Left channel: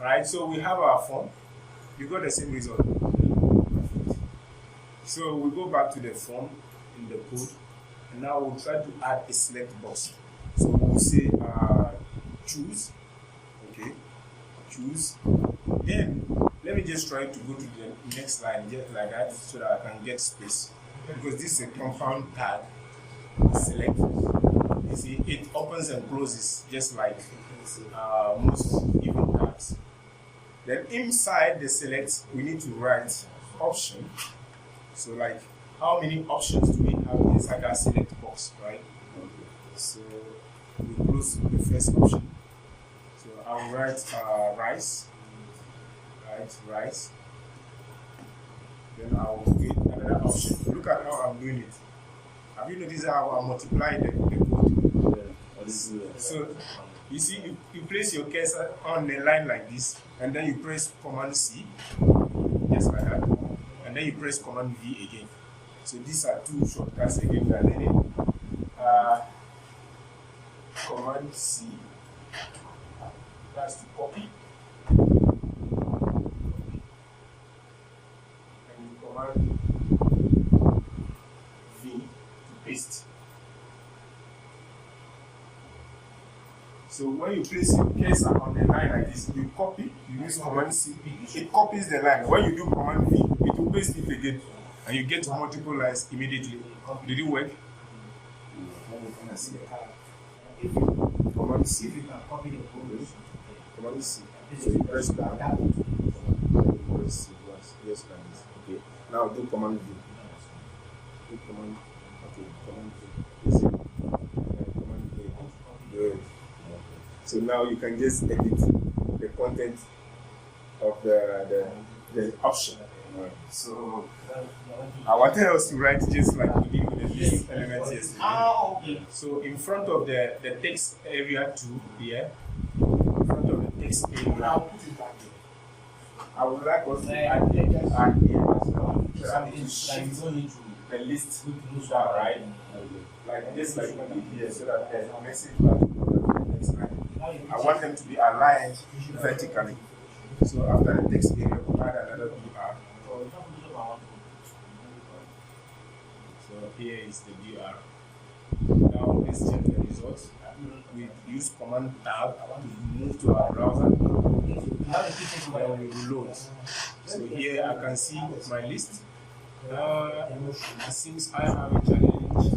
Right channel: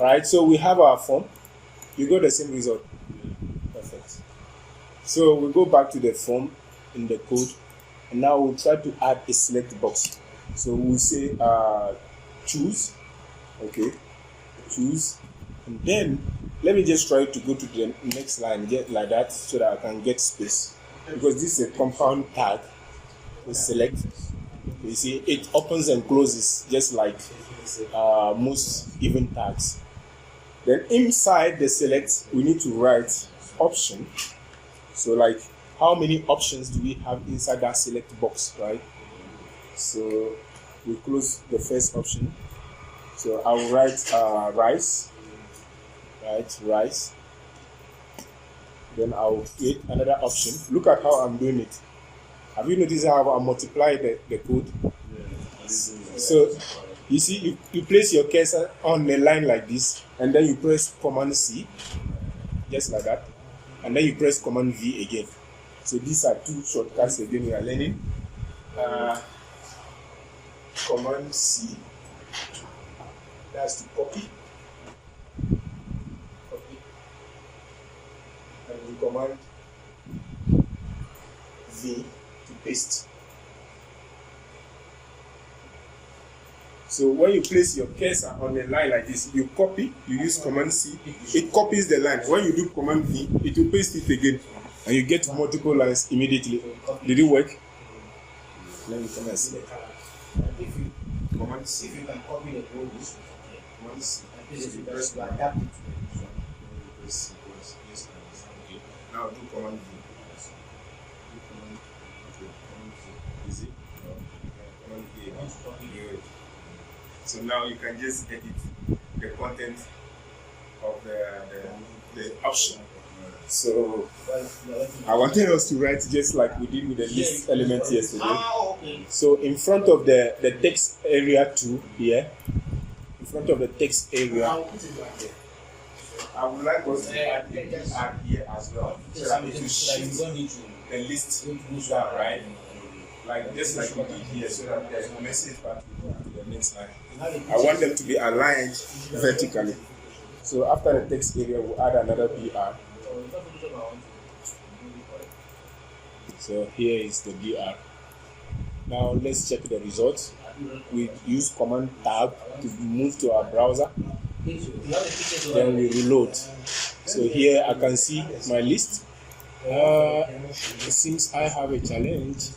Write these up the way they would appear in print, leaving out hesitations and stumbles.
Right, so we have our form. You got the same result. Perfect. So we go back to the form in the code, and now we'll try to add a select box. So we'll say choose. Okay, choose. Then let me just try to go to the next line, just like that, so that I can get space. Because this is a compound tag. We select. You see, it opens and closes just like most given tags. Then inside the select, we need to write option. So like, how many options do we have inside that select box, right? So we close the first option. So I will write rice, right? Rice. Then I will create another option. Look at how I'm doing it. Have you noticed how I multiply the code? So you see, you place your cursor on a line like this, and then you press Command C, just like that, and then you press Command V again. So these are two shortcuts again we are learning. Command C, that's to copy, and you command V to paste. So when you place your cursor on a line like this, you copy, you use Command C, it copies the line. When you do Command V, it will paste it again, and you get multiple lines immediately. Did it work? Let me come and see. Command C. If you can copy the code, Command C. So you press adapt it. Yes, okay. Now do Command V. Do Command. Okay, Command V. Command A. Good. So now you can just edit the content of the option. So I wanted us to write just like we did with the list element yesterday. So in front of the text area 2 here, in front of the text area, I would like us to add here as well. So that it will shift the list down, right? Like just like we did here, so that there's no message back to the next line. I want them to be aligned vertically. So after the text area, we'll add another BR. So here is the BR. Now let's check the results. We use Command Tab to move to our browser. Then we reload. So here I can see my list. It seems I have a challenge.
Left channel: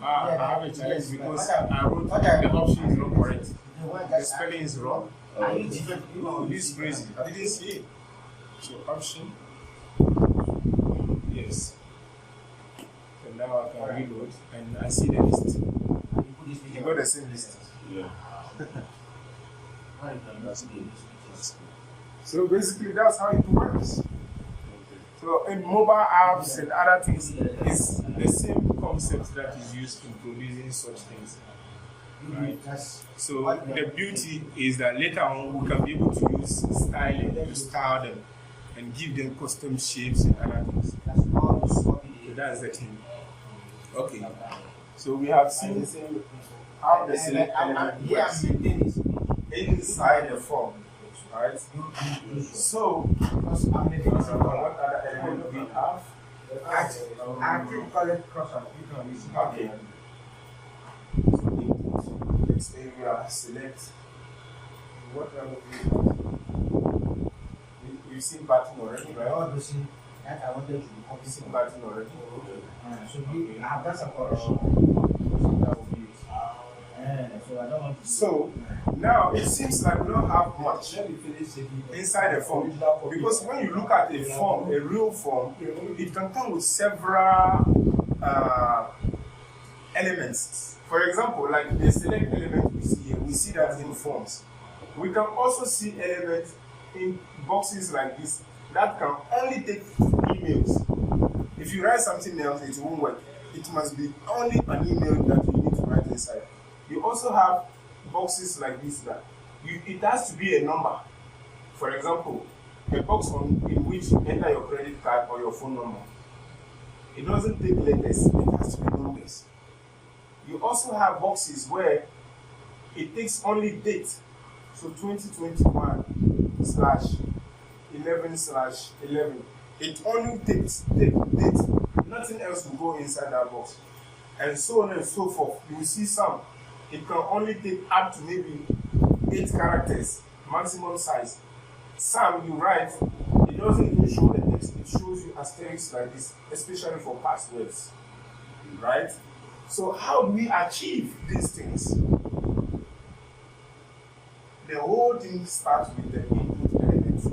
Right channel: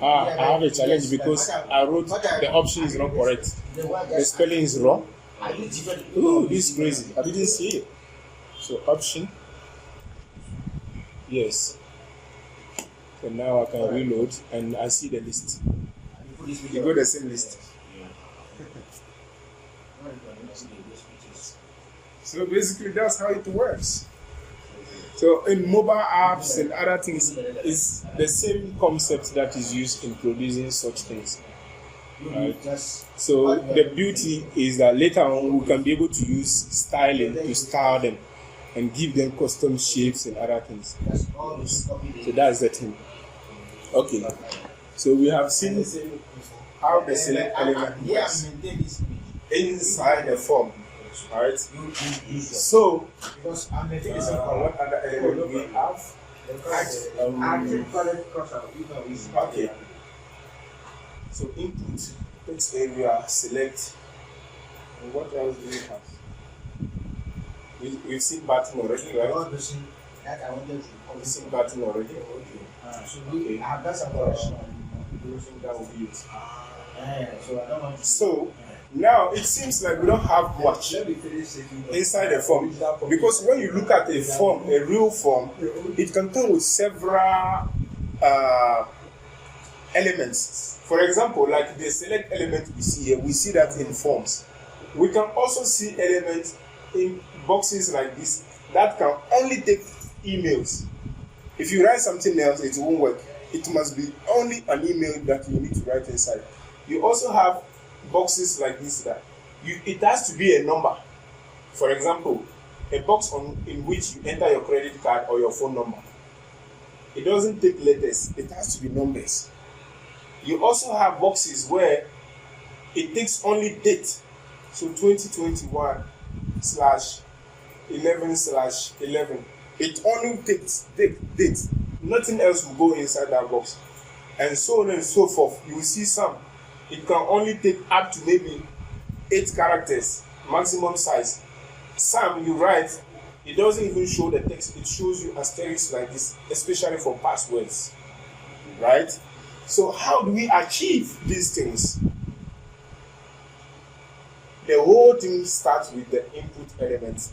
I have a challenge because I wrote the option is not correct. The spelling is wrong. Oh, this is crazy. I didn't see it. So option. Yes. So now I can reload and I see the list. You got the same list. Yeah. So basically that's how it works. So in mobile apps and other things, it's the same concept that is used in producing such things. Right? So the beauty is that later on we can be able to use styling to style them and give them custom shapes and other things. So that's the thing. Okay. So we have seen how the select element works inside the form. Alright. So what other element we have? Okay. So input, this area, select. And what else do we have? We've seen button already, right? We've seen button already. Okay. So I have done some correction. That will be it. So now it seems like we don't have much inside the form, because when you look at a form, a real form, it can come with several elements. For example, like the select element we see here, we see that in forms. We can also see elements in boxes like this that can only take emails. If you write something else, it won't work. It must be only an email that you need to write inside. You also have boxes like this that it has to be a number. For example, a box in which you enter your credit card or your phone number. It doesn't take letters, it has to be numbers. You also have boxes where it takes only date. So 2021/11/11. It only takes date. Nothing else will go inside that box. And so on and so forth. You will see some. It can only take up to maybe 8 characters, maximum size. Some you write, it doesn't even show the text. It shows you asterisks like this, especially for passwords. Right? So how do we achieve these things? The whole thing starts with the input element.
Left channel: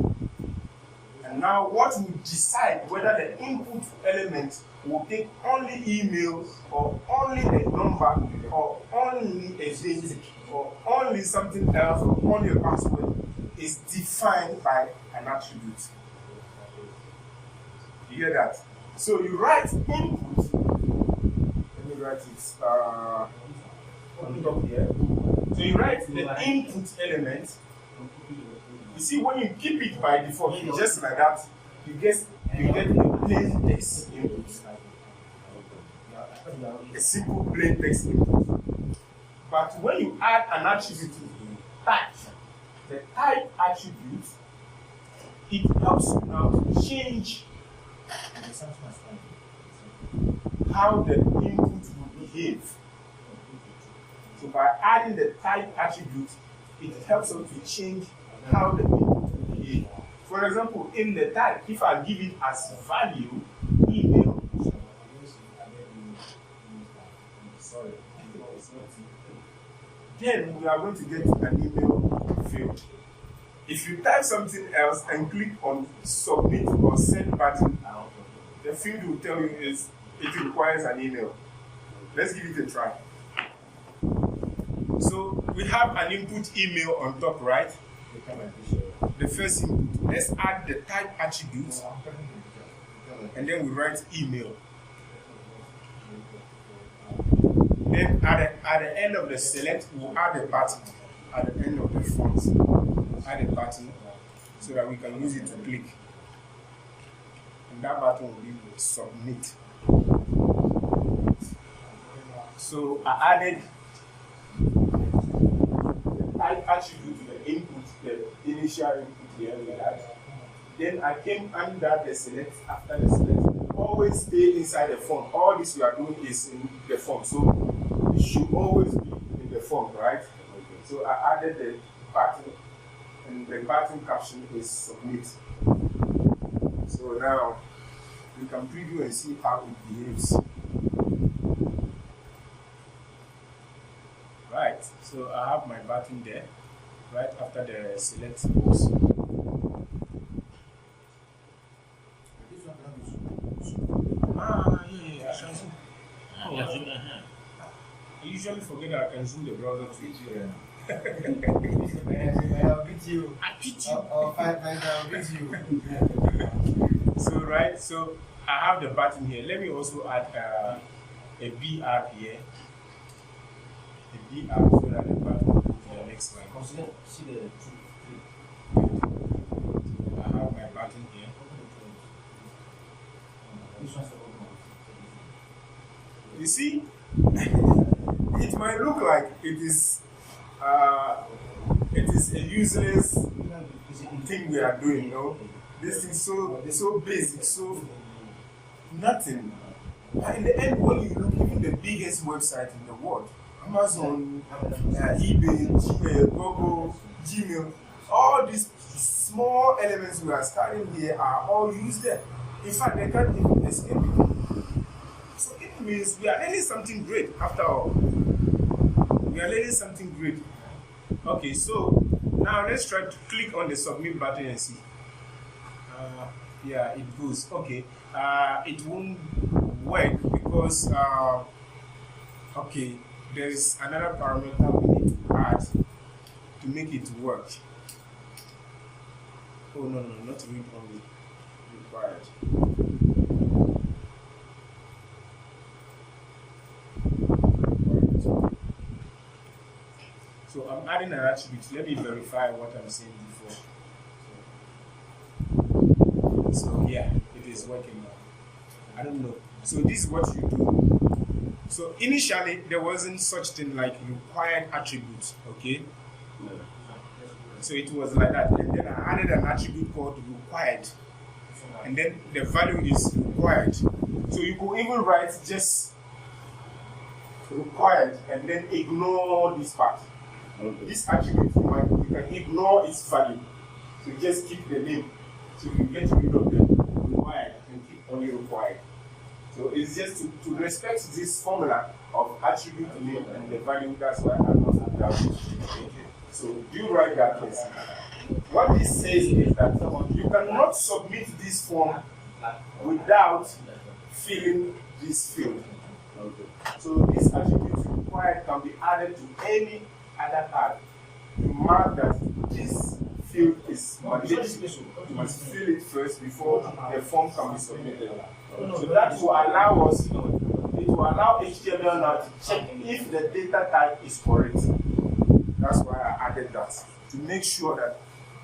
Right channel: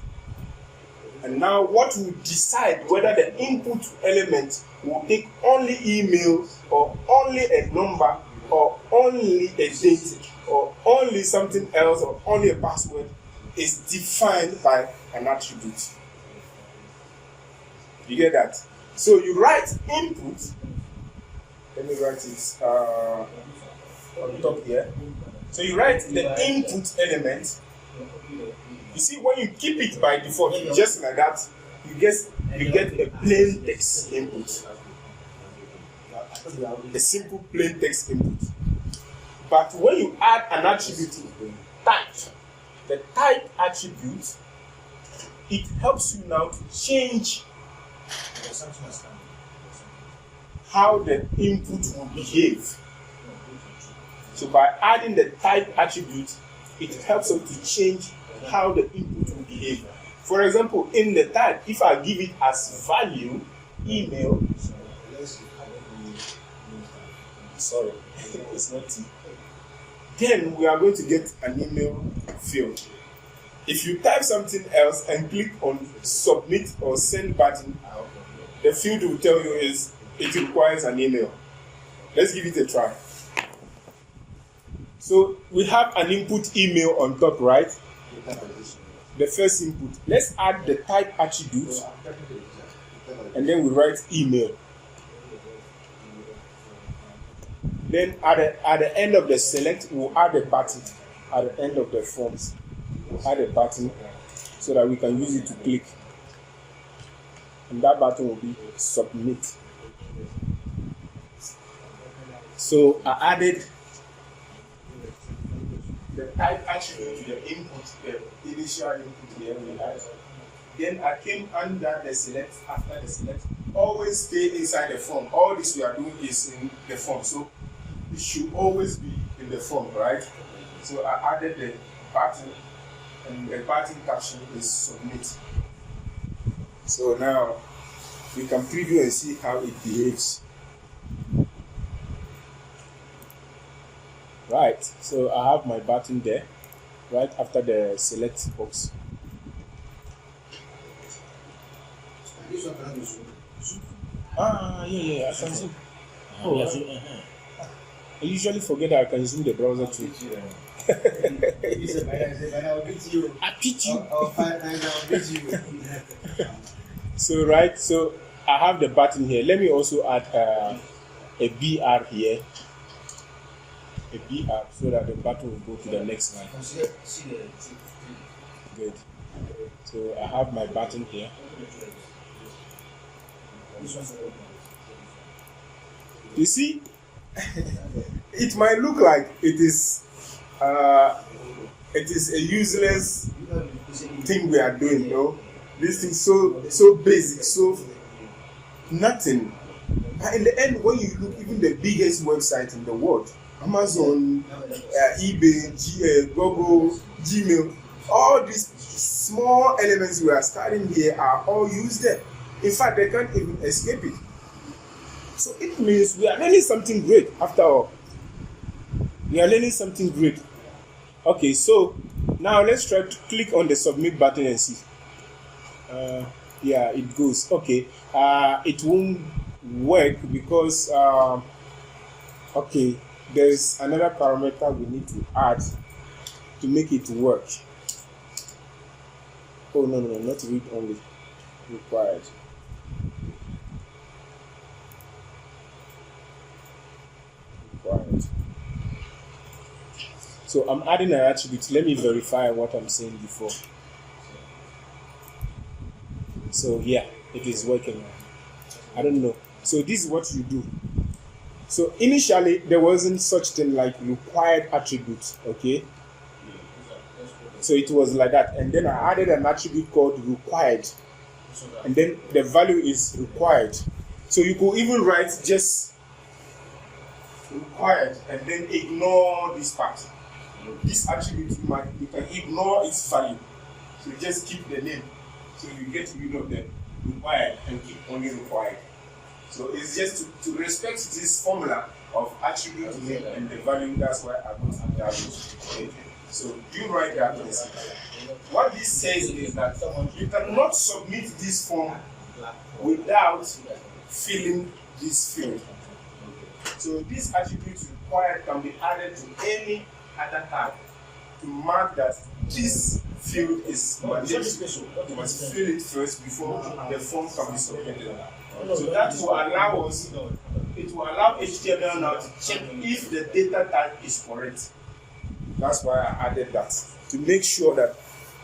And now what will decide whether the input element will take only email or only a number or only a date or only something else or only a password is defined by an attribute. You get that? So you write input. Let me write it on top here. So you write the input element. You see, when you keep it by default, just like that, you get a plain text input. A simple plain text input. But when you add an attribute type, the type attribute, it helps you now to change how the input will behave. So by adding the type attribute, it helps us to change how the input will behave. For example, in the type, if I give it as value, email, sorry, it's not T, then we are going to get an email field. If you type something else and click on submit or send button, the field will tell you is it requires an email. Let's give it a try. So we have an input email on top, right? The first input. Let's add the type attribute and then we write email. Then at the end of the select, we'll add a button. At the end of the forms, add a button so that we can use it to click. And that button will be submit. So I added the type attribute to the input, the initial input here we had. Then I came under the select. After the select, always stay inside the form. All this we are doing is in the form, so it should always be in the form, right? So I added the button, and the button caption is submit. So now we can preview and see how it behaves. Right, so I have my button there, right after the select box. Yeah, I can zoom. Oh, I usually forget that I can zoom the browser too. I beat you. So right, so I have the button here. Let me also add a BR here. A BR so that the button will go to the next line. Good. So I have my button here. You see, it might look like it is a useless thing we are doing, you know. This thing so basic, so nothing. But in the end, when you look, even the biggest website in the world, Amazon, eBay, Google, Gmail, all these small elements we are studying here are all used there. In fact, they can't even escape it. So it means we are learning something great after all. We are learning something great. Okay, so now let's try to click on the submit button and see. Yeah, it goes. Okay, it won't work because, okay, there's another parameter we need to add to make it work. Oh, no, not read only. Required. Right. So I'm adding an attribute. Let me verify what I'm saying before. So yeah, it is working. I don't know. So this is what you do. So initially there wasn't such thing like required attributes, okay? So it was like that. And then I added an attribute called required. And then the value is required. So you could even write just required and then ignore this part. This attribute, you can ignore its value. So you just keep the name. So you get rid of the required and keep only required. So it's just to respect this formula of attribute name and the value. That's why I got that. Okay. So you write that and see. What this says is that you cannot submit this form without filling this field. So this attribute required can be added to any other tag to mark that this field is mandatory. You must fill it first before the form can be submitted. So that will allow us, it will allow HTML now to check if the data type is correct. That's why I added that, to make sure that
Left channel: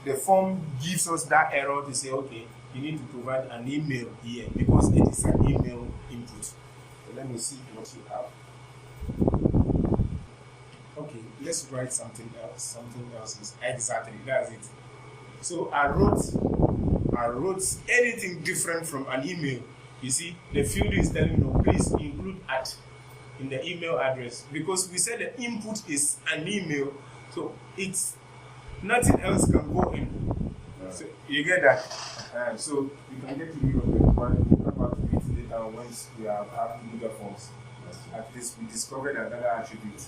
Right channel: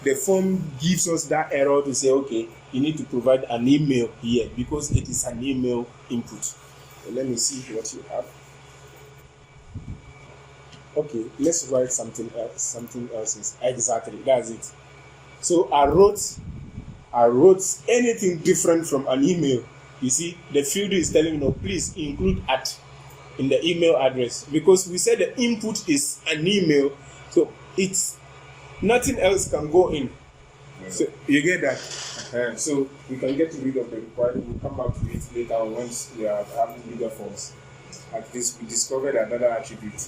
the form gives us that error to say, okay, you need to provide an email here because it is an email input. So let me see what you have. Okay, let's write something else. Something else is exactly, that's it. So I wrote anything different from an email. You see, the field is telling me, no, please include at in the email address, because we said the input is an email, so it's nothing else can go in. So you get that? So we can get rid of the required. We'll come back to it later once we have bigger forms. At least we discovered another attribute.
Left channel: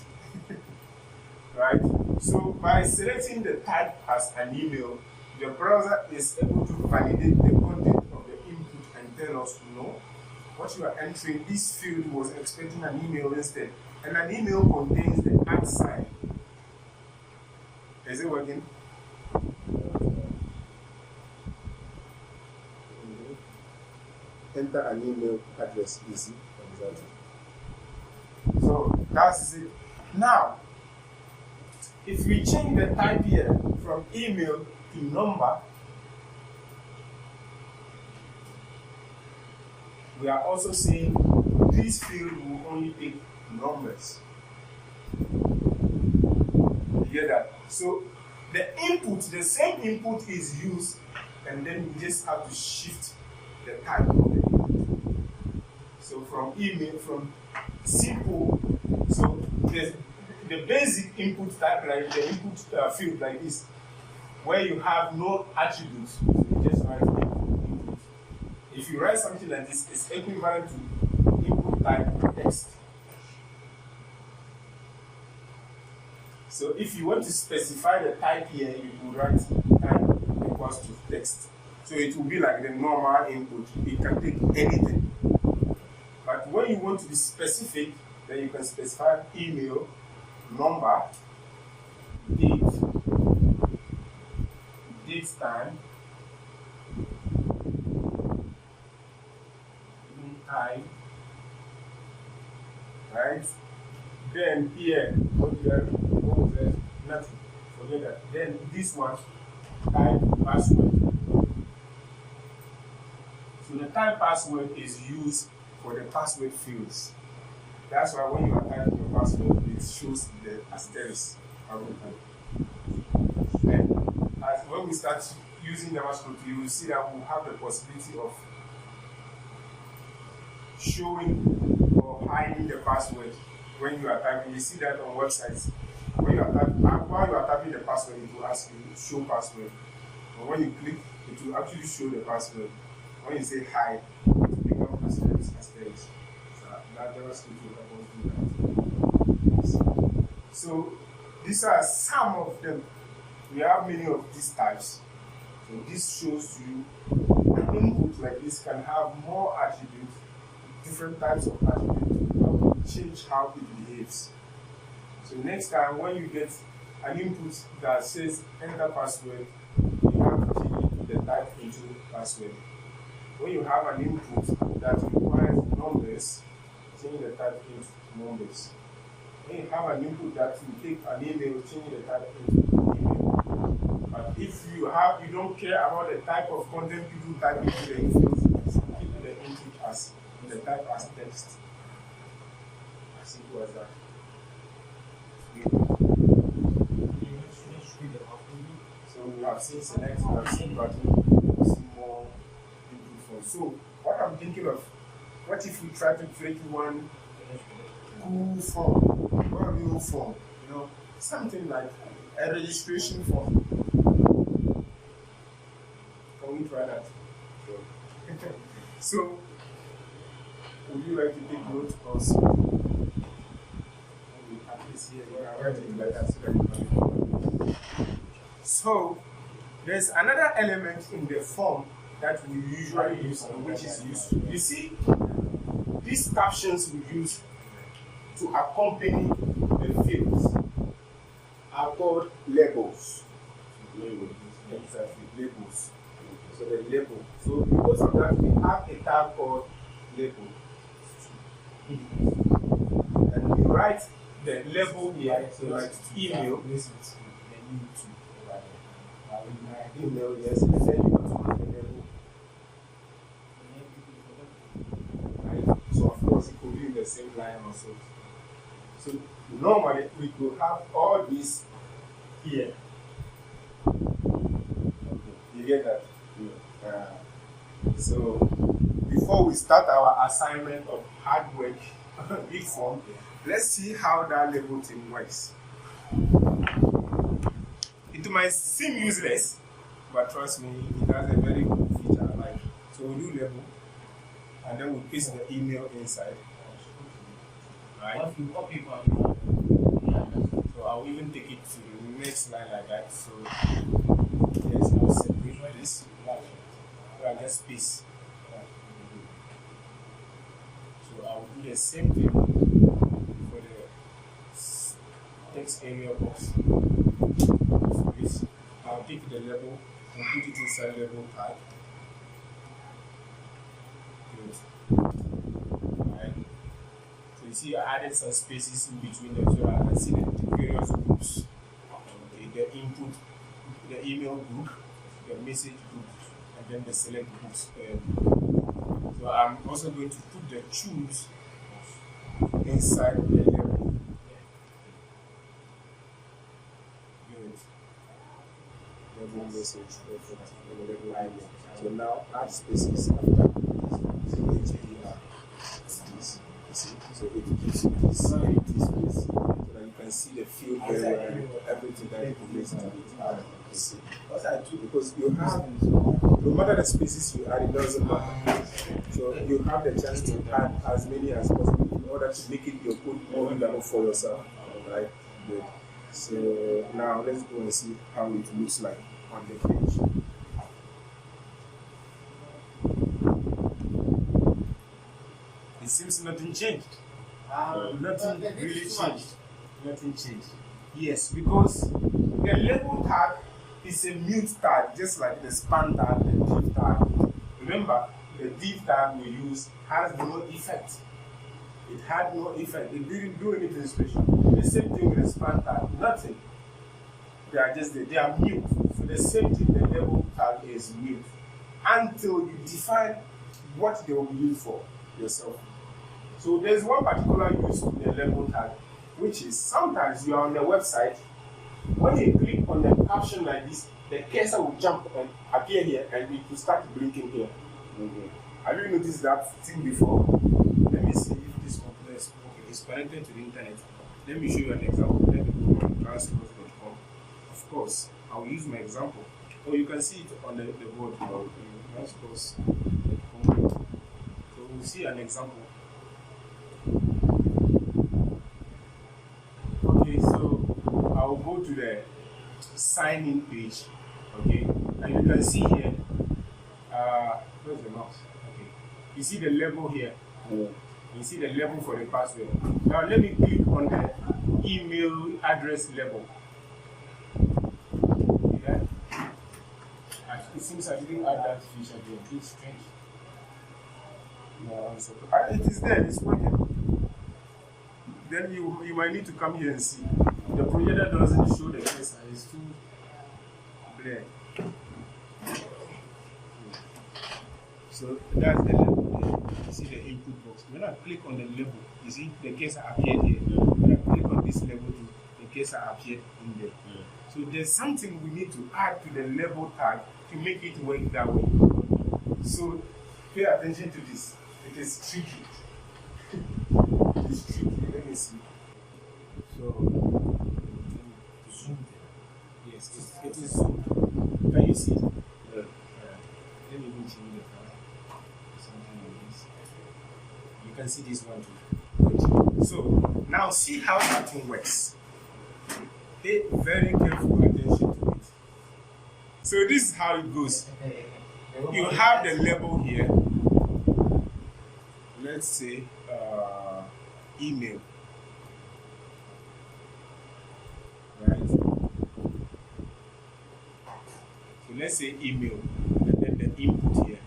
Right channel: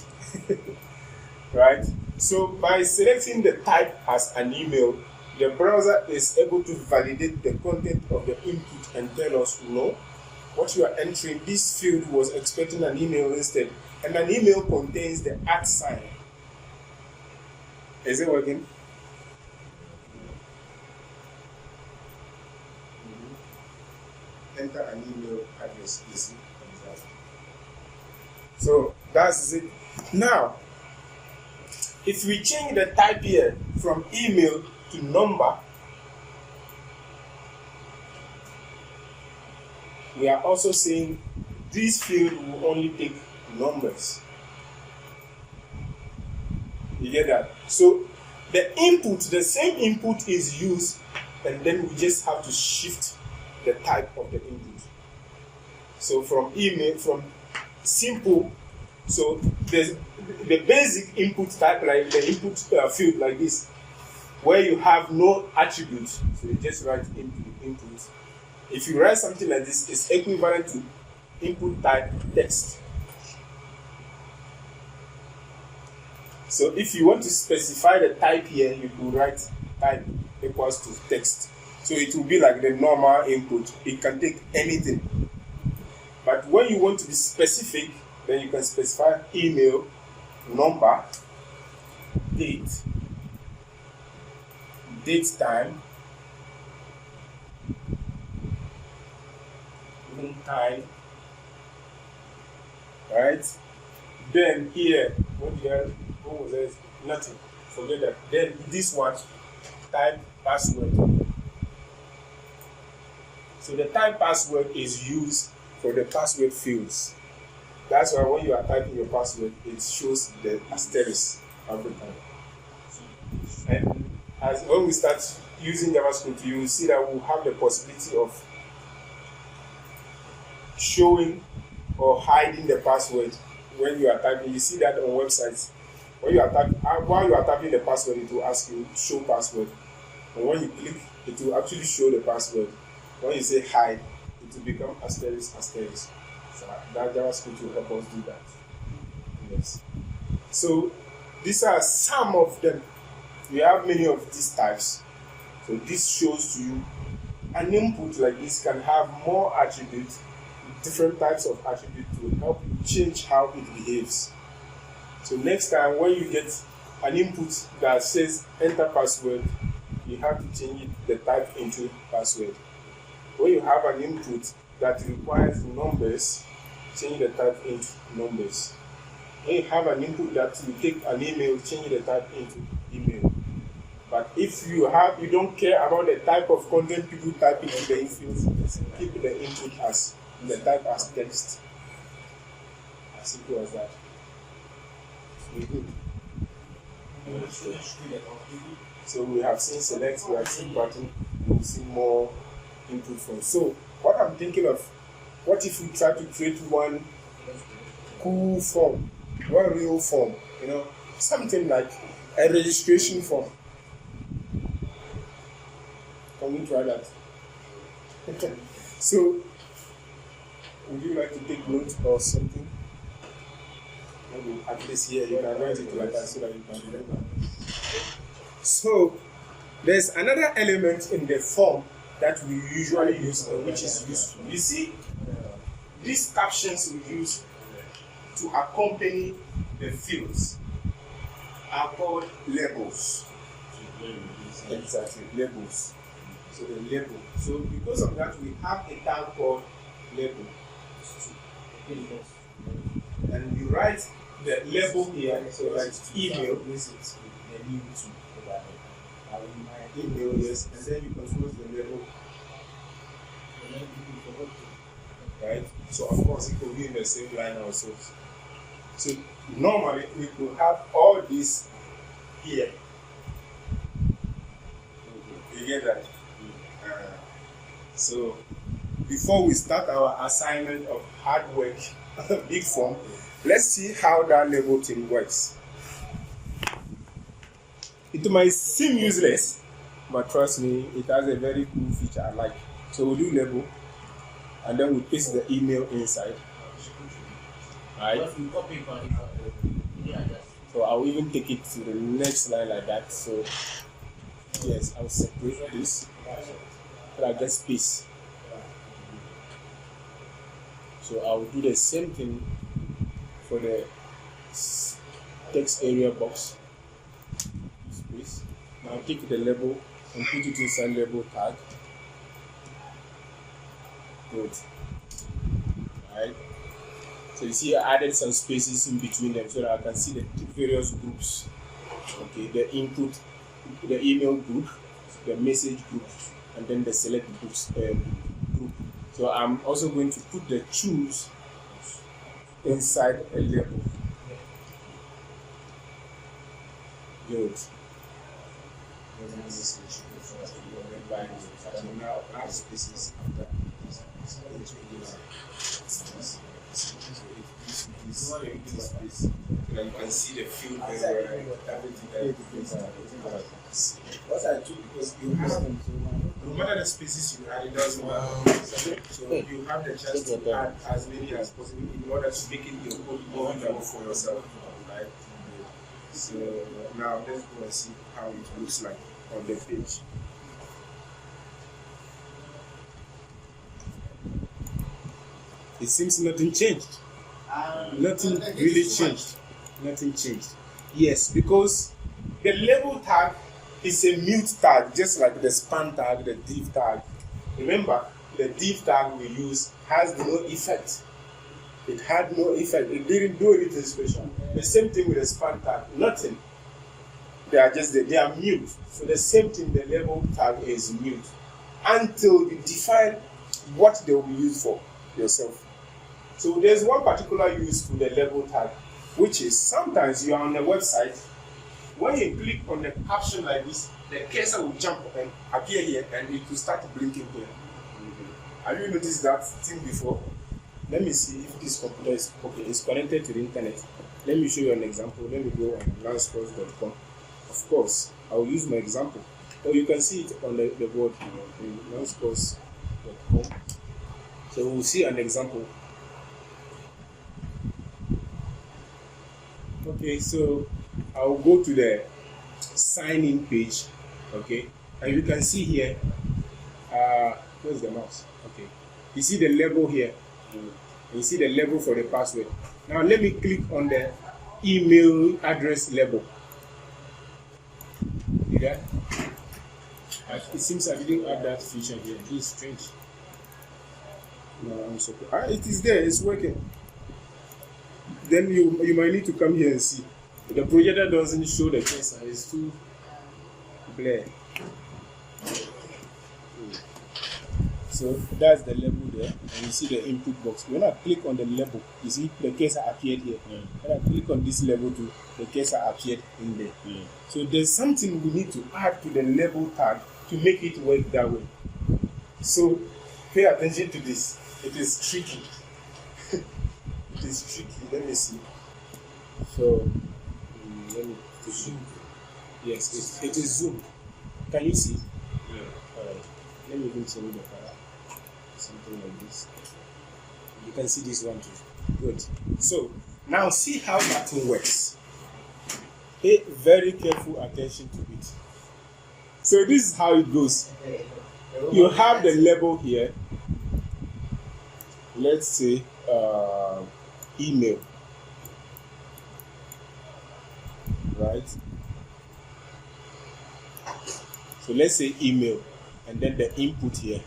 Right? So by selecting the type as an email, the browser is able to validate the content of the input and tell us, no, what you are entering, this field was expecting an email instead. And an email contains the @ sign. Is it working? Enter an email address, easy. So that's it. Now, if we change the type here from email to number, we are also saying this field will only take numbers. You get that? So the input, the same input is used, and then we just have to shift the type of the input. So from email, from simple, so the basic input type, like the input field like this, where you have no attributes, so you just write input. If you write something like this, it's equivalent to input type text. So if you want to specify the type here, you will write type equals to text. So it will be like the normal input. It can take anything. But when you want to be specific, then you can specify email, number, date time, right? Then here, what was it? Nothing. Forget that. Then this one, type password. So the type password is used for the password fields. That's why when you are typing your password, it shows the asterisk every time. And as when we start using JavaScript, you will see that we'll have the possibility of showing or hiding the password when you are typing. You see that on websites. When you are typing, while you are typing the password, it will ask you show password. And when you click, it will actually show the password. When you say hide, it will become asterisk. So that JavaScript will help us do that. Yes. So these are some of them. We have many of these types. So this shows to you an input like this can have more attributes, different types of attributes to help you change how it behaves. So next time when you get an input that says enter password, you have to change the type into password. When you have an input that requires numbers, change the type into numbers. When you have an input that will take an email, change the type into email. But if you don't care about the type of content people type into the input, keep the input as the type as text. As simple as that. So we have seen select, we have seen button, we have seen more input forms. So what I'm thinking of, what if we try to create one cool form, one real form, something like a registration form. Can we try that? So, would you like to take notes or something? Maybe at least here you can write it like that so that you can remember. So, there's another element in the form that we usually use and which is useful. You see, these captions we use to accompany the fields are called labels. Exactly, labels. So the label. So because of that, we have a tag called label. And we write the label here, so write email. Email, yes, and then you continue the label. Right? So of course it could be in the same line also. So normally we could have all this here. You get that? So before we start our assignment of hard work, big form, let's see how that label thing works. It might seem useless, but trust me, it has a very cool feature I like. So we'll do label, and then we paste the email inside. Right? So I'll even take it to the next line like that. So yes, I'll separate this. So I get space. So I will do the same thing for the text area box. Space. I'll take the label and put it inside label tag. Good. Right. So you see, I added some spaces in between them so that I can see the various groups. Okay, the input, the email group, the message group, and then the select groups group. So I'm also going to put the choose inside the label. Good. Message. So now add spaces. So it gives you this empty space. And you can see the field there, everything that you place. What I do, because you have, no matter the spaces you add, it doesn't matter. So you have the chance to add as many as possible in order to make it your code more learnable for yourself. Right? Good. So now let's go and see how it looks like on the page. It seems nothing changed. Nothing really changed. Nothing changed. Yes, because the label tag is a mute tag, just like the span tag, the div tag. Remember, the div tag we use has no effect. It had no effect. It didn't do anything special. The same thing with the span tag. Nothing. They are just they are mute. So the same thing, the label tag is mute until you define what they will be used for yourself. So there's one particular use to the label tag, which is sometimes you are on a website. When you click on the caption like this, the cursor will jump and appear here, and it will start blinking here. Have you noticed that thing before? Let me see if this computer is okay. It's connected to the internet. Let me show you an example. Let me go on transport.com. Of course, I will use my example. Oh, you can see it on the board now in transport.com. So we'll see an example. Okay, so I'll go to the sign in page. Okay, and you can see here. Where's the mouse? Okay, you see the label here. You see the label for the password. Now let me click on the email address label. See that? It seems I didn't add that feature here. This is strange. No, I'm sorry. It is there. It's working. Then you might need to come here and see. The projector doesn't show the cursor. It's too blurred. So that's the label there. And you see the input box. When I click on the label, you see the cursor appeared here. When I click on this label too, the cursor appeared in there. So there's something we need to add to the label tag to make it work that way. So pay attention to this. It is tricky. It is tricky. Let me see. So let me zoom. Yes, it is zoom. Can you see? Yeah. Alright. Let me even change the color. Something like this. You can see this one too. Good. So now see how that thing works. Pay very careful attention to it. So this is how it goes. You have the label here. Let's say email. Right? So let's say email and then the input here.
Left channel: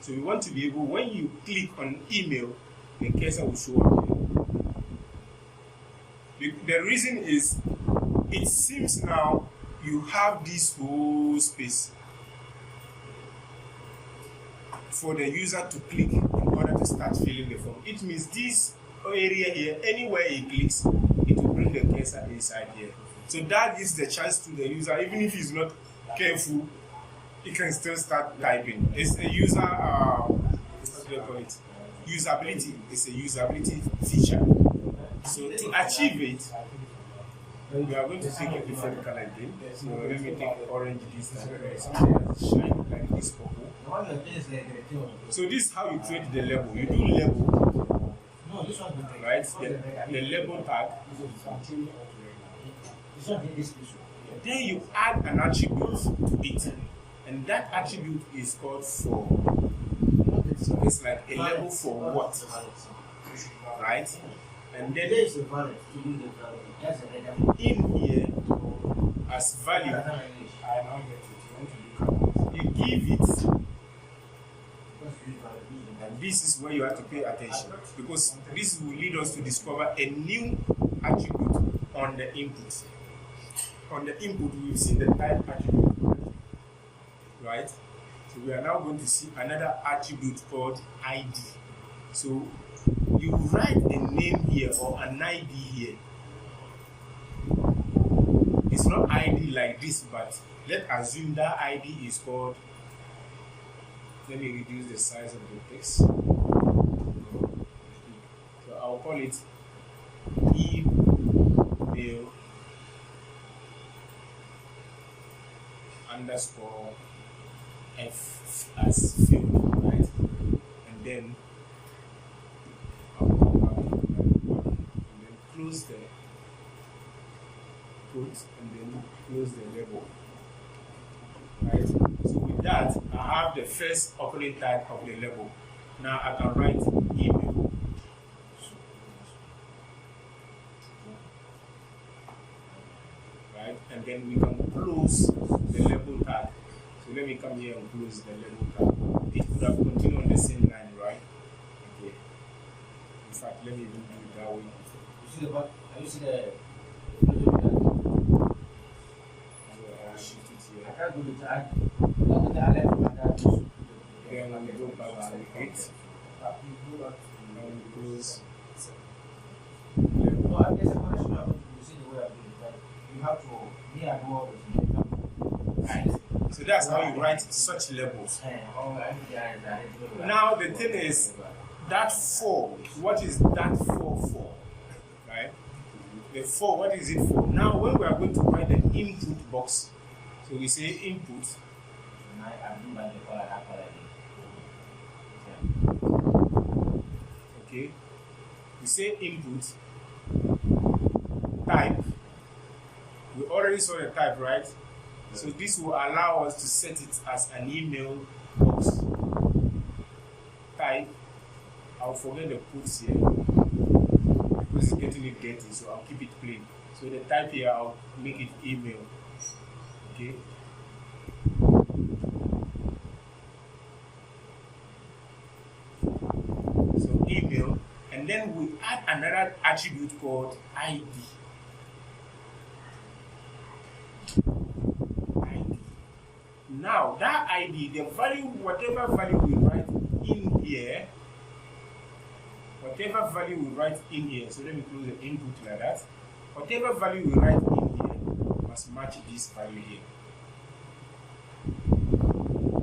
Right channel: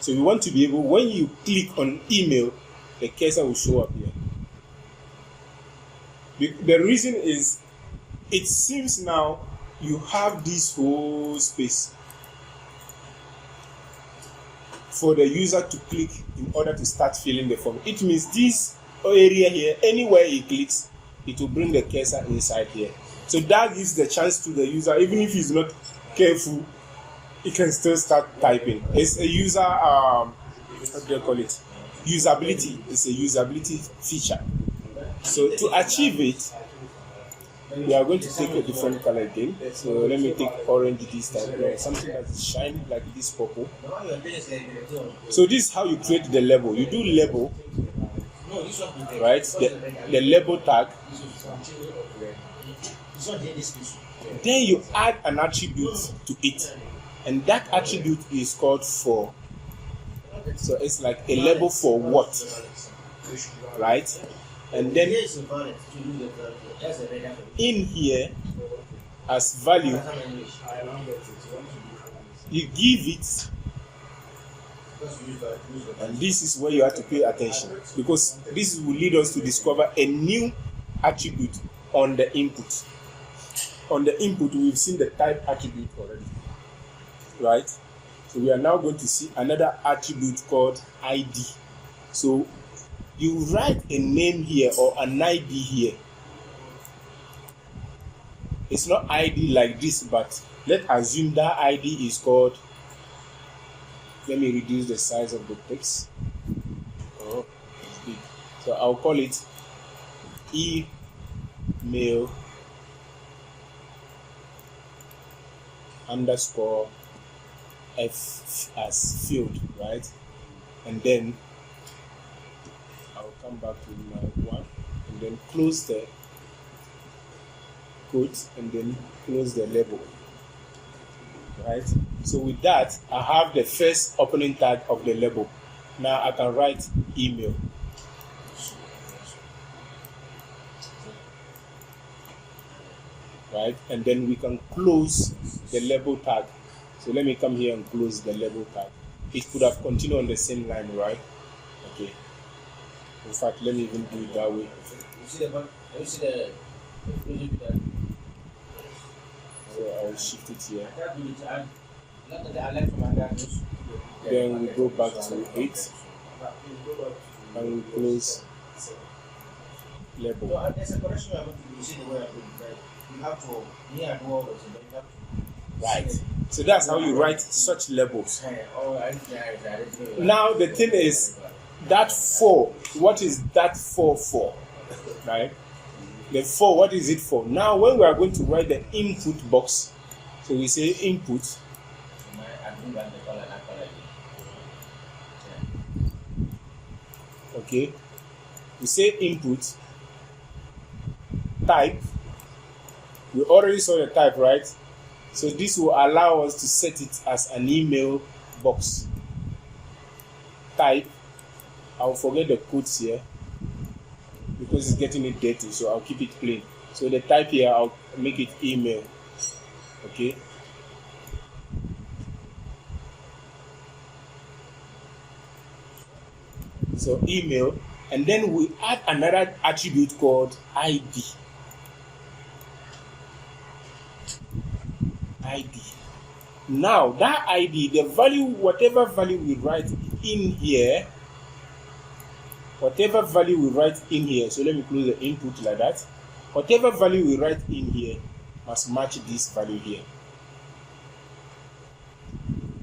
So you want to be able, when you click on email, the cursor will show up here. The reason is, it seems now you have this whole space for the user to click in order to start filling the form. It means this area here, anywhere he clicks, it will bring the cursor inside here. So that gives the chance to the user, even if he's not careful, he can still start typing. It's a user, what do you call it? Usability. It's a usability feature. So to achieve it, we are going to take a different color again. So let me take orange this time. Something that is shiny like this purple. So this is how you create the label. You do label, right? The label tag. Then you add an attribute to it. And that attribute is called for. So it's like a label for what, right? And then in here, as value, you give it, and this is where you have to pay attention, because this will lead us to discover a new attribute on the input. On the input, we've seen the type attribute already. Right? So we are now going to see another attribute called ID. So you write a name here or an ID here. It's not ID like this, but let's assume that ID is called, let me reduce the size of the text. Oh, it's big. So I'll call it email underscore F as field, right? And then I'll come back to one and then close the quote and then close the label, right? So with that, I have the first opening tag of the label. Now I can write email. Right? And then we can close the label tag. So let me come here and close the label tag. It could have continued on the same line, right? Okay. In fact, let me even do it that way. You see the button? You see the so I'll shift it here. I Then we go back to 8 and we close label. No, there's a correction. You see the way I do it, right? You have to Right. So that's how you write such labels. Now the thing is, that for, what is that for? Right? The for, what is it for? Now when we are going to write the input box, so we say input. Okay. We say input type. We already saw the type, right? So this will allow us to set it as an email box. Type. I'll forget the quotes here because it's getting it dirty, so I'll keep it plain. So the type here, I'll make it email. Okay. So email, and then we add another attribute called ID. ID. Now that ID, the value, whatever value we write in here, whatever value we write in here, so let me close the input like that. Whatever value we write in here must match this value here.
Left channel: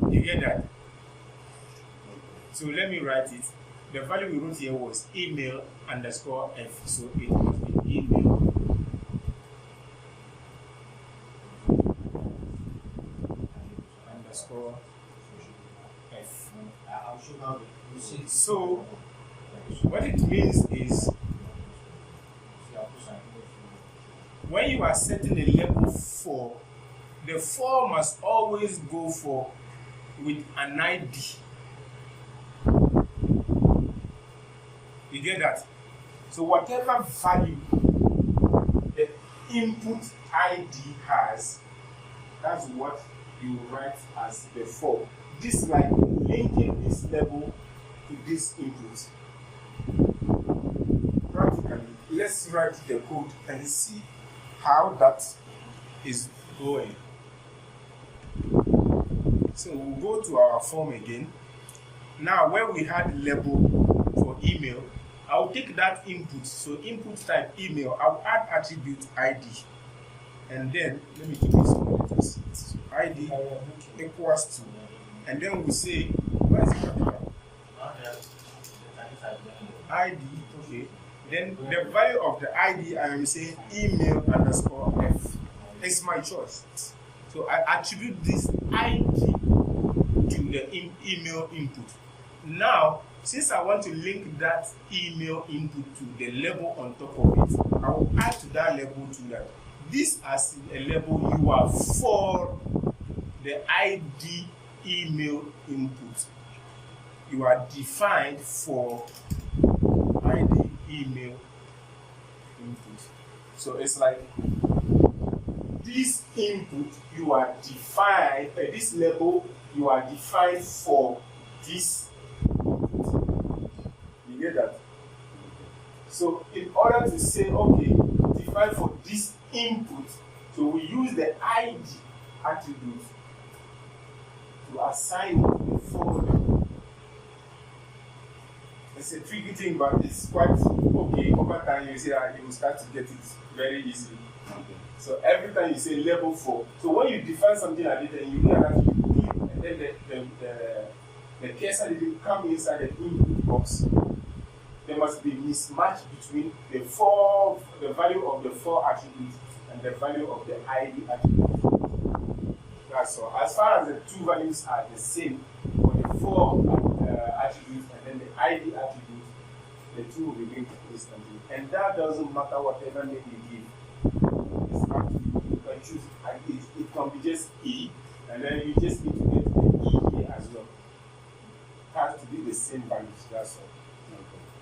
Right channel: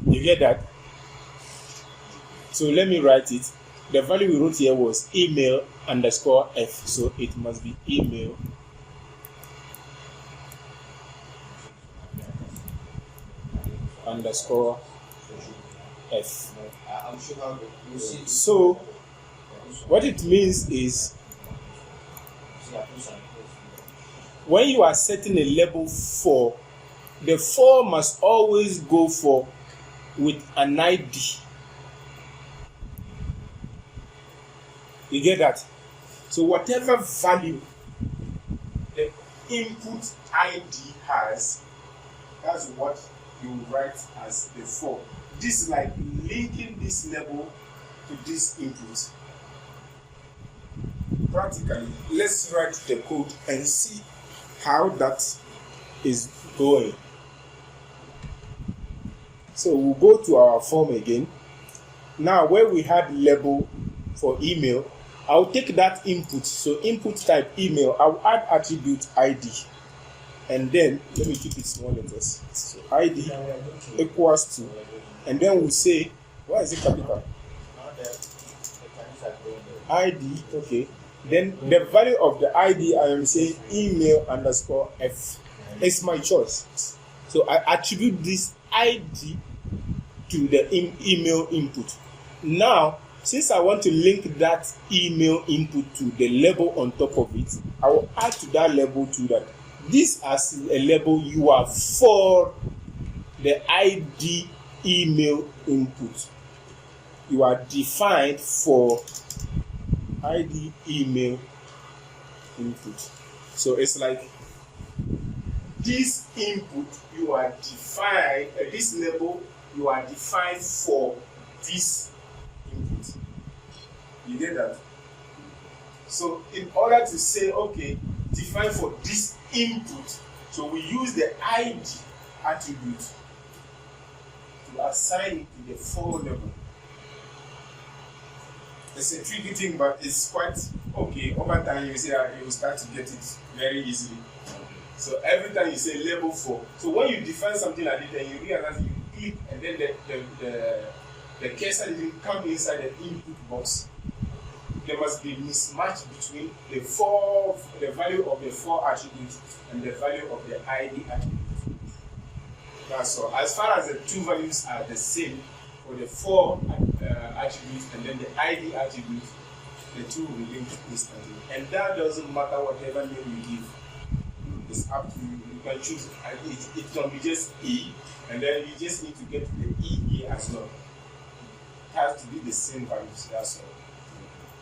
You get that? So let me write it. The value we wrote here was email underscore f, so it must be email underscore f. So what it means is, when you are setting a label for, the for must always go for with an ID. You get that? So whatever value the input ID has, that's what you write as the for. This is like linking this label to this input. Practically, let's write the code and see how that is going. So we'll go to our form again. Now where we had label for email, I'll take that input. So input type email, I'll add attribute ID. And then, let me keep it small letters. So ID equals to, and then we say, why is it capital? ID, okay. Then the value of the ID, I am saying email underscore f. It's my choice. So I attribute this ID to the email input. Now, since I want to link that email input to the label on top of it, I will add to that label to that. This as a label, you are for the ID email input. You are defined for ID email input. So it's like this input, you are defined, this label, you are defined for this input. You get that? So in order to say, okay, define for this input, so we use the ID attribute to assign it a for label. It's a tricky thing, but it's quite okay. Over time, you see that you will start to get it very easily. So every time you say label for, so when you define something like this and you realize you click and then the cursor didn't come inside the input box, there must be mismatch between the value of the for attribute and the value of the ID attribute. That's all. As far as the two values are the same for the for attribute and then the ID attribute, the two will be linked instantly. And that doesn't matter whatever name you give. It's up to you. You can choose. It can be just E, and then you just need to get the E as well. It has to be the same values. That's all.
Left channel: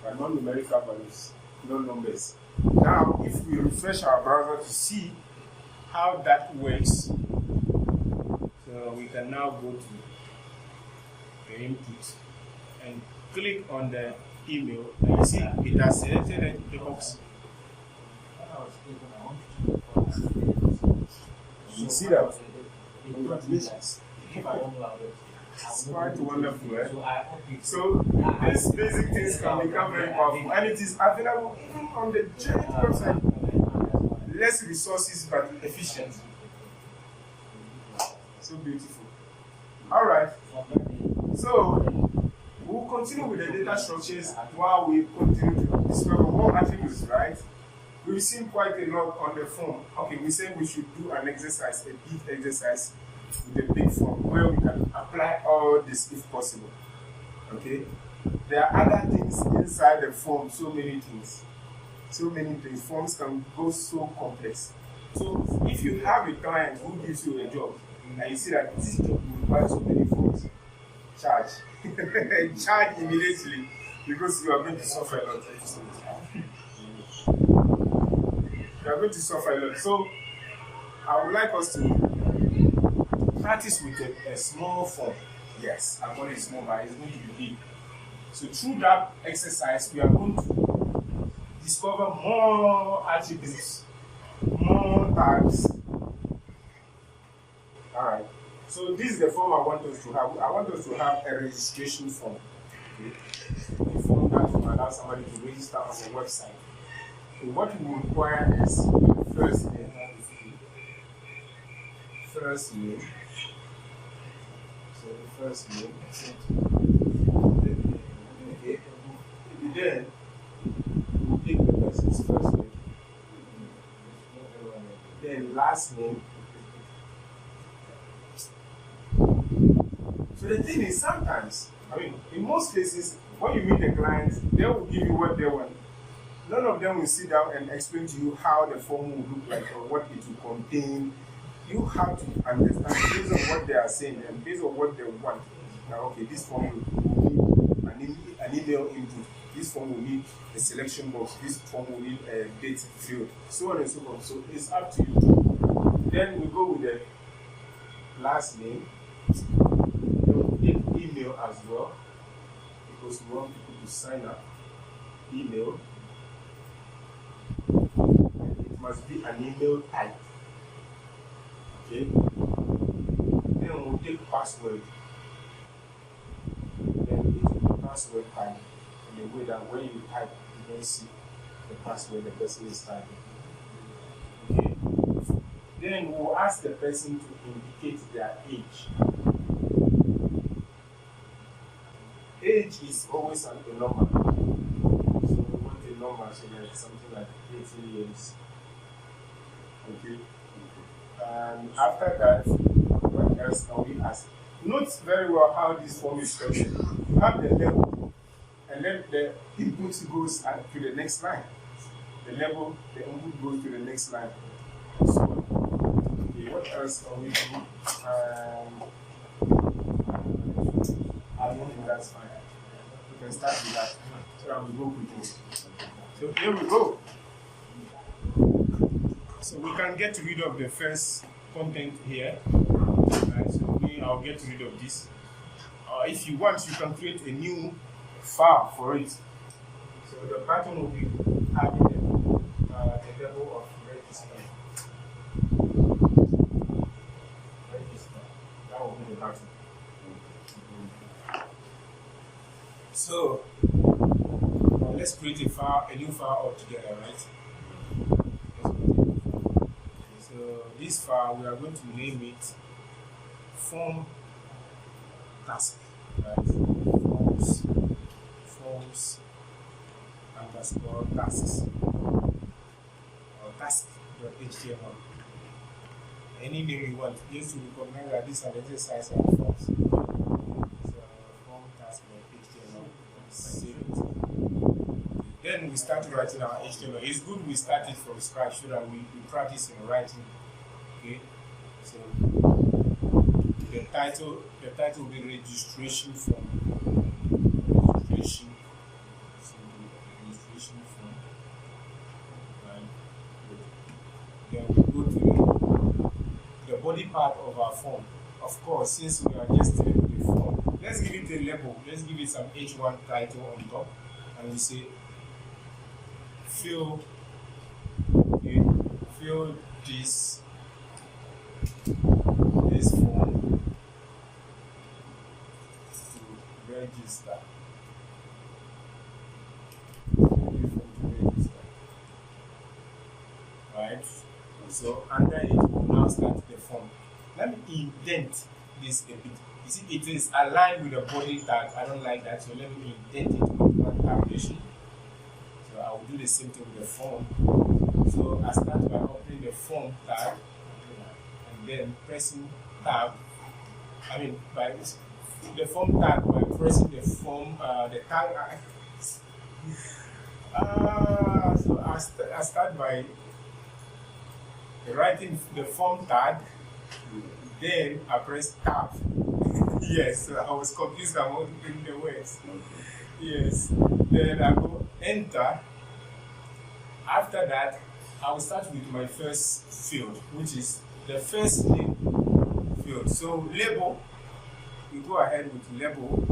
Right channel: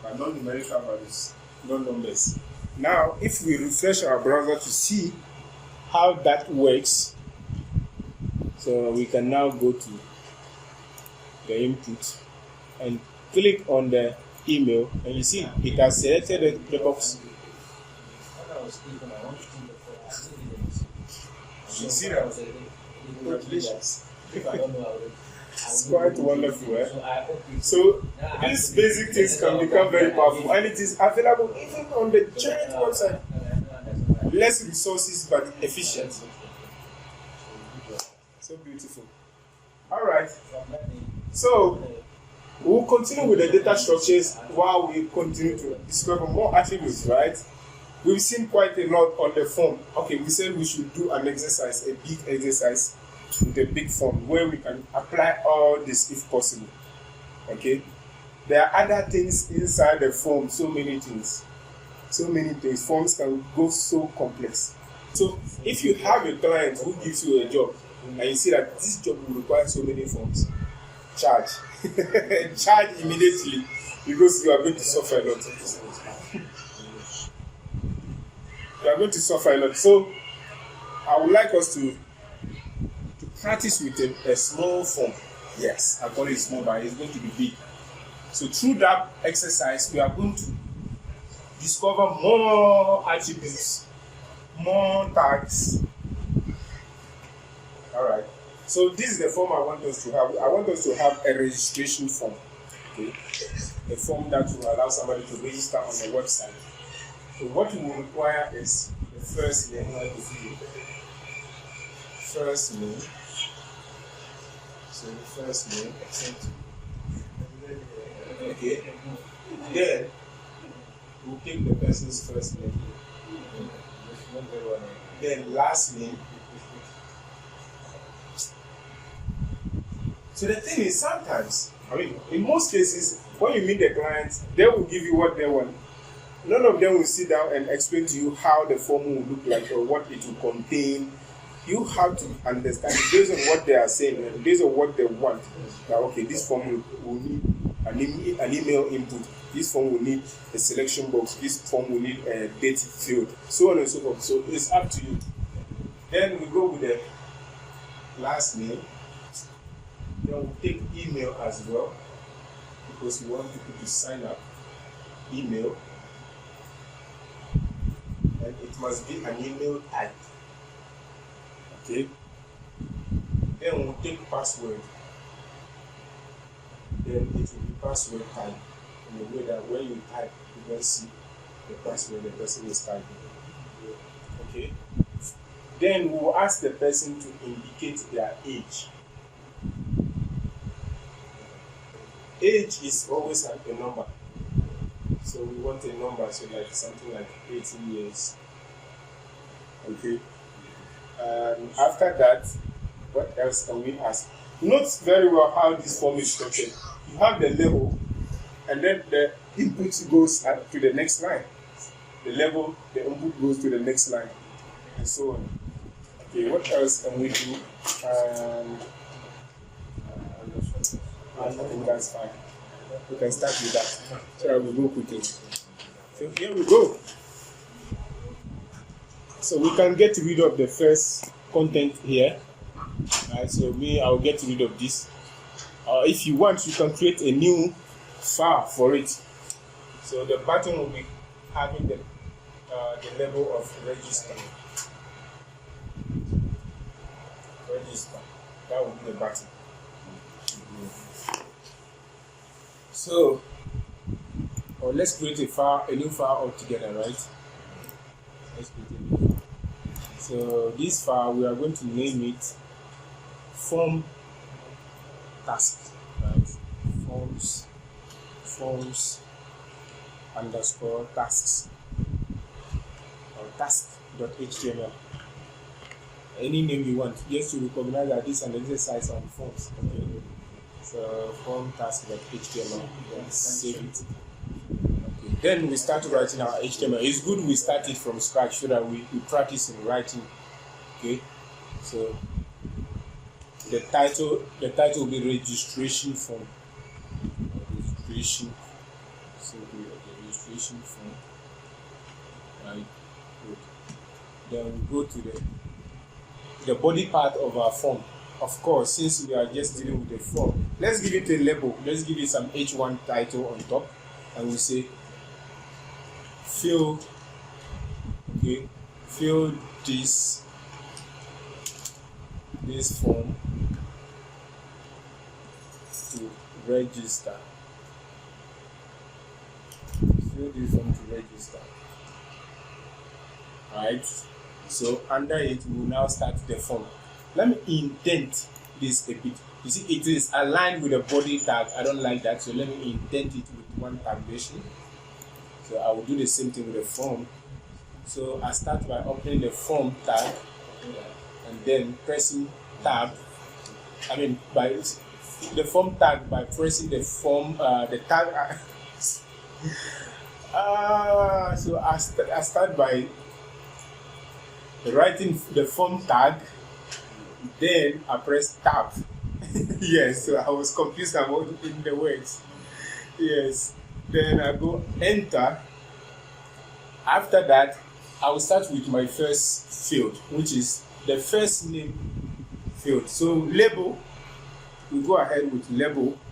But non-numerical values, no numbers. Now, if we refresh our browser to see how that works, so we can now go to the input and click on the email, and you see it has selected the box. You see that? Congratulations. It's quite wonderful, eh? So these basic things can become very powerful, and it is available even on the giant website. Less resources but efficient. So beautiful. All right. So we'll continue with the data structures while we continue to discover more attributes, right? We've seen quite a lot on the form. Okay, we said we should do an exercise, a big exercise with a big form where we can apply all this if possible. Okay? There are other things inside the form, so many things. So many things. Forms can go so complex. So if you have a client who gives you a job and you see that this job will require so many forms, charge. Charge immediately because you are going to suffer a lot. You are going to suffer a lot. So I would like us to practice with a small form. Yes, I call it small, but it's going to be big. So through that exercise, we are going to discover more attributes, more tags. All right. So this is the form I want us to have. I want us to have a registration form. Okay, a form that will allow somebody to register on the website. So what we will require is the first name, first name. So the first name, okay. Then we'll take the person's first name. Then last name. So the thing is, sometimes, in most cases, when you meet the clients, they will give you what they want. None of them will sit down and explain to you how the form will look like or what it will contain. You have to understand based on what they are saying and based on what they want. That okay, this form will need an email input. This form will need a selection box. This form will need a date field, so on and so forth. So it's up to you. Then we go with the last name. Then we take email as well because we want people to sign up. Email. And it must be an email type. Okay. Then we'll take password. Then it will be password type in a way that when you type, you don't see the password the person is typing. Okay. Then we'll ask the person to indicate their age. Age is always a number. So we want a number, so like something like 18 years. Okay. After that, what else can we ask? Note very well how this form is structured. You have the level, and then the input goes to the next line. The level, the input goes to the next line, and so on. Okay, what else can we do? I think that's fine. We can start with that, so that we go quickly. So here we go. So we can get rid of the first content here. Right, so I'll get rid of this. If you want, you can create a new file for it. So the button will be having the level of register. Register. That will be the button. So let's create a new file altogether, right? So this file, we are going to name it form task, right? Forms underscore tasks or task.html. Any name you want, just to recognize that this is an exercise on forms. So form task.html. Save it. Then we start writing our HTML. It's good we start it from scratch so that we practice in writing. Okay, so the title will be registration form. Registration. So the registration form. Right. Good. Then we go to the body part of our form. Of course, since we are just dealing with the form, let's give it a label. Let's give it some H1 title on top, and we say fill this form to register. Fill this form to register. Alright. So under it, we will now start the form. Let me indent this a bit. You see, it is aligned with the body tag. I don't like that, so let me indent it with one tabulation. So I will do the same thing with the form. So I start by opening the form tag and then pressing tab. By the form tag by pressing the form the tag. So I start by writing the form tag. Then I press tab. Yes, so I was confused about the words. Yes, then I go enter. After that, I will start with my first field, which is the first name field. So label, we go ahead with label.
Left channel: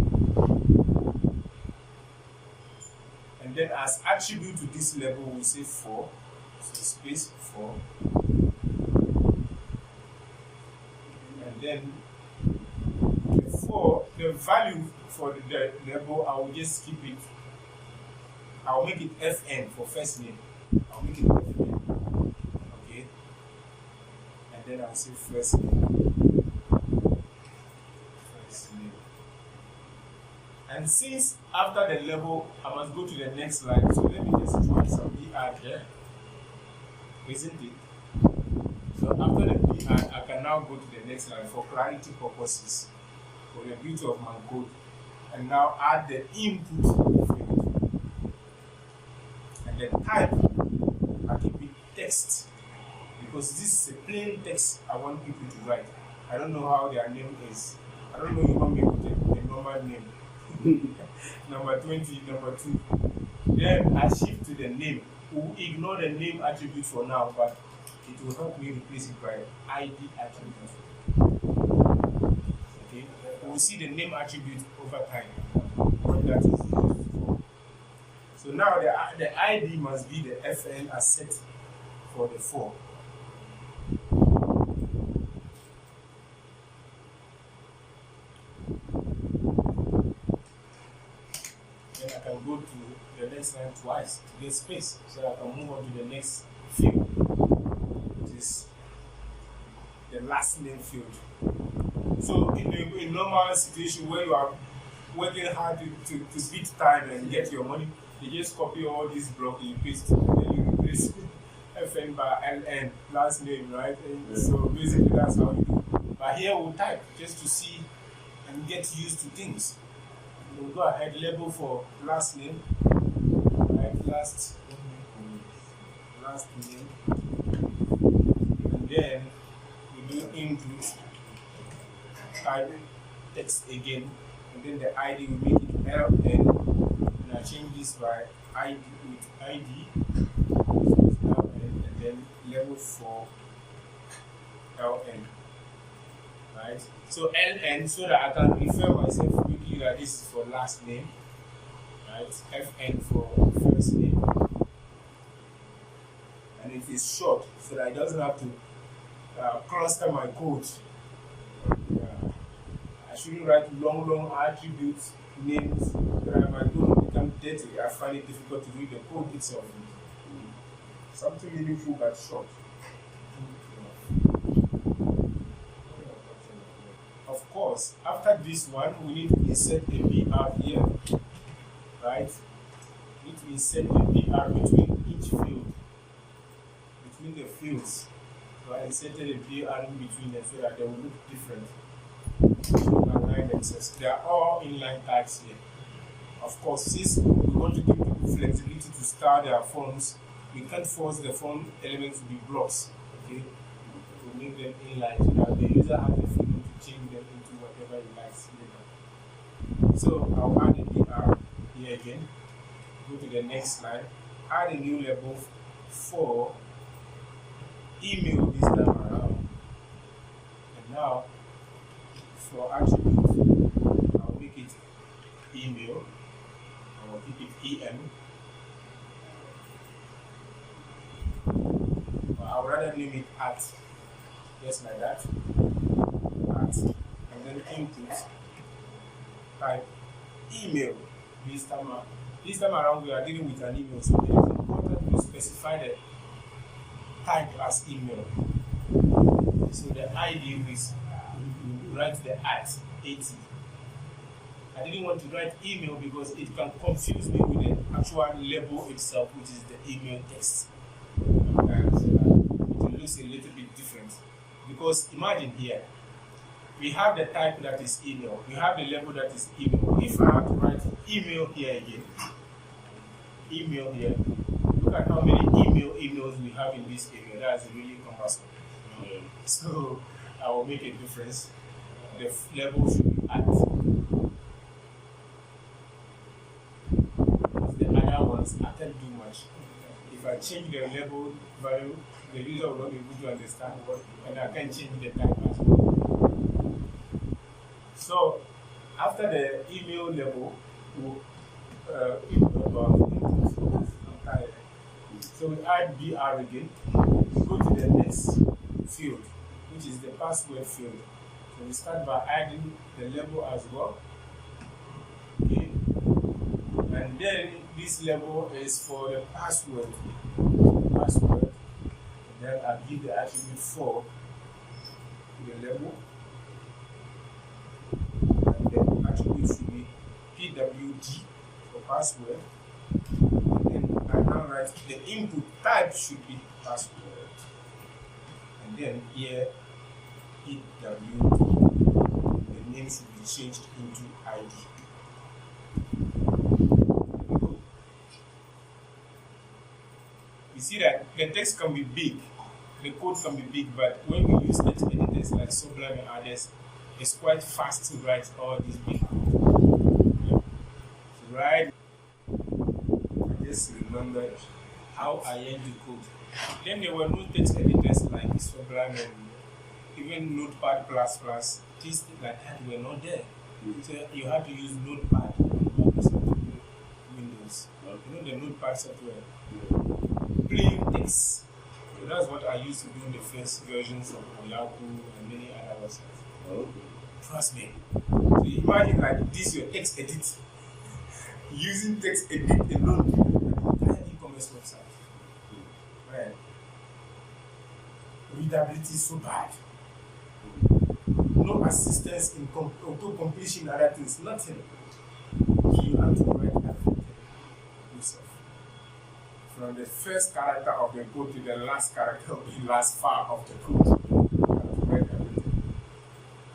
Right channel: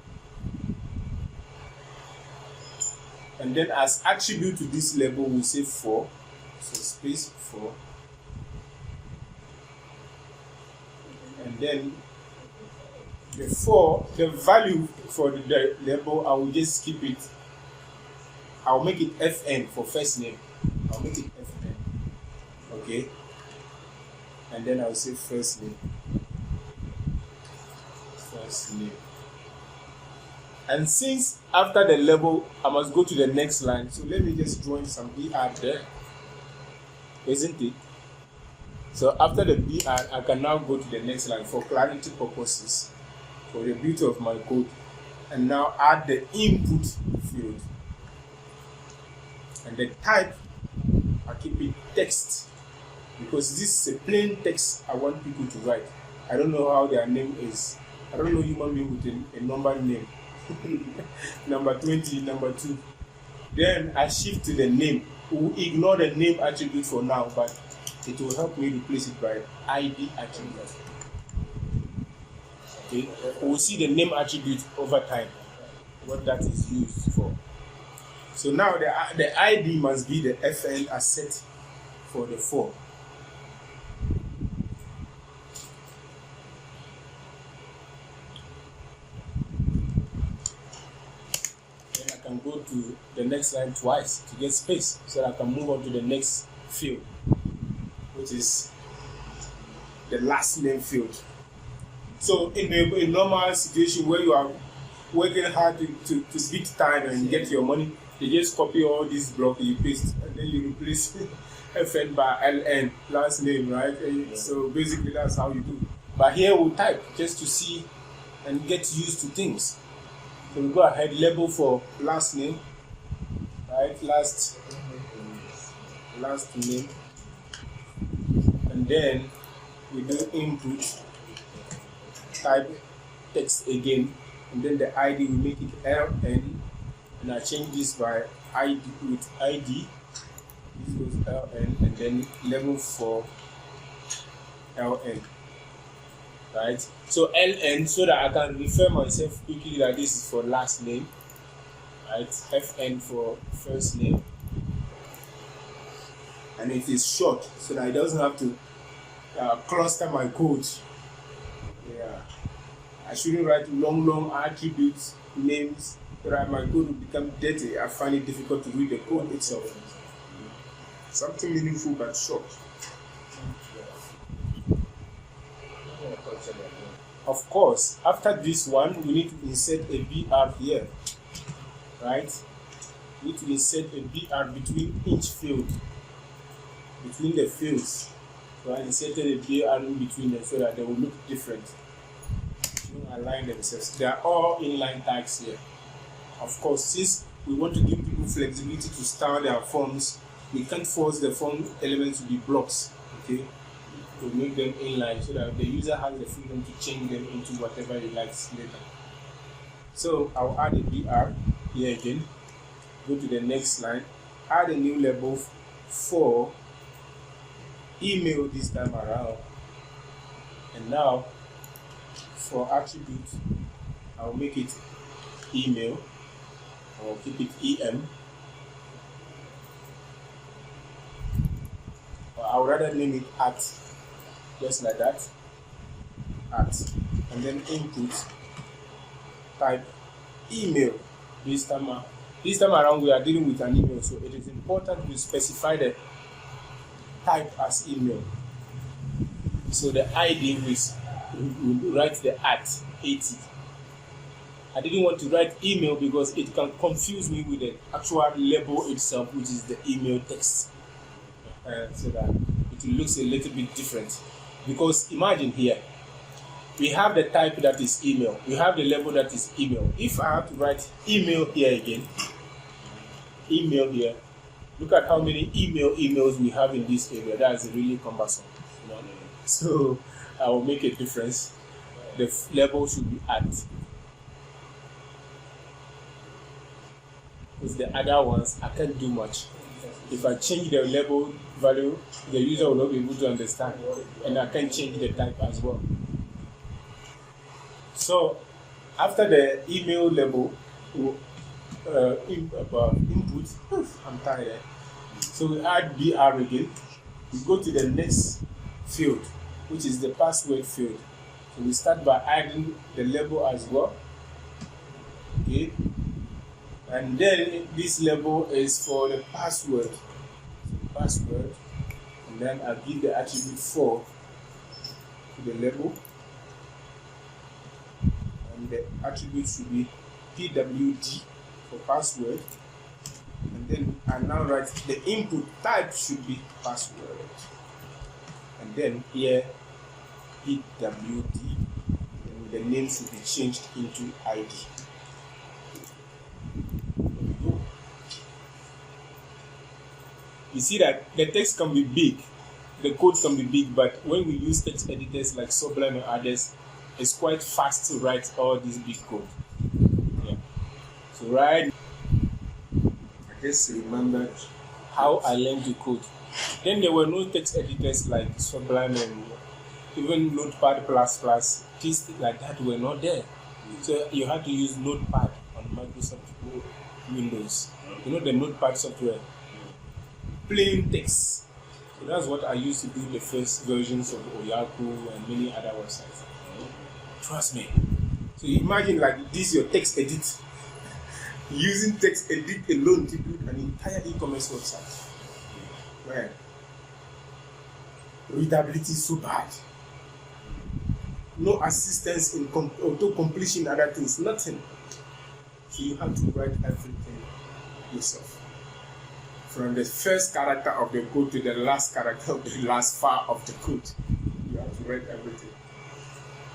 And then as attribute to this label, we say 4. So space 4. And then Before the value for the label, I will just keep it. I'll make it FN for first name. I'll make it FN. Okay. And then I'll say first name. First name. And since after the label, I must go to the next line. So let me just join some BR there. Isn't it? So after the BR, I can now go to the next line for clarity purposes, for the beauty of my code, and now add the input field. And the type, I keep it text, because this is a plain text I want people to write. I don't know how their name is. I don't know human being with a number name. Number 20, number 2. Then I shift to the name. We'll ignore the name attribute for now, but it will help me replace it by ID attribute. Okay, we'll see the name attribute over time, what that is used for. So now the ID must be the FN asset for the 4. Then I can go to the next line twice to get space, so that I can move on to the next field, which is the last name field. So in a normal situation where you are working hard to beat time and get your money, you just copy all these blocks, you paste, and then you replace FN by LN, last name, right? And so basically that's how you do. But here we'll type just to see and get used to things. So we go ahead, label for last name, right? Last name, and then we do input, type text again, and then the ID we make it LN, and I change this by ID with ID, so it's LN, and then level for LN, right? So LN, so that I can refer myself quickly that this is for last name, right? FN for first name, and it is short, so that it doesn't have to cluster my code. Yeah, I shouldn't write long attributes, names, that my code will become dirty. I find it difficult to read the code itself. Something meaningful but short. Of course, after this one, we need to insert a BR here, right? We need to insert a BR between each field, between the fields. So I inserted a BR in between them so that they will look different. Align themselves. They are all inline tags here. Of course, since we want to give people flexibility to style their forms, we can't force the form elements to be blocks. Okay, to make them inline so that the user has the freedom to change them into whatever he likes later. So I'll add a BR here again. Go to the next line. Add a new label for email this time around. And now for attribute, I'll make it email. I'll keep it EM. Or I would rather name it at, just like that. At. And then input, type email. This time around we are dealing with an email, so it is important to specify the type as email. So the ID is we write the at 80. I didn't want to write email because it can confuse me with the actual label itself, which is the email text. So that it looks a little bit different. Because imagine here, we have the type that is email, we have the label that is email. If I have to write email here again, email here, look at how many emails we have in this area. That is really cumbersome. So I will make a difference. The label should be at. With the other ones, I can't do much. If I change the label value, the user will not be able to understand, and I can change the type as well. So after the email label, input, I'm tired. So we add BR again. We go to the next field, which is the password field. So we start by adding the label as well. Okay, and then this label is for the password. Password, and then I give the attribute for the label, and the attribute should be pwd for password. Then I now write the input type should be password, and then here pwd, the name should be changed into id. You see that the text can be big, the code can be big, but when we use text editors like Sublime and others, it's quite fast to write all this big code. Yeah. So right, I just remembered how I learned to code. Then there were no text editors like Sublime and even Notepad++. Things like that were not there. So you had to use Notepad on Microsoft Windows. You know the Notepad software? Plain text. So that's what I used to do in the first versions of Oyaku and many other websites. Trust me. So imagine like this your text edit. Using text edit alone to build an entire e-commerce website. Right. Readability is so bad. No assistance in auto-completion, other things, nothing. So you have to write everything yourself. From the first character of the code to the last character of the last file of the code. You have to write everything.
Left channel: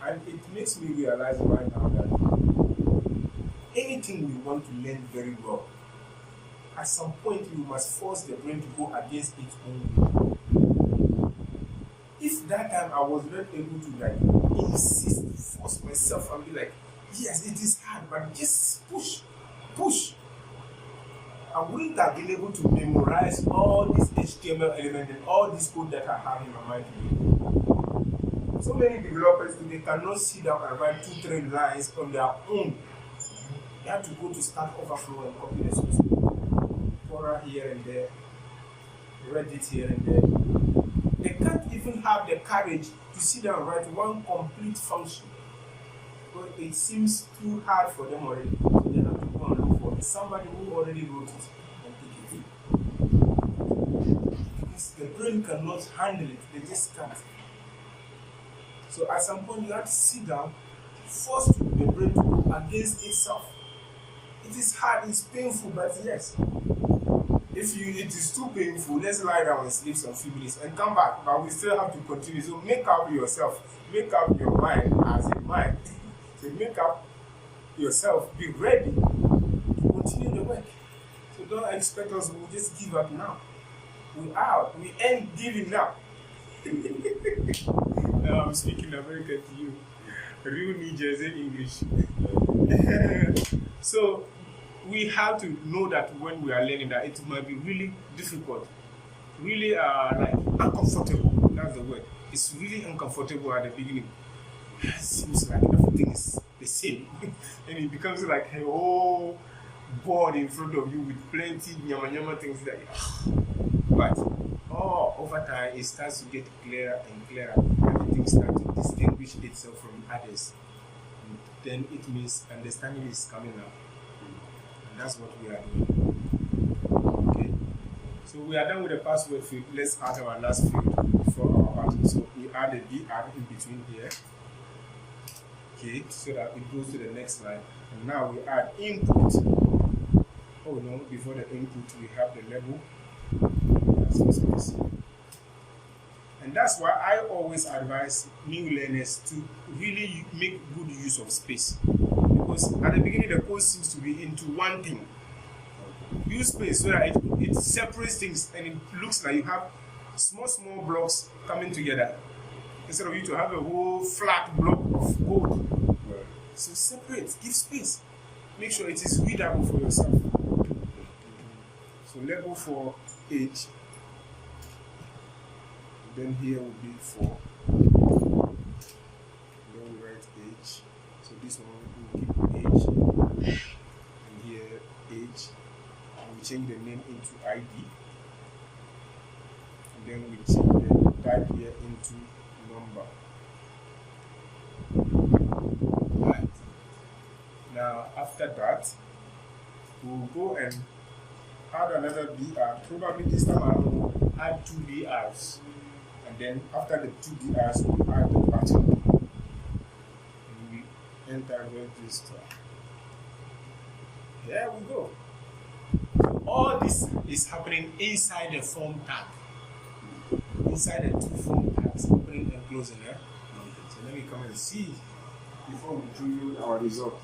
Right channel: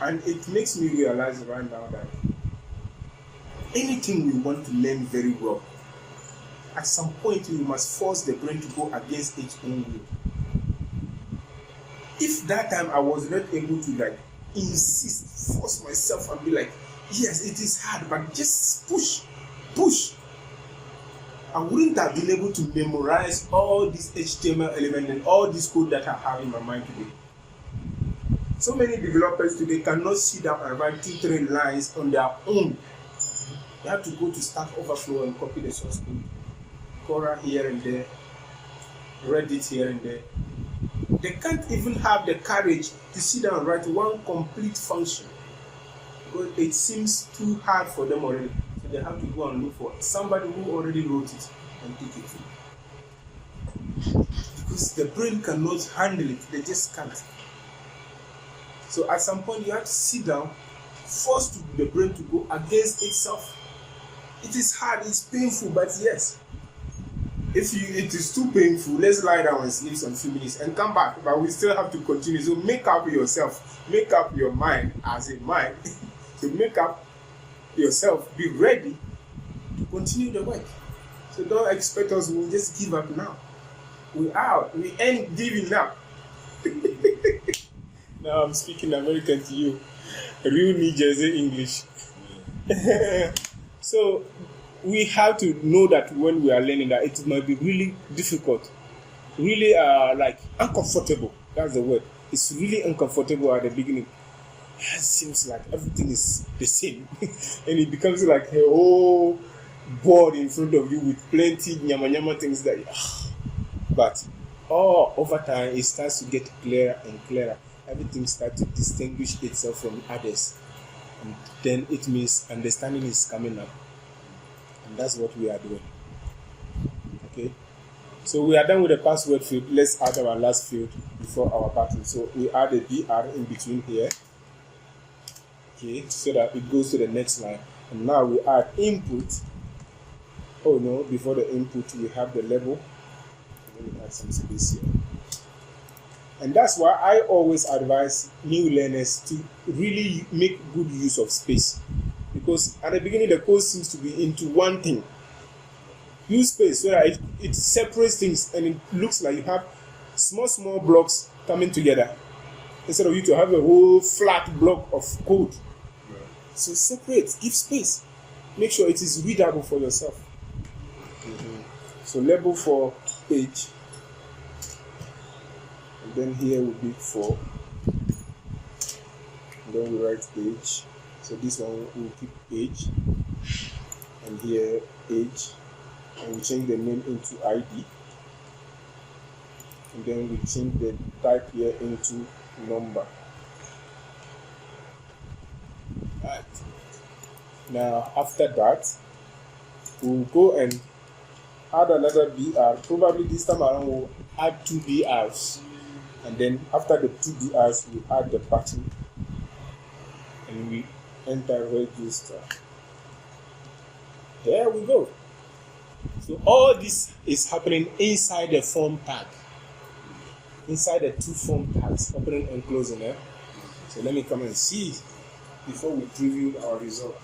And it makes me realize right now that anything we want to learn very well, at some point we must force the brain to go against its own will. If that time I was not able to like insist, force myself and be like, yes, it is hard, but just push. I wouldn't have been able to memorize all these HTML elements and all this code that I have in my mind today. So many developers today cannot sit down and write 2-3 lines on their own. They have to go to Stack Overflow and copy the source code. Quora here and there, Reddit here and there. They can't even have the courage to sit down and write one complete function. Because it seems too hard for them already. They have to go and look for somebody who already wrote it and take it through. Because the brain cannot handle it, they just can't. So at some point you have to sit down, force the brain to go against itself. It is hard, it's painful, but yes. If it is too painful, let's lie down and sleep some few minutes and come back. But we still have to continue. So make up yourself, make up your mind as a mind. So make up yourself, be ready to continue the work. So don't expect us to just give up now. We ain't giving up. Now I'm speaking American to you. Real New Jersey English. So we have to know that when we are learning that it might be really difficult, really like uncomfortable. That's the word. It's really uncomfortable at the beginning. It seems like everything is the same, and it becomes like a whole board in front of you with plenty nyama things that. But over time it starts to get clearer and clearer. Everything starts to distinguish itself from others, and then it means understanding is coming up. That's what we are doing. Okay, so we are done with the password field. Let's add our last field for our pattern. So we add a BR in between here. Okay, so that it goes to the next line. And now we add input. Oh no, before the input we have the label. And that's why I always advise new learners to really make good use of space. Because at the beginning the code seems to be into one thing. Use space so that it separates things and it looks like you have small blocks coming together instead of you to have a whole flat block of code. So separate, give space, make sure it is readable for yourself. So label for age, and then here will be for, and then we write age. So this one will keep age, and here age, and we change the name into ID, and then we change the type here into number. Now after that, we'll go and add another BR. Probably this time around we'll add 2 BRs. And then after the 2 BRs, we'll add the button. And we enter register. Here we go. So all this is happening inside the form tag. Inside the 2 form tags, opening and closing. So let me come and see before we preview our result.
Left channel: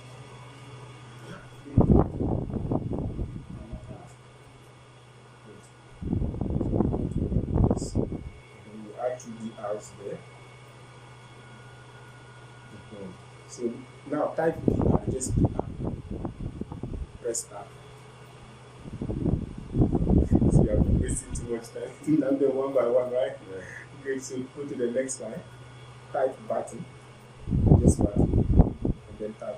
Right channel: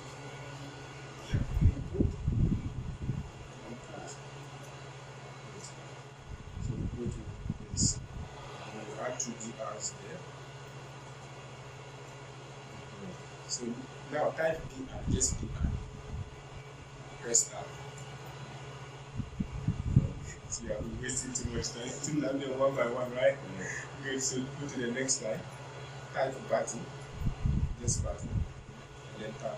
We'll add 2 BRs there. So now type BR, just BR. Press start. So you have wasted too much time. 2 them one by one, right? Yeah. Good. So go to the next line. Type button. This button. And then tap.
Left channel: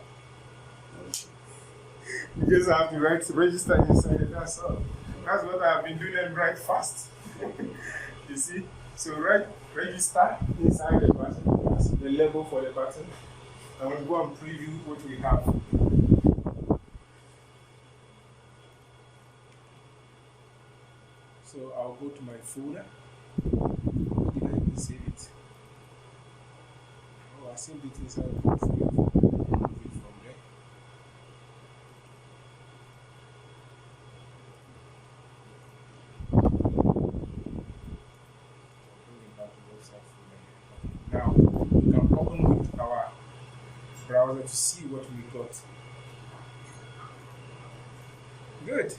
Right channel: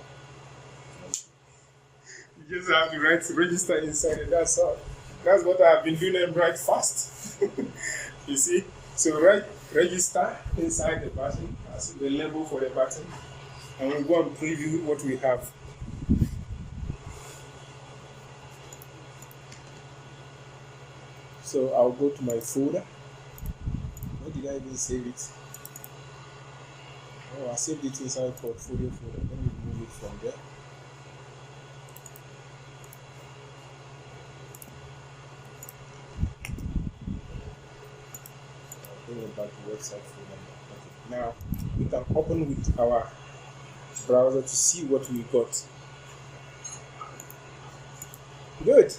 You just have to write register inside it. That's all. That's what I've been doing and write fast. You see? So write register inside the button. That's the label for the button. And we'll go and preview what we have. So I'll go to my folder. Where did I even save it? Oh, I saved it inside portfolio folder. Remove it from there. I'll bring it back to website folder. Now we can open with our browser to see what we got. Good.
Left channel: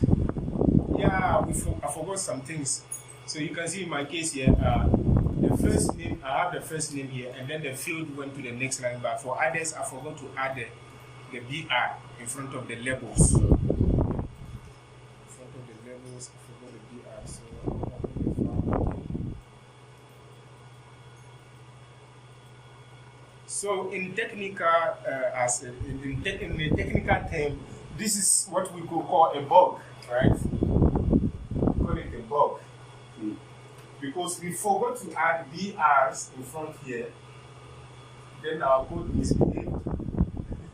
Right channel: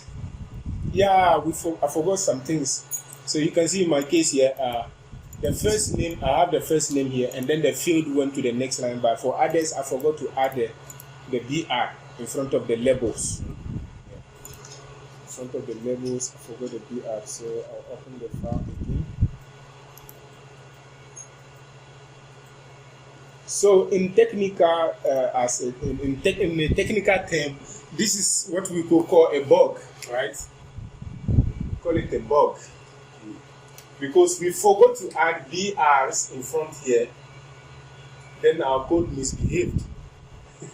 Yeah, I forgot some things. So you can see in my case here, the first name, I have the first name here, and then the field went to the next line. But for others, I forgot to add the BR in front of the labels. In front of the labels, I forgot the BR. So I'll open the file again. So in technical, in a technical term, this is what we could call a bug, right? Call it a bug, because we forgot to add BRs in front here. Then our code misbehaved.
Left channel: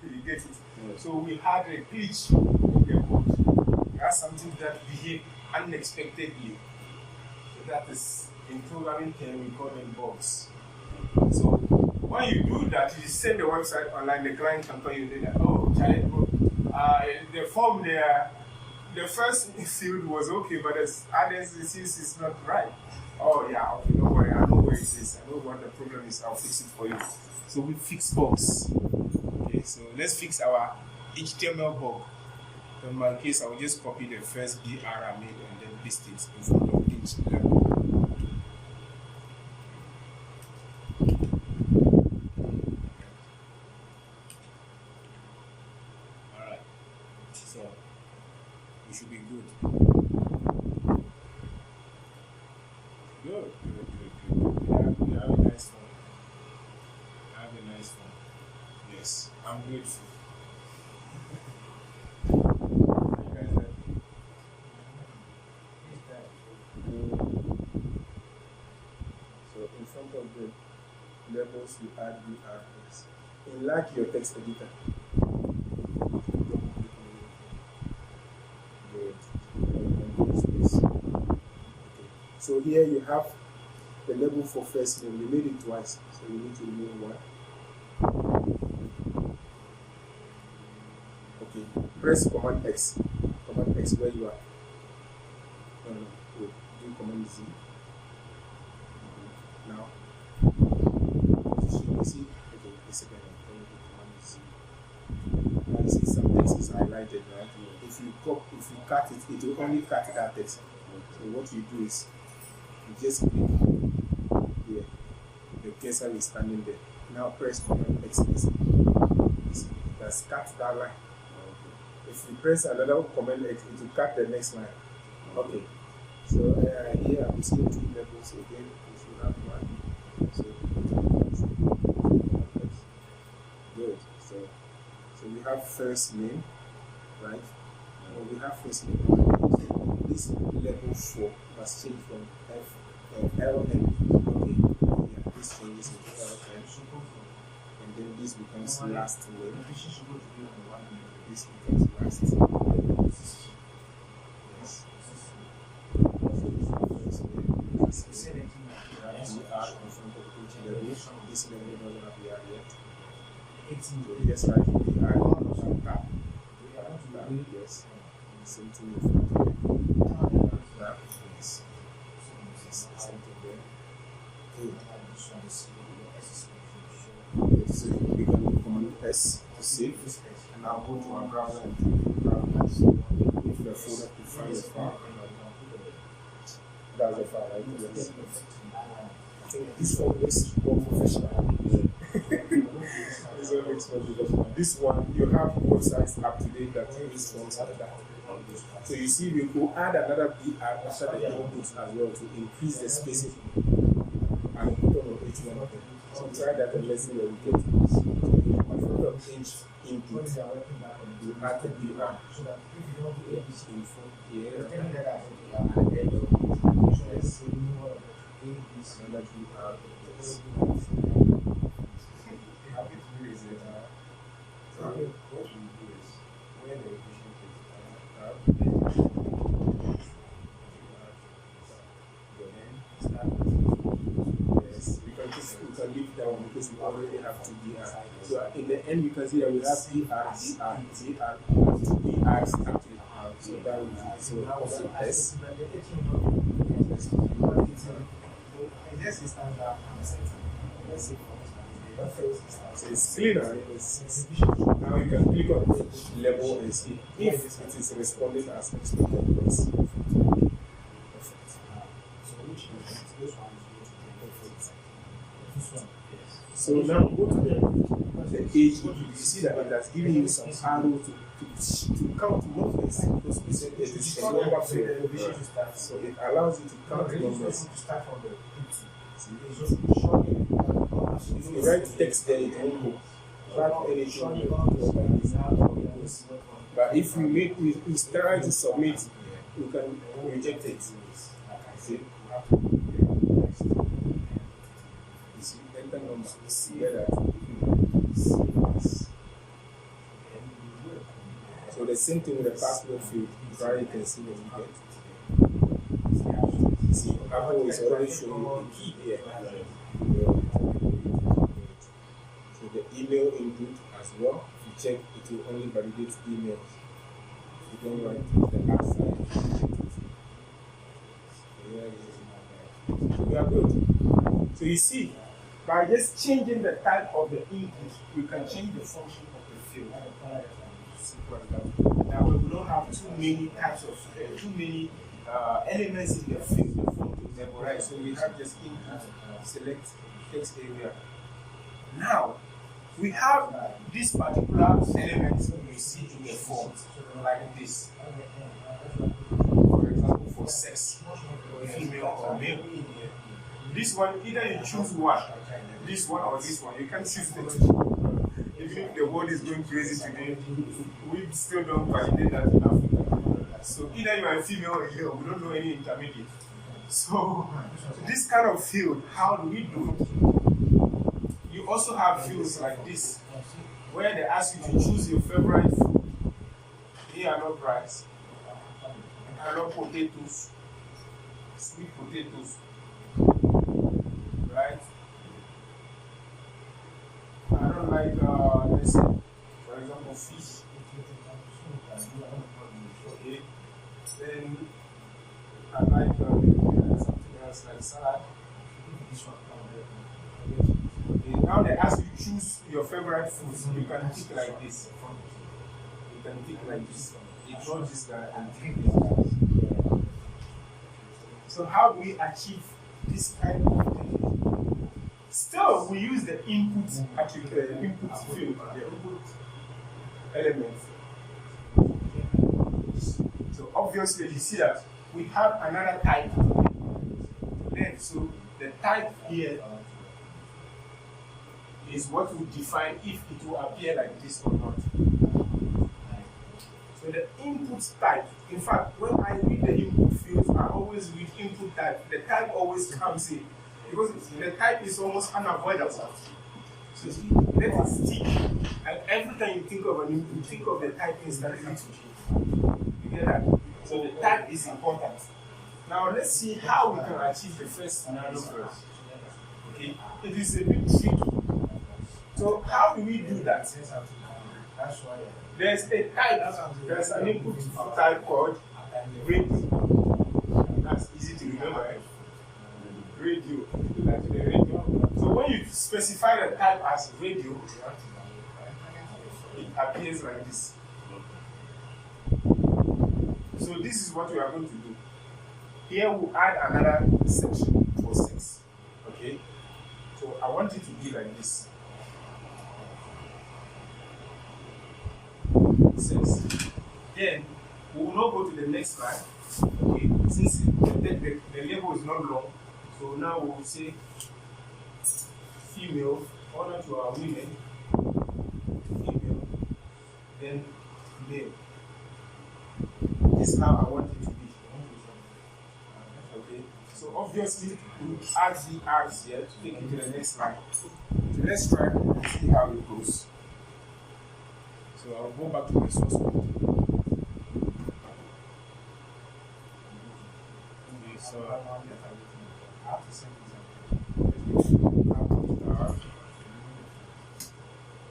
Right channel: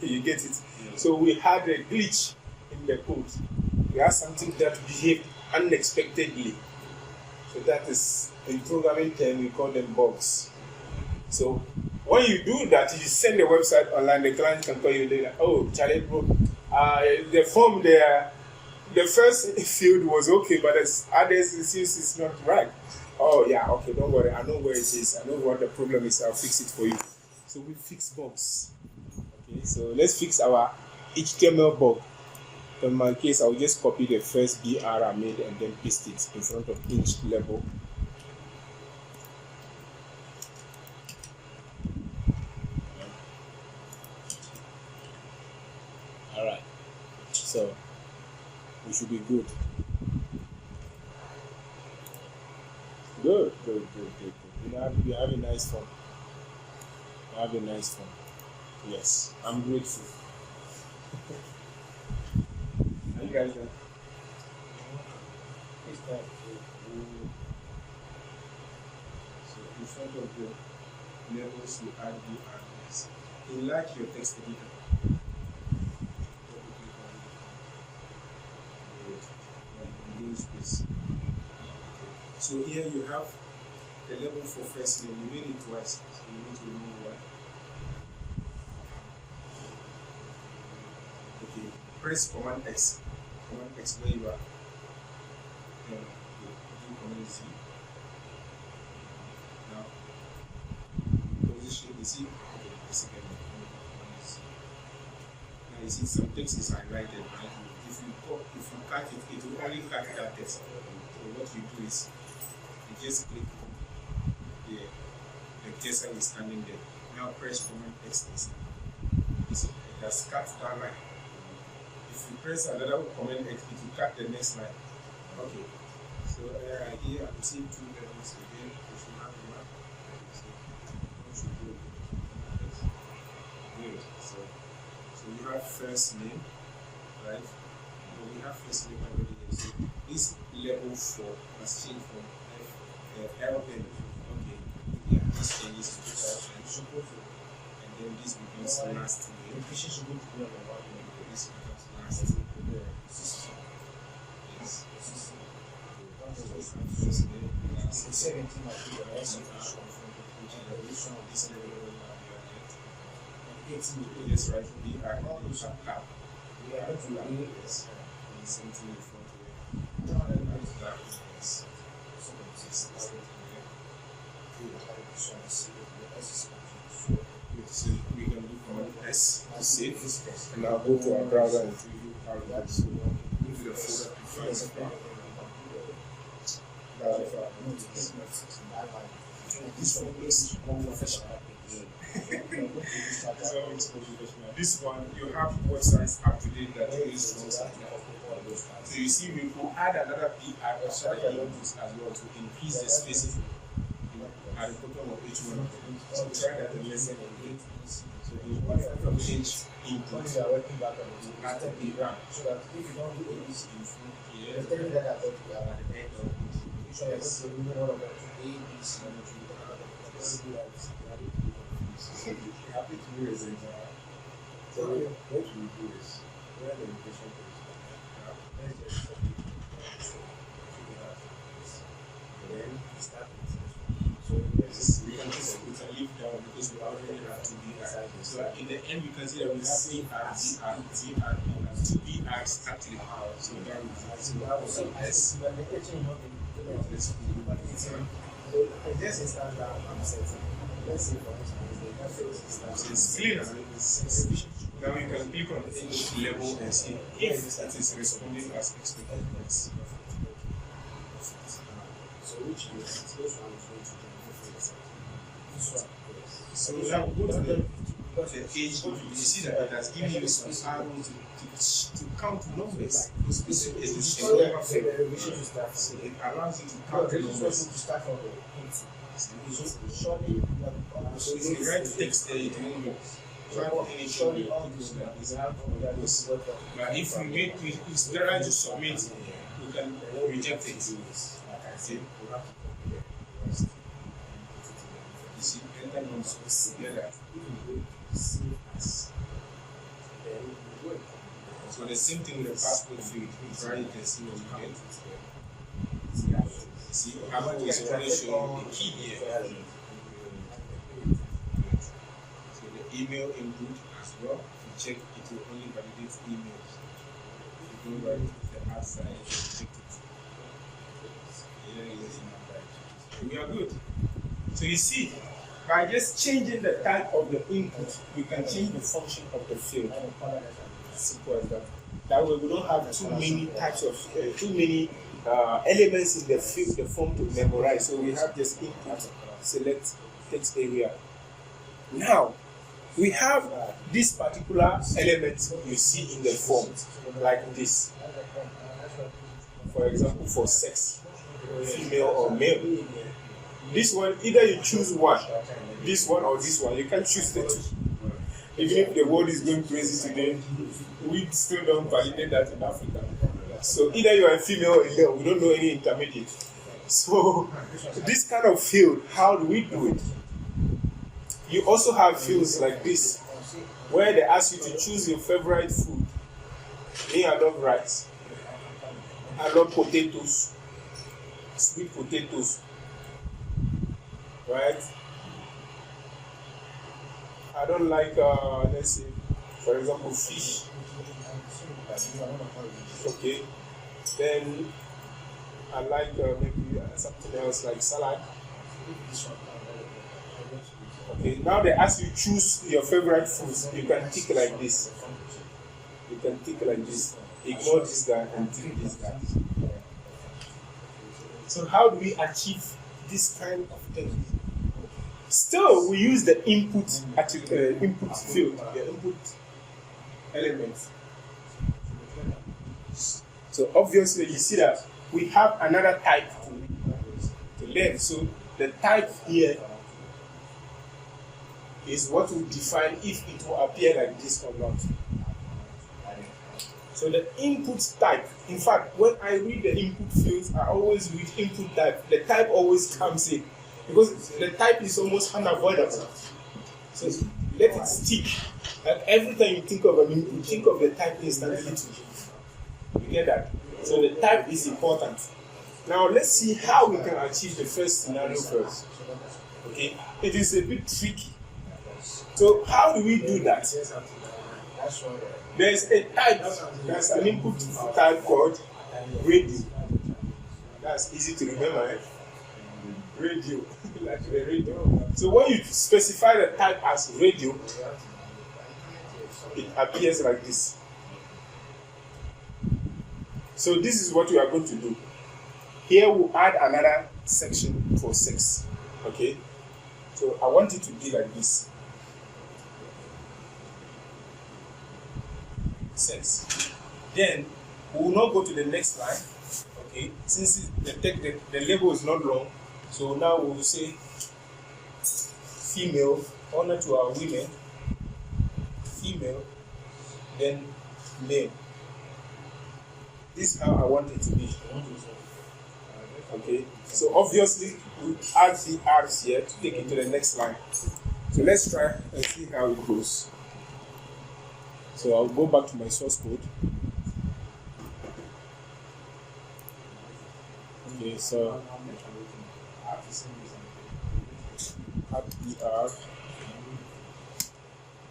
You get it? Yeah. So we had a glitch in the code. We had something that behaved unexpectedly. So that is, in programming term, we call them bugs. So when you do that, you send the website online, the client can call you later. Oh, Charlie, bro, the form there, the first field was okay, but as others it seems it's not right. Oh yeah, okay, don't worry, I know where it is, I know what the problem is, I'll fix it for you. So we fix bugs. Okay, so let's fix our HTML bug. In my case, I'll just copy the first BR I made and then paste it in front of each level. Alright, so we should be good. Good. We have a nice phone. Yes, I'm grateful. How you guys doing? So in front of the levels, you add BRs. Enlarge your text editor. So here you have the label for first name. You made it twice, so you need to remove one. Okay, press Command X. Command X where you are. And do Command Z. Now, position. You see, okay, this again. Command Z. Now you see some text is highlighted, right? If you cut it, it will only cut that text. So what you do is you just click here. The cursor is standing there. Now press Command X. It has cut that line. If you press another Command X, it will cut the next line. Okay. So here I'm seeing 2 levels again. We should have one. So good. So we have first name, right? Well, we have first name. This level 4 has changed from LN. Okay. Yeah, this changes to LN. And then this becomes last name. The fish should go to be on the one name. This becomes last name. Yes. It's 17 As you are from the coach level, this level we are yet. 18. Yes, right. We are on cap. Yeah, that's the Yes. And same thing with that. Yes. So we can look on S to save, and I'll go to our browser and go to the folder to find the file. That's the file. This one looks more professional. This one looks more professional. This one, you have websites up to date that use forms like that. So you see, we will add another BR or certain inputs as well to increase the spacing at the bottom of each one of them. So try that and let's see what we get. So in front of each input, you add the BR. So that if you don't do ABC, In front here, you're telling me that I got the end. So I just remove all of that. ABC. and that we have this. Happy to hear is it. So what we do is when the location is then start with yes, we can leave down because we already have two BRs. So in the end we can see that we have two BRs actually. So that will be so S. Just instance that I'm setting. Let's say for instance, the first instance. So it's cleaner. Now you can click on each level and see if it is responding as expected. Yes. So which is those ones going to be perfect. This one, yes. So now go to the page. You see that it has given you some arrows to count numbers. It is a number field. So it allows you to count numbers. To start from the input. So if you write text there, it won't go. But if we try to submit, we can reject it. See? You see, enter numbers together. So the same thing with the password field. Try it and see what you get. See, Apple is already showing the key here. So the email input as well. If you check, it will only validate emails. If you don't write the outside, it will reject it. Yeah, yes, we are good. So you see, by just changing the type of the input, we can change the function of the field. Simple as that. That way we don't have too many types of elements in the field, the form to memorize. So we have just input, select text area. Now we have this particular element you see in the form, like this. For example, for sex, female or male. This one, either you choose one, this one or this one. You can choose the two. Even if the world is going crazy today, we still don't validate that in Africa. So either you are a female or a male, we don't know any intermediate. So this kind of field, how do we do it? You also have fields like this, where they ask you to choose your favorite food. Me, I love rice. I love potatoes, sweet potatoes, right? I don't like, let's say, for example, fish. Okay. Then I like maybe something else like salad. Okay. Now they ask you choose your favorite foods. You can tick like this. You can tick like this. Ignore this guy and tick this guy. So how do we achieve this kind of thing? Still, we use the input input field, the input element. So obviously, you see that we have another type to learn. So the type here is what will define if it will appear like this or not. So the input type, in fact, when I read the input fields, I always read input type. The type always comes in because the type is almost unavoidable. So let it stick. Like every time you think of an input, you think of the type instantly. You get that? So the type is important. Now let's see how we can achieve the first scenario first. Okay? It is a bit tricky. So how do we do that? There's a type, there's an input type called radio. That's easy to remember, eh? Radio, like the radio. So when you specify the type as radio, it appears like this. So this is what we are going to do. Here we'll add another section for 6. Okay? So I want it to be like this. 6. Then we will not go to the next line. Okay, since the label is not long, so now we will say female, honor to our women, female, then male. This is how I want it to be. Okay, so obviously we add the R's here to take it to the next line. So let's try and see how it goes. So I'll go back to my source code. Okay, so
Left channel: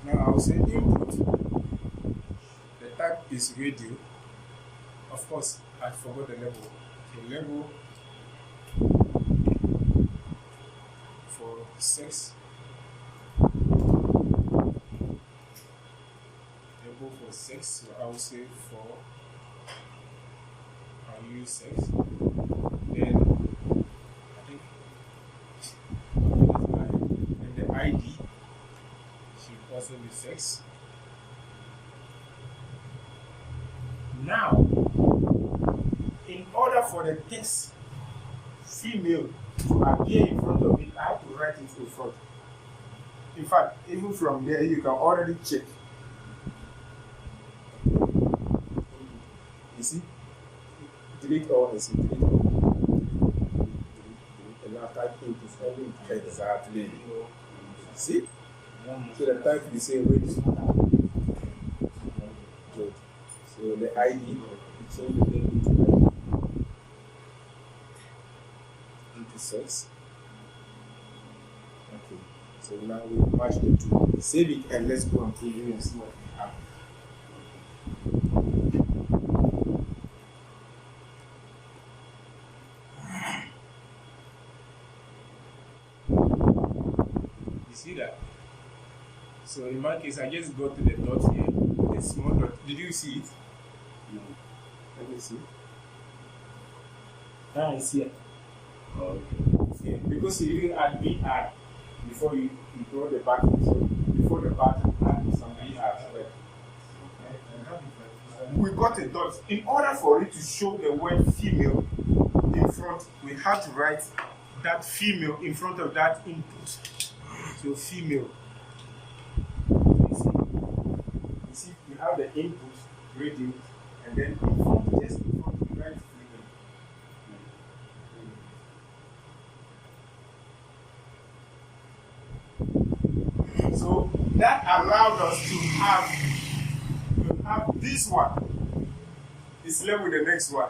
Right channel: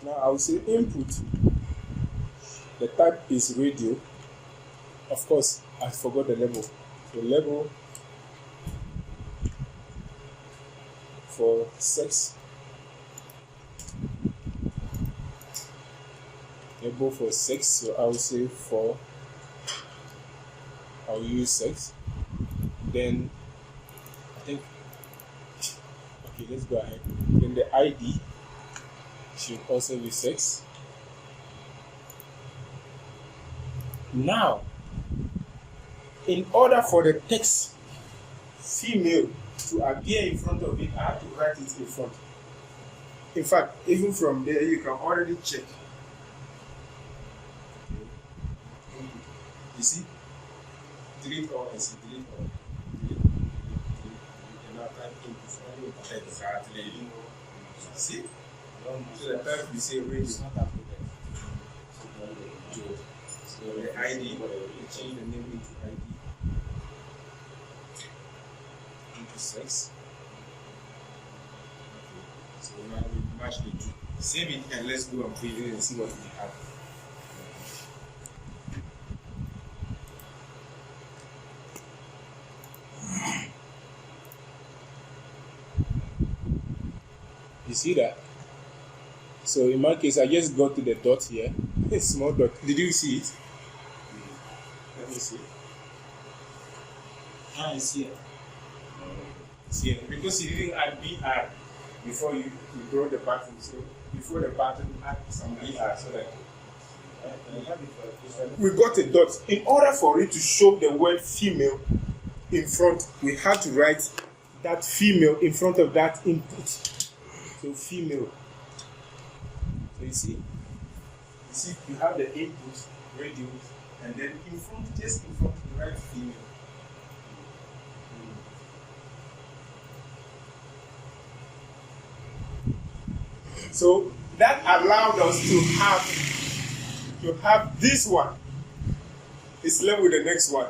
now I will say input. The type is radio. Of course, I forgot the label. So label for sex. Label for sex. So I will say for. I'll use sex. Then I think okay, let's go ahead. Then the ID should also be 6. Now, in order for the text female to appear in front of it, I have to write it in front. In fact, even from there, you can already check. You see? Delete all this. Delete all. Exactly. See? So the type we say range. So the ID, we change the name into 6. Okay. So now we match the two. Save it and let's go and preview and see what we have. You see that? So in my case, I just got to the dot here. A small dot. Did you see it? Let me see. Ah, it's here. It's here. Because you didn't add BR before you draw the pattern. So before the pattern, add some BR. So that we got a dot. In order for it to show the word female in front, we have to write that female in front of that input. So female. So you see, you have the input, radio, and then in front, just in front, you write female. So that allowed us to have this one. It's left with the next one.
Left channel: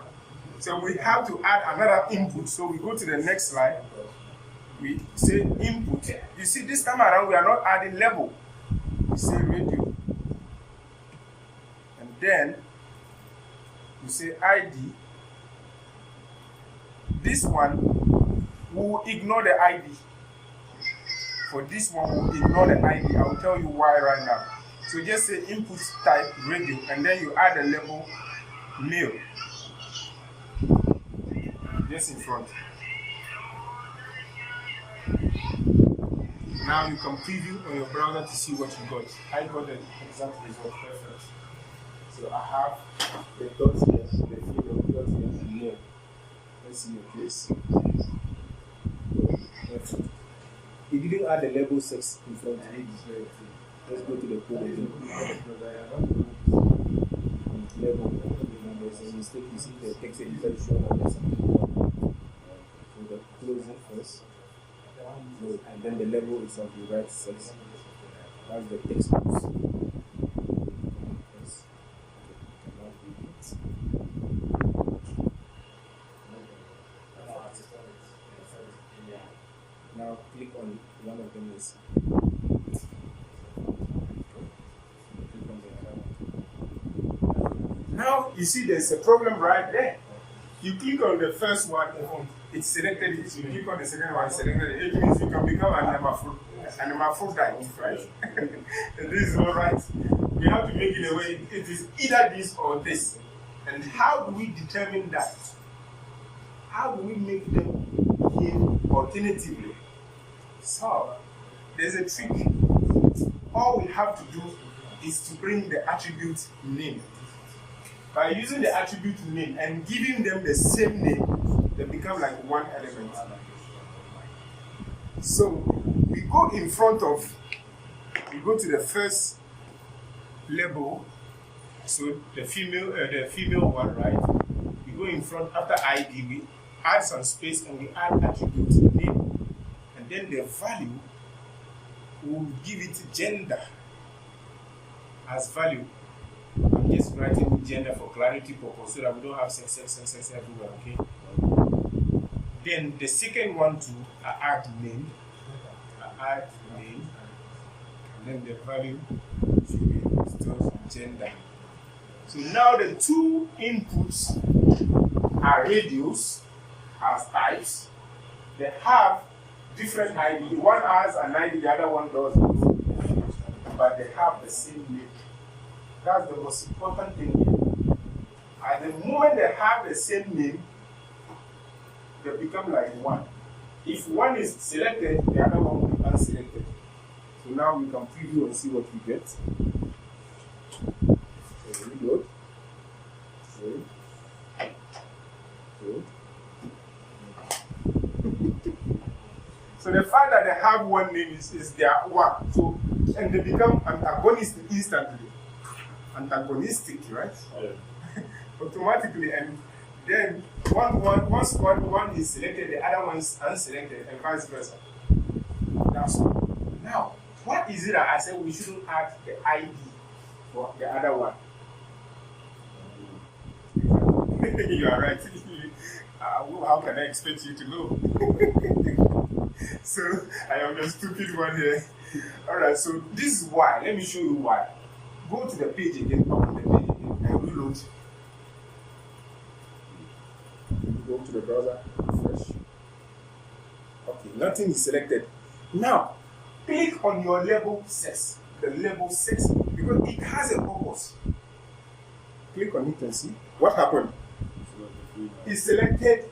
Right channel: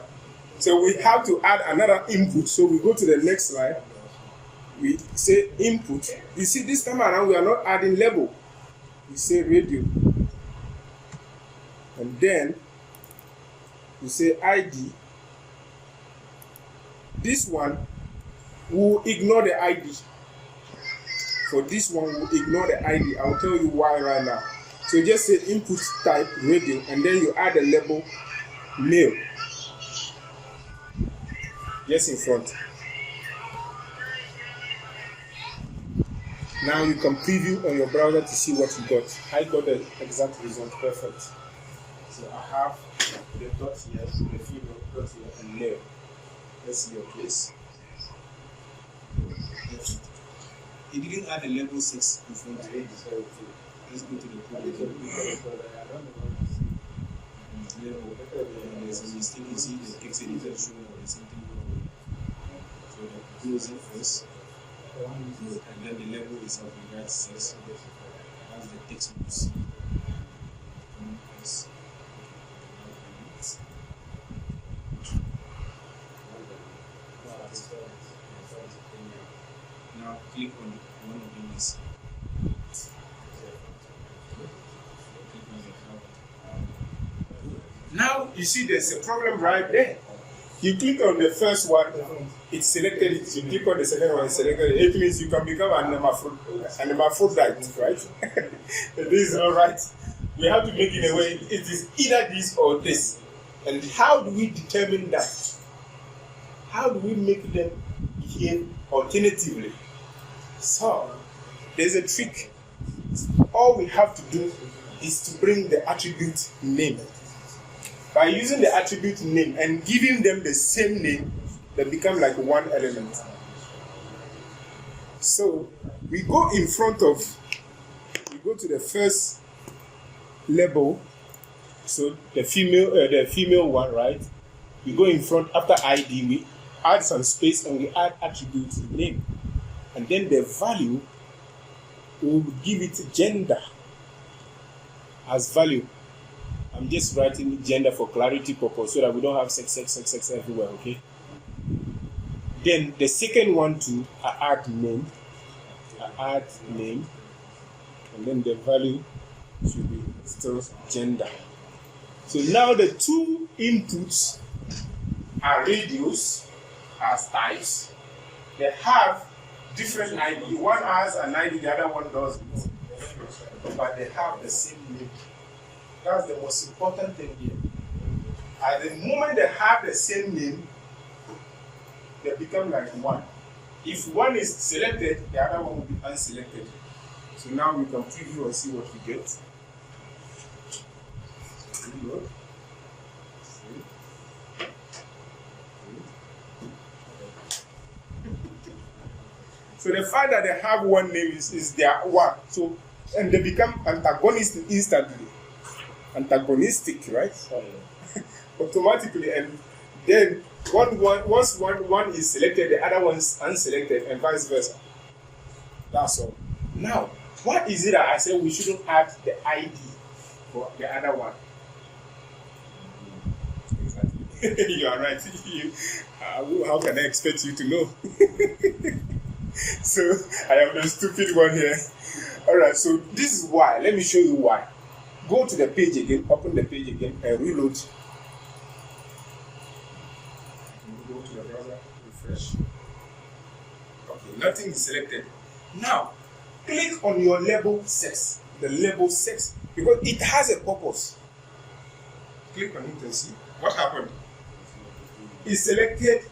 So we have to add another input. So we go to the next slide. We say input. You see, this time around we are not adding label. We say radio. And then we say ID. This one, we will ignore the ID. For this one, we'll ignore the ID. I will tell you why right now. So just say input type radio, and then you add the label male. Just in front. Now you can preview on your browser to see what you got. I got the exact result, perfect. So I have the dot here, the female dot here, and male. Let's see your place. He didn't add the label 6 in front of it. Let's go to the code again. Label. There's a mistake. You see the text editor is showing up as something wrong. So the close it first. And then the label is on the right 6. That's the textbooks. Now click on one of them. Is now you see there's a problem right there. You click on the first one, it's selected it. You click on the second one, selected it. It means you can become an hermaphrodite, right? This is not right. We have to make it a way. It is either this or this. And how do we determine that? How do we make them behave alternatively? So, there's a trick. All we have to do is to bring the attribute name. By using the attribute name and giving them the same name, they become like one element. So we go to the first label. So the female one, right? We go in front after ID, we add some space and we add attribute name. And then the value, we'll give it gender as value. I'm just writing gender for clarity purpose so that we don't have sex everywhere, okay? Then the second one too, I add name, and then the value should be still gender. So now the two inputs are radios as types. They have different ID. One has an ID, the other one doesn't. But they have the same name. That's the most important thing here. At the moment they have the same name, they become like one. If one is selected, the other one will be unselected. So now we can preview and see what we get. So reload. So the fact that they have one name is their one. So and they become antagonistic instantly. Antagonistic, right? Automatically, and then once one is selected, the other one's unselected, and vice versa. That's all. Now, what is it that I said we shouldn't add the ID for the other one? Exactly. You are right. How can I expect you to know? So I am the stupid one here. All right. So this is why. Let me show you why. Go to the page again, open the page again, and reload. Go to the browser, refresh. Okay, nothing is selected. Now, click on your label 6, the label 6, because it has a purpose. Click on it and see what happened. It selected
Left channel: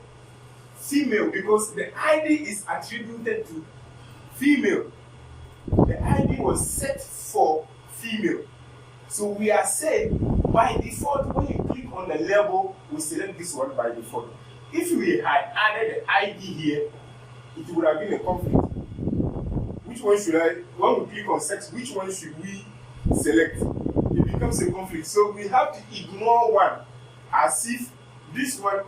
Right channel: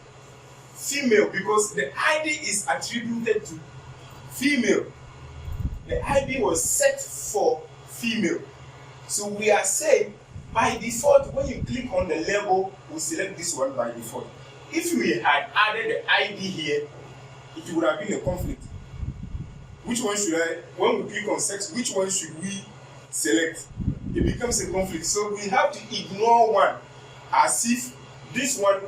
female because the ID is attributed to female. The ID was set for female. So we are saying by default, when you click on the label, we select this one by default. If we had added the ID here, it would have been a conflict. Which one should I, when we click on sex, which one should we select? It becomes a conflict. So we have to ignore one as if this one,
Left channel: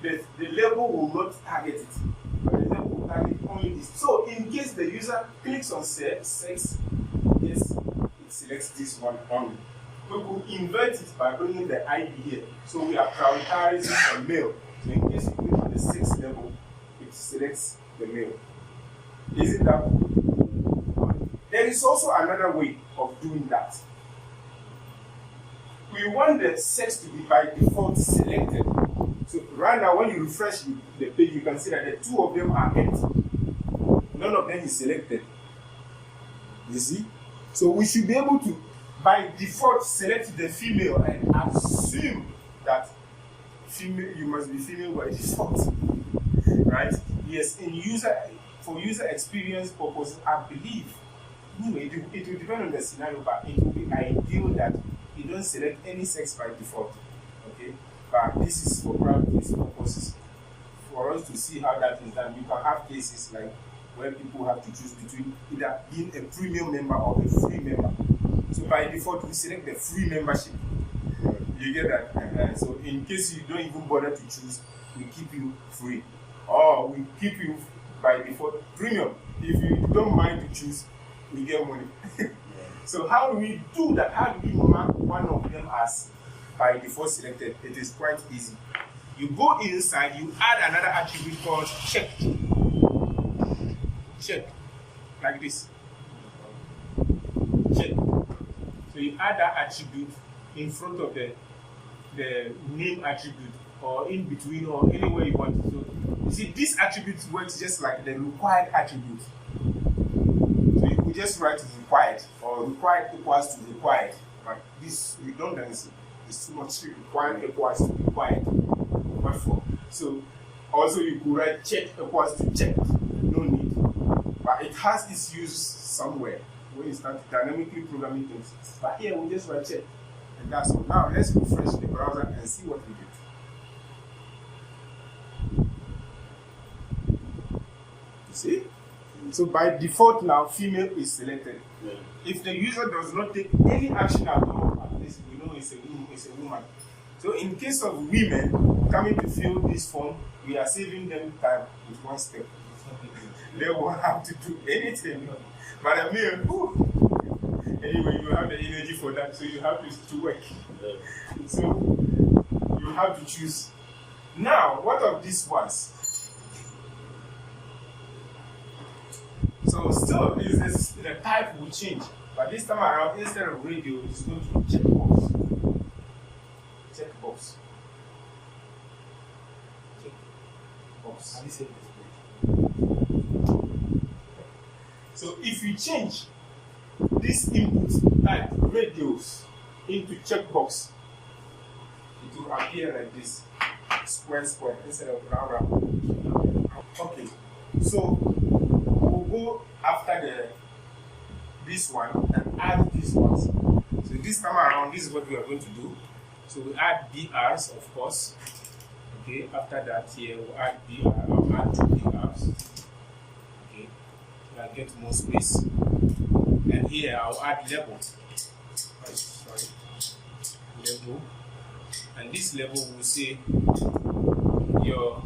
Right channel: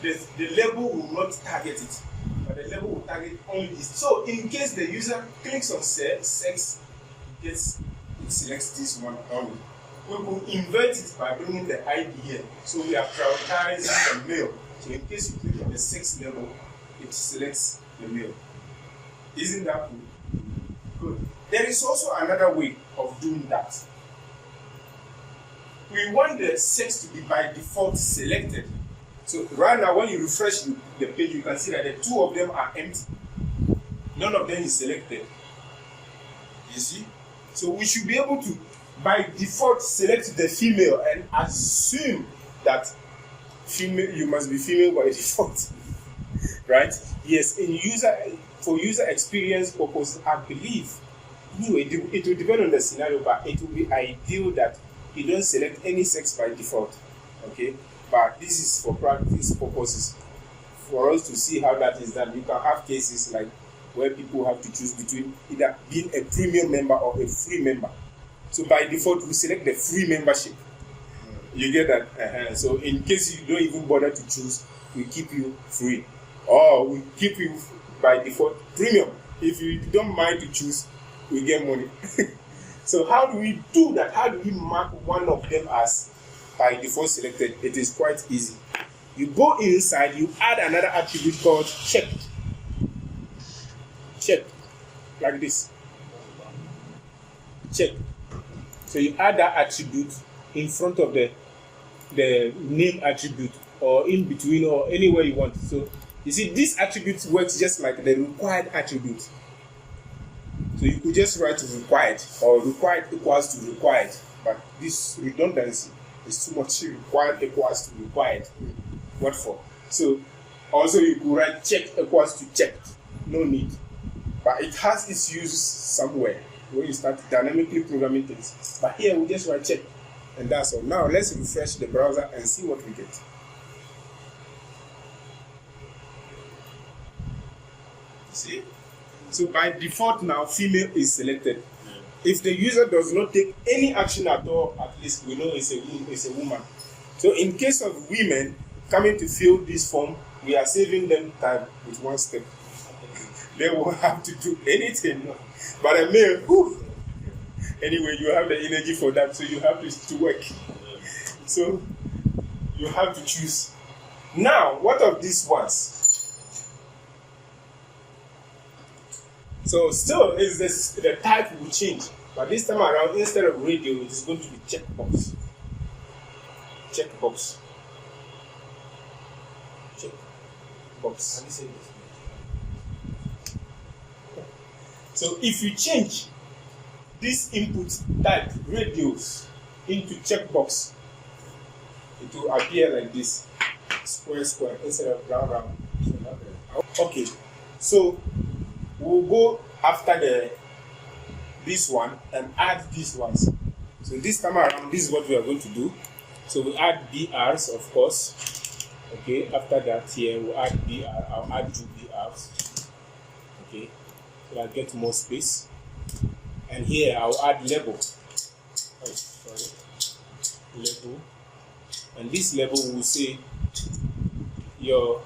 the label will not target it. But the label will target only this. So in case the user clicks on sex, it selects this one only. We will invert it by bringing the ID here. So we are prioritizing the male. So in case you click on the 6th level, it selects the male. Isn't that good? There is also another way of doing that. We want the sex to be by default selected. So right now, when you refresh the page, you can see that the two of them are empty. None of them is selected. You see? So we should be able to, by default, select the female and assume that female, you must be female by default. Right? Yes, for user experience purpose, I believe. Anyway, it will depend on the scenario, but it will be ideal that you don't select any sex by default. Okay? But this is for practice purposes. For us to see how that is done, you can have cases like where people have to choose between either being a premium member or a free member. So by default, we select the free membership. You get that? So in case you don't even bother to choose, we keep you free. Or we keep you by default premium. If you don't mind to choose, we get money. So how do we do that? How do we mark one of them as by default selected? It is quite easy. You go inside, you add another attribute called check. Check. Like this. Check. So you add that attribute in front of the name attribute, or in between, or anywhere you want. So you see, this attribute works just like the required attribute. So you could just write required, or required equals to required, but this redundancy is too much. Required equals to required. What for? So also you could write check equals to checked. No need. But it has its use somewhere when you start dynamically programming things. But here we just write check, and that's all. Now let's refresh the browser and see what we get. See? So by default now, female is selected. Yeah. If the user does not take any action at all, at least we know it's a woman. So in case of women coming to fill this form, we are saving them time with one step. They won't have to do anything. But a male, anyway, you have the energy for that, so you have to work. So you have to choose. Now, what of these ones? So still, is this the type will change, but this time around, instead of radio, it's going to be checkbox. Checkbox. Checkbox. Have you said this? So if you change this input type radios into checkbox, it will appear like this, square instead of round. Okay, so we'll go after this one and add these ones. So this time around, this is what we are going to do. So we add BRs, of course. Okay, after that here we'll add BR. I'll add 2 BRs. Okay, so I get more space. And here I'll add label. Label. And this label will say your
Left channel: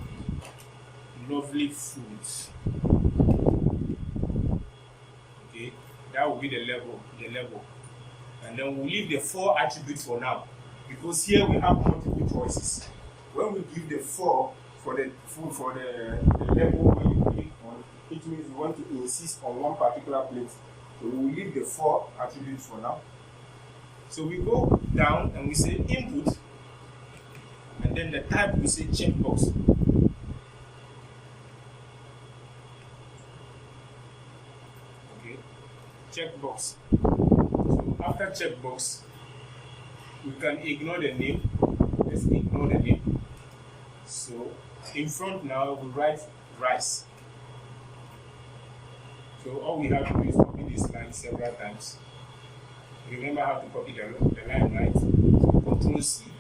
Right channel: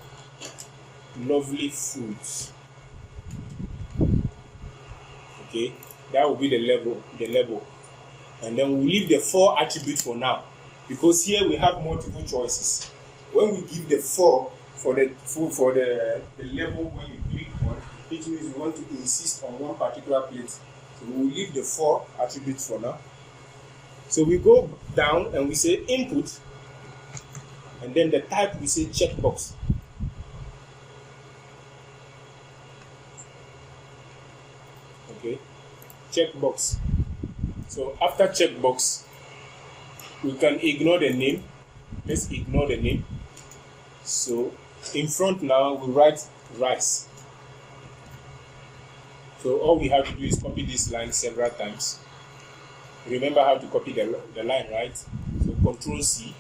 lovely fruits. Okay, that will be the label. And then we'll leave the 4 attributes for now, because here we have multiple choices. When we give the 4 for the label, when you click on, it means we want to insist on one particular plate. So we'll leave the 4 attributes for now. So we go down and we say input, and then the type we say checkbox. Okay, checkbox. So after checkbox, we can ignore the name. Let's ignore the name. So in front now we write rice. So all we have to do is copy this line several times. Remember how to copy the line, right? So Control C,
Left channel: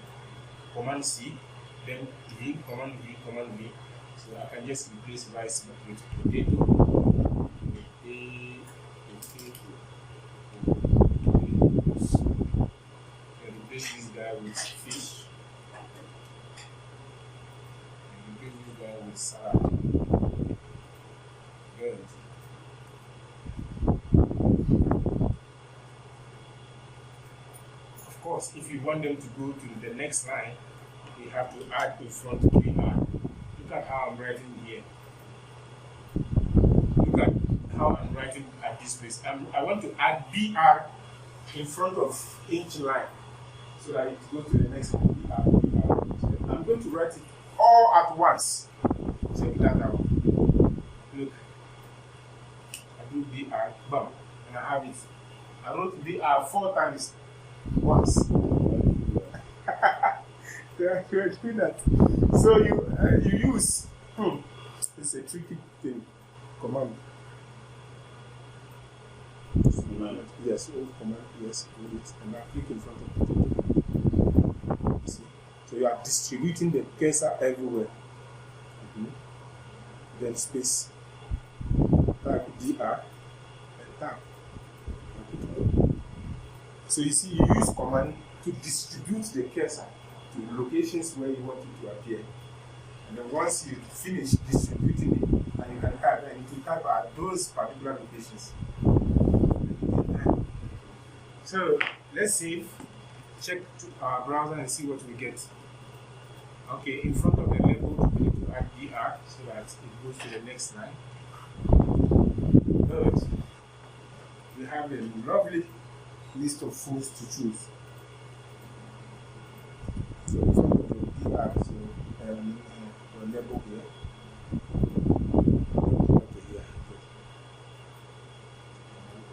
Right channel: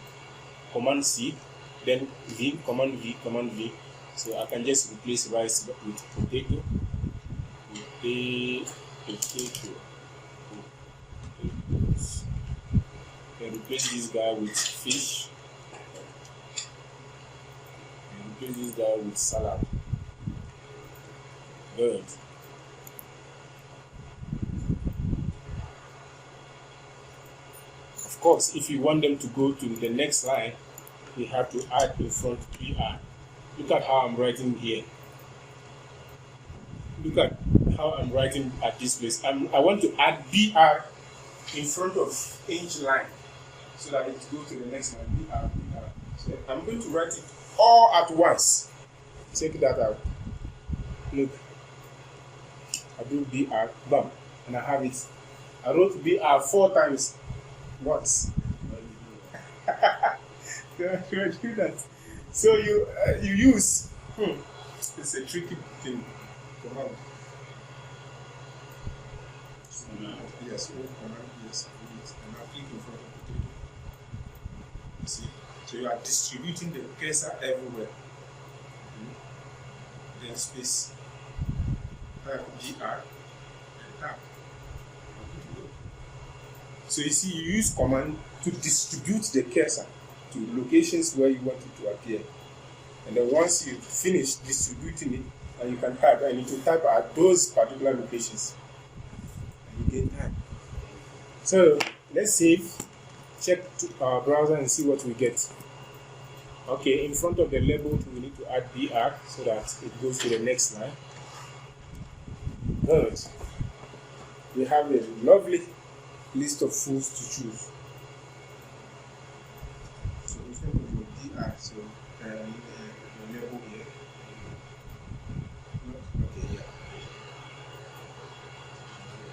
Command C, then V, Command V, Command V. So I can just replace rice with potato. Potato. Then replace this guy with fish. And replace this guy with salad. Good. Of course, if you want them to go to the next line, we have to add in front BR. Look at how I'm writing here. Look at how I'm writing at this place. I want to add BR in front of each line so that it goes to the next line. BR. So I'm going to write it all at once. Check that out. Look. I do BR, bam, and I have it. I wrote BR 4 times. Once. Do that. So you use it's a tricky thing. Command. Yes, command. Yes, read it. And now click in front of it. See? So you are distributing the cursor everywhere. Then space. Type BR and tap. So you see, you use command to distribute the cursor to locations where you want it to appear. And then once you finish distributing it, and you can type, and you can type at those particular locations. And you get time. So let's save, check our browser and see what we get. Okay, in front of the label, we need to add BR so that it goes to the next line. Good. We have a lovely list of foods to choose. So in front of the BR, so the label here. Okay, yeah.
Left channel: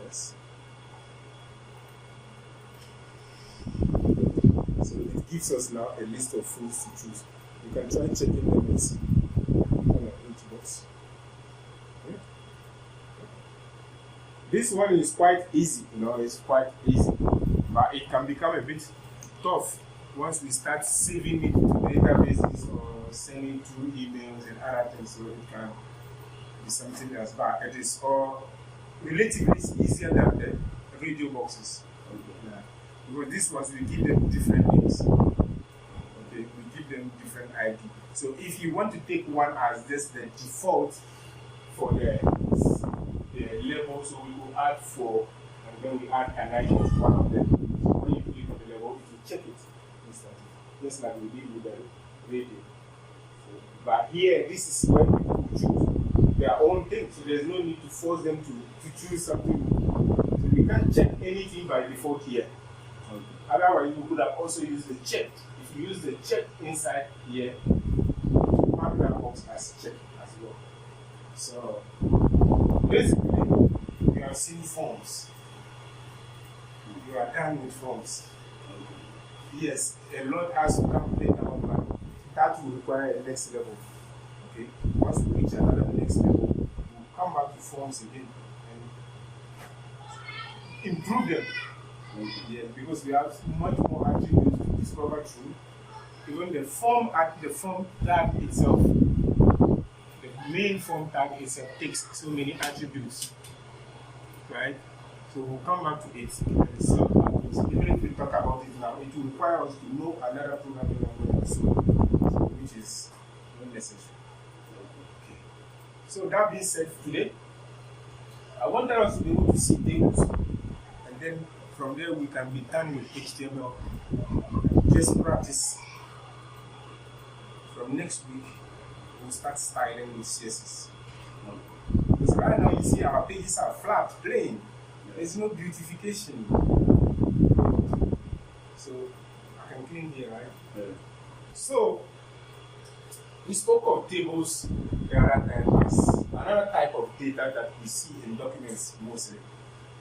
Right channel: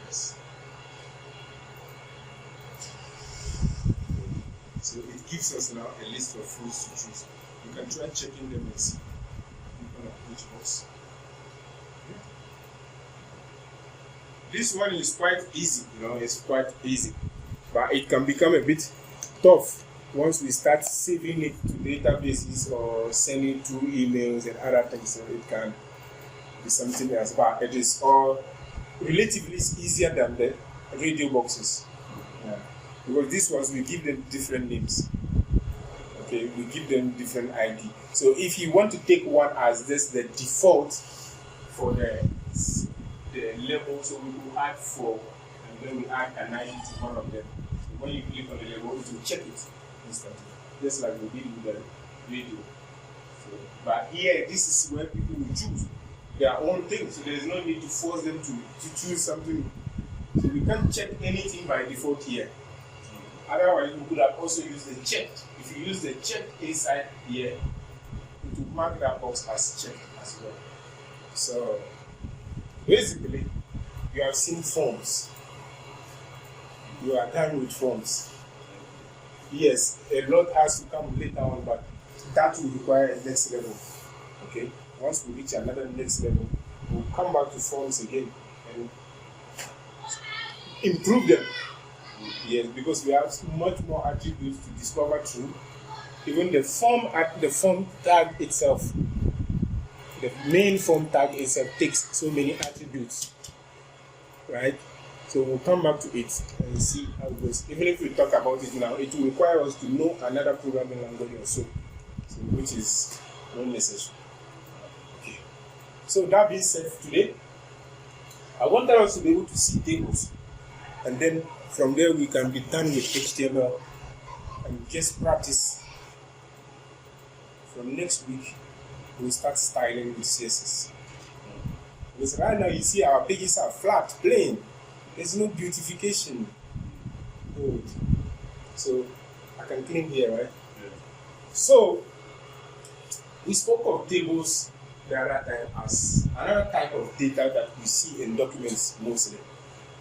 Yes. So it gives us now a list of foods to choose. You can try checking them and see on each box. This one is quite easy, it's quite easy, but it can become a bit tough once we start saving it to databases or sending to emails and other things. So it can be something else, but it is all relatively easier than the radio boxes. Yeah. Because these ones, we give them different names. Okay, we give them different ID. So if you want to take one as this, the default for the label, so we will add 4, and then we add an ID to one of them. So when you click on the label, it will check it instantly, just like we did with the radio. So, but here, this is where people will choose their own thing, so there's no need to force them to choose something. So we can't check anything by default here. Otherwise, we could have also used the check. If you use the check inside here, it will mark that box as checked as well. So basically, you have seen forms. You are done with forms. Yes, a lot has to come later on, but that will require a next level. Okay, once we reach another next level, we'll come back to forms again and improve them. Yes, because we have much more attributes to discover through. Even the form tag itself, the main form tag itself takes so many attributes, right? So we'll come back to it and see how it goes. Even if we talk about it now, it will require us to know another programming language also, which is not necessary. Okay. So that being said, today, I wanted us to be able to see tables, and then from there we can be done with HTML and just practice. From next week, we'll start styling with CSS. Because right now you see our pages are flat, plain. There's no beautification. So I can clean here, right? Yeah. So we spoke of tables the other time as another type of data that we see in documents mostly.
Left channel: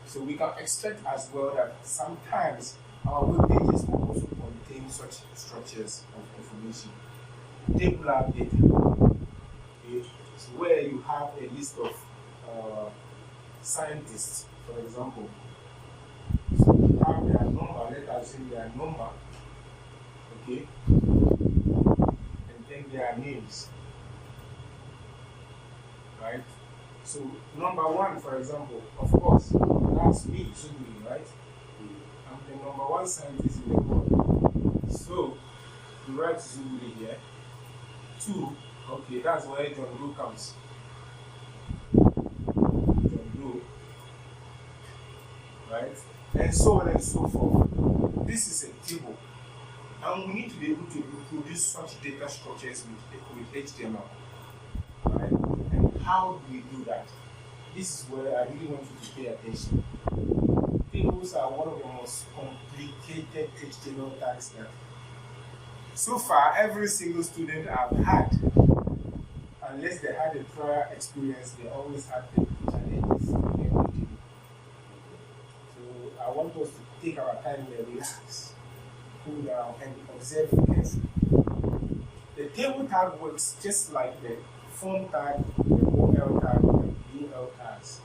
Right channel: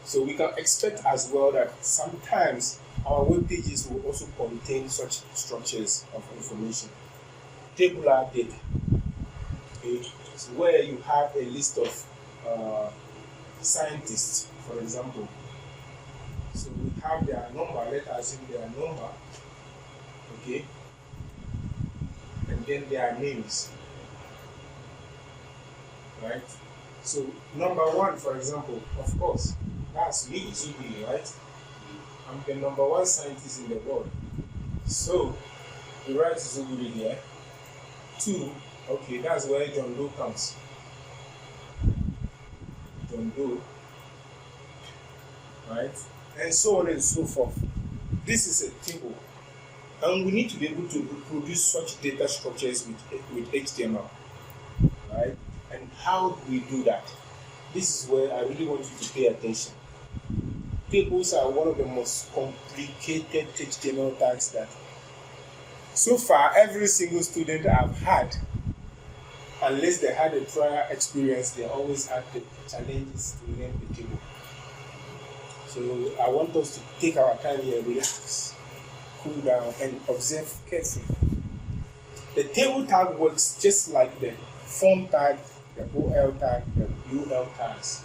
So we can expect as well that sometimes our web pages will also contain such structures of information. Tabular data, okay, so where you have a list of scientists, for example. So we have their number, let's assume their number, okay, and then their names, right? So number 1, for example, of course, that's me, Zubiri, right? I'm the number 1 scientist in the world. So we write Zubiri here. 2, okay, that's where John Doe comes. John Doe, right? And so on and so forth. This is a table. And we need to be able to reproduce such data structures with HTML, right? And how do we do that? This is where I really want you to pay attention. Tables are one of the most complicated HTML tags that so far every single student I've had, unless they had a prior experience, they always had the challenges to name the table. So I want us to take our time here, relax, cool down, and observe carefully. The table tag works just like the form tag, the OL tag, and UL tags.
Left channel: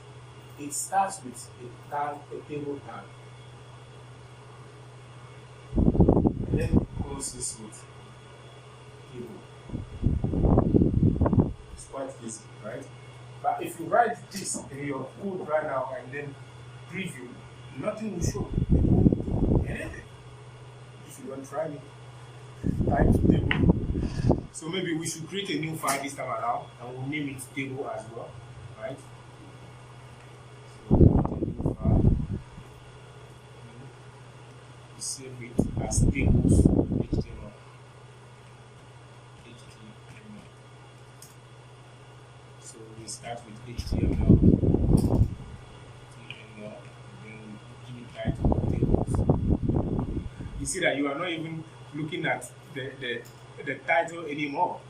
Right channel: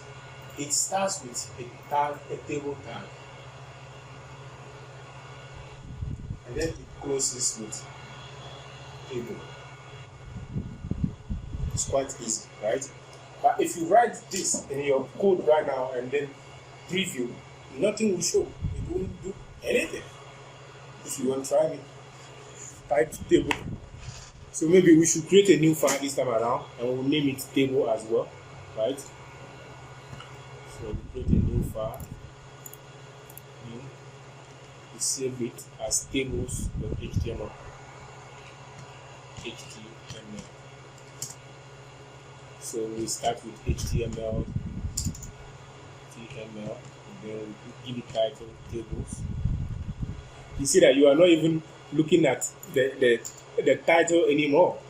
It starts with a table tag, and then it closes with table. It's quite easy, right? But if you write this in your code right now and then preview, nothing will show. It won't do anything. If you want to try me, type table. So maybe we should create a new file this time around, and we'll name it table as well, right? So create a new file. New save it as tables or HTML. So we start with HTML, and then we give it title tables. You see that you are not even looking at the title anymore.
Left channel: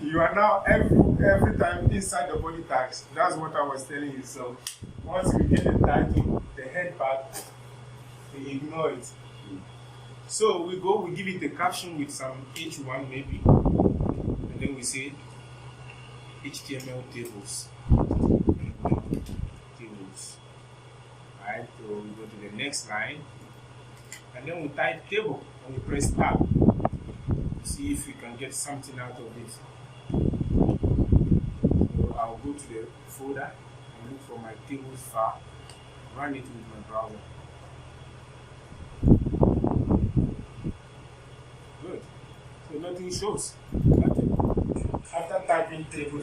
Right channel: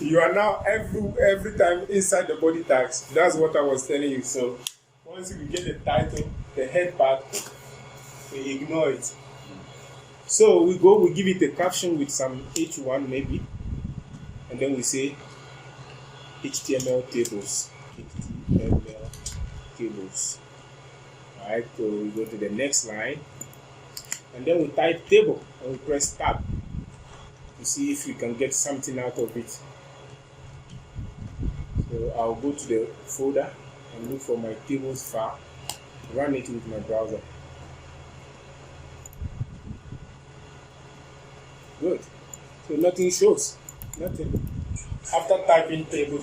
You are now every time inside the body tags. That's what I was telling you. So once we get the title, the head part, we ignore it. So we give it a caption with some H1 maybe, and then we say HTML tables. HTML tables. Alright, so we go to the next line, and then we type table and we press tab to see if we can get something out of it. So I'll go to the folder and look for my tables file, run it with my browser. Good. So nothing shows. Nothing. After typing table,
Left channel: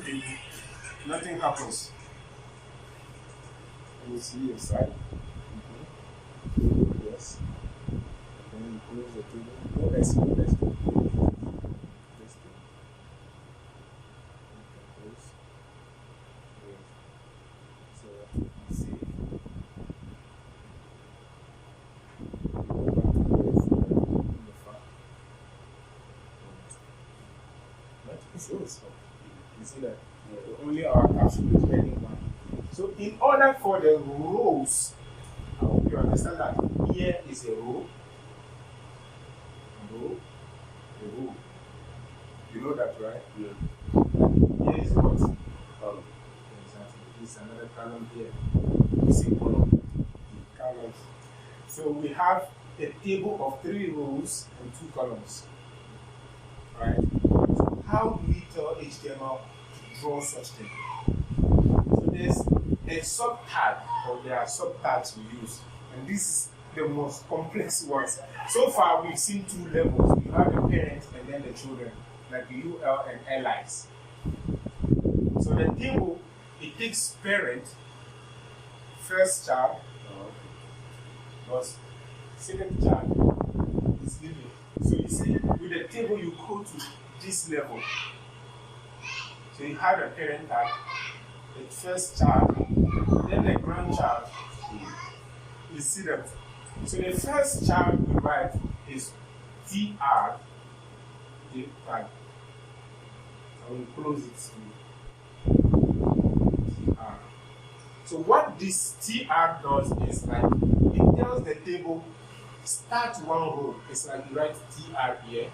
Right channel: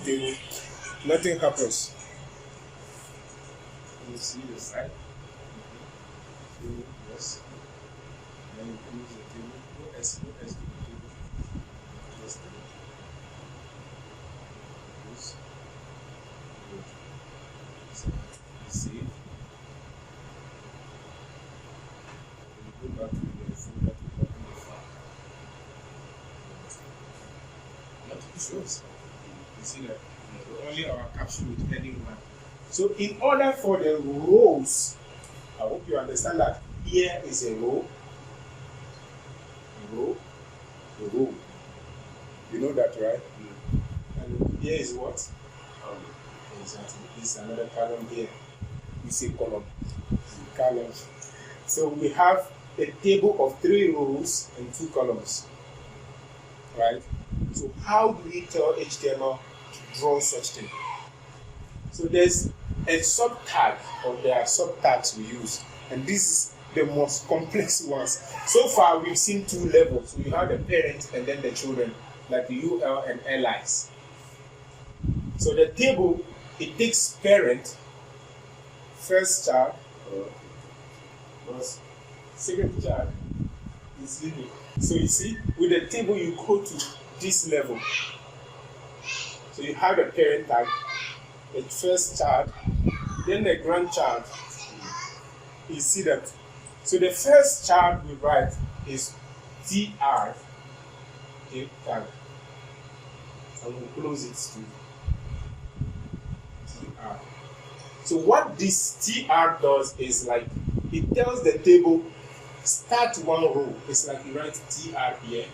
nothing happens. Let me see the side. Yes. Then you close the table. No S. So let's see. Go back to the folder. Nothing shows. You see that? Only our caption with heading 1. So in order for the rows, I hope you understand that here is a row, a row. You know that, right? Yeah. And here is what? Exactly. This is another column here. We say column. Column. So we have a table of 3 rows and 2 columns. Right? So how do we tell HTML to draw such thing? So there's a sub-tag, or there are sub-tags we use, and this is the most complex ones. So far we've seen 2 levels. You have the parents and then the children, like the UL and LIs. So the table, it takes parent, first child, was second child is living. So you see, with the table you go to this level. So you have the parent tag, the first child, then the grandchild. You see that? So the first child we write is TR, the tag. And we close it to TR. So what this TR does is like, it tells the table, start one row. It's like you write TR here,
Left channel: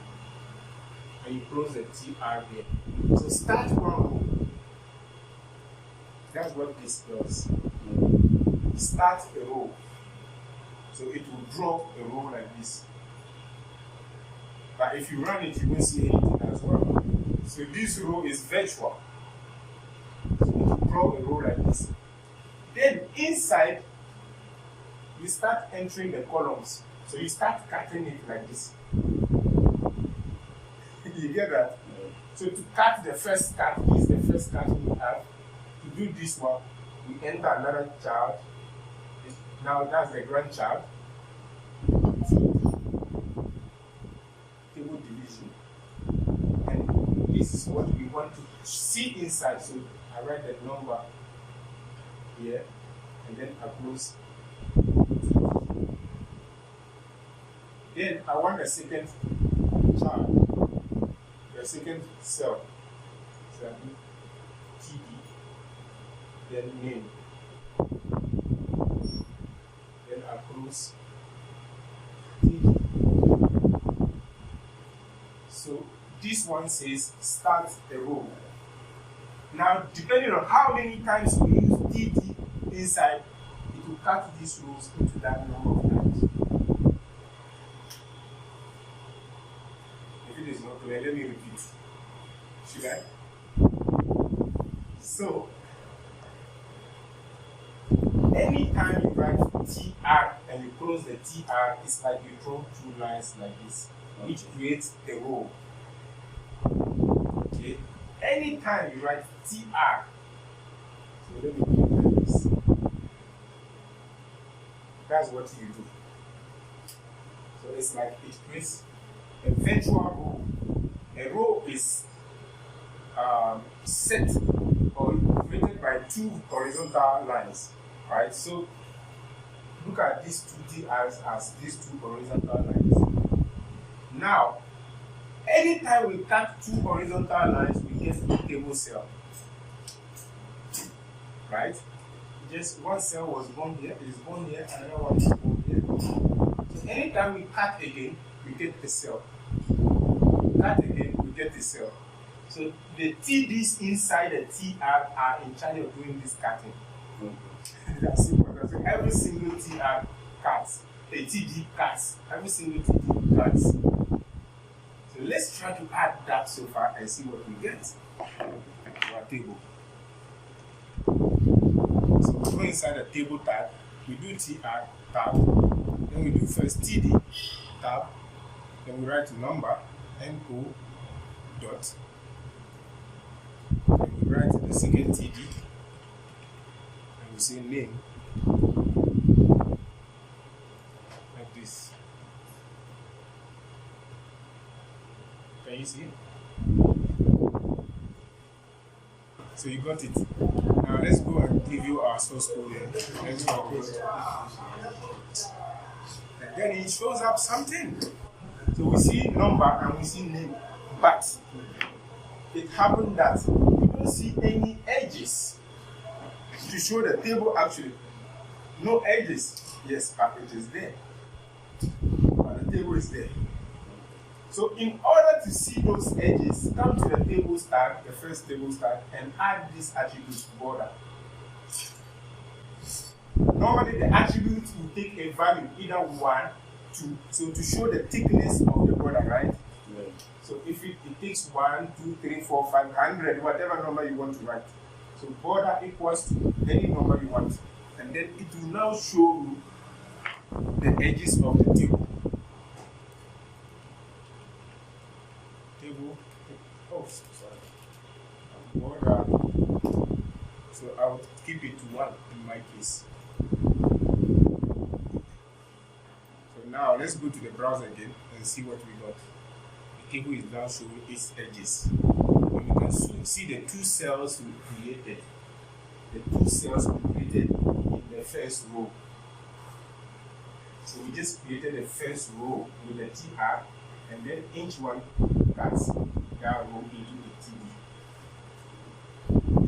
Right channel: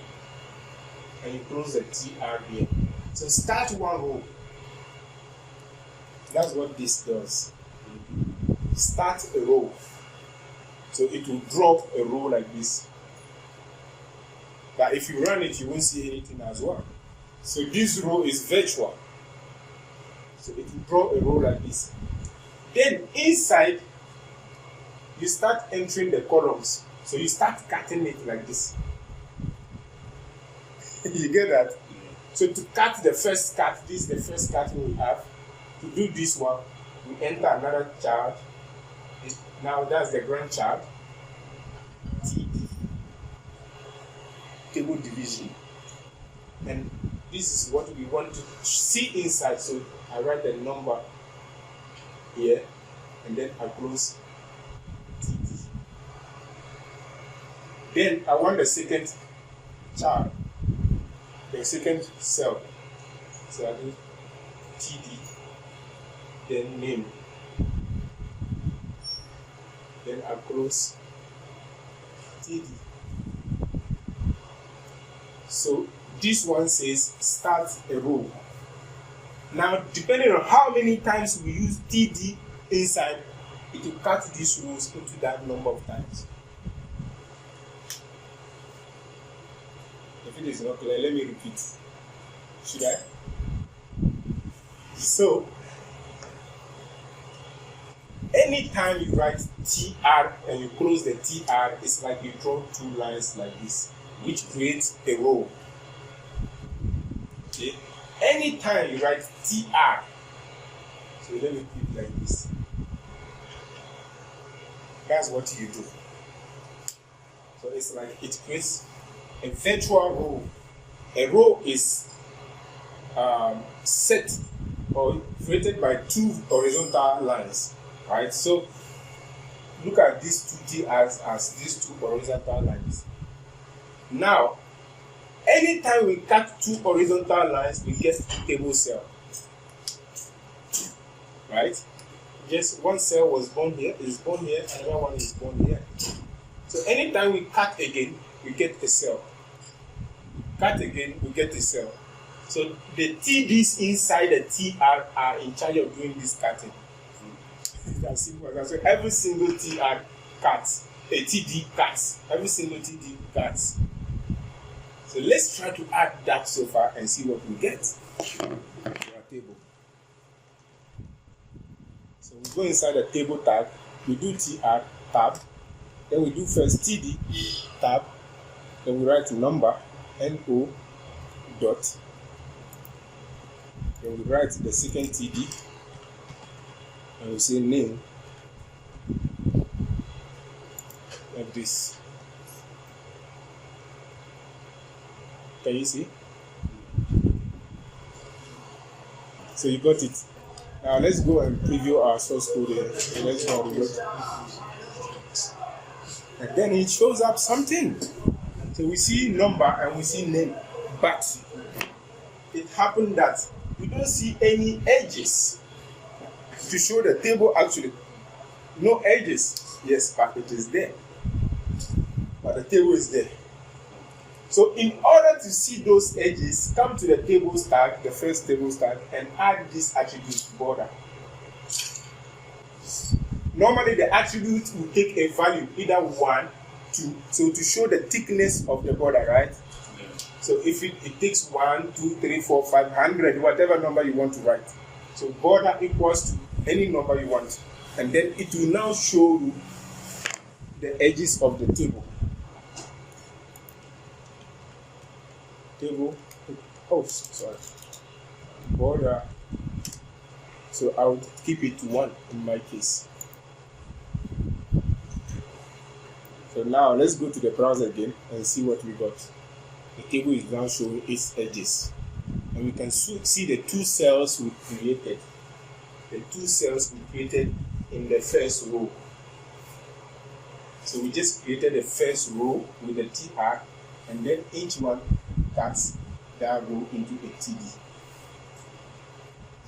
and you close the TR here. So start one row. That's what this does. Start a row. So it will drop a row like this. But if you run it, you won't see anything as well. So this row is virtual. So it will draw a row like this. Then inside, you start entering the columns. So you start cutting it like this. You get that? Yeah. So to cut the first cut, this is the first cut we have. To do this one, we enter another child. Now that's the grandchild. Table division. And this is what we want to see inside. So I write the number here, and then I close. Then I want the second child, the second cell. So I do TD, then name. Then I close TD. So this one says start a row. Now, depending on how many times we use TD inside, it will cut these rows into that number of times. If it is not clear, let me repeat. Should I? So, anytime you write TR and you close the TR, it's like you draw 2 lines like this, which creates a row. Okay? Anytime you write TR, so let me do it like this. That's what you do. So it's like it creates a virtual row. A row is set or created by two horizontal lines, right? So look at these two TRs as these two horizontal lines. Now, anytime we cut two horizontal lines, we get a table cell, right? Just one cell was born here, is born here, another one is born here. So anytime we cut again, we get a cell. Cut again, we get a cell. So the TDs inside the TR are in charge of doing this cutting. That's simple. So every single TR cuts, a TD cuts. Every single TD cuts. So let's try to add that so far and see what we get on our table. So we go inside the table tag, we do TR tab, then we do first TD tab, then we write number, NO dot, then we write the second TD, and we say name, like this. Can you see? So you got it. Now let's go and preview our source code here. Let's go and reload. And then it shows up something. So we see number and we see name. But it happened that we don't see any edges to show the table actually. No edges. Yes, but it is there. But the table is there. So in order to see those edges, come to the table tag, the first table tag, and add this attribute border. Normally the attribute will take a value, either 1, 2, so to show the thickness of the border, right? Yeah. So if it takes 1, 2, 3, 4, 5, 100, whatever number you want to write. So border equals to any number you want. And then it will now show you the edges of the table. Table, oh sorry, border. So I would keep it to 1 in my case. So now let's go to the browser again and see what we got. The table is now showing its edges. And we can see the two cells we created. The two cells we created in the first row. So we just created the first row with the TR, and then each one cuts that row into a TD.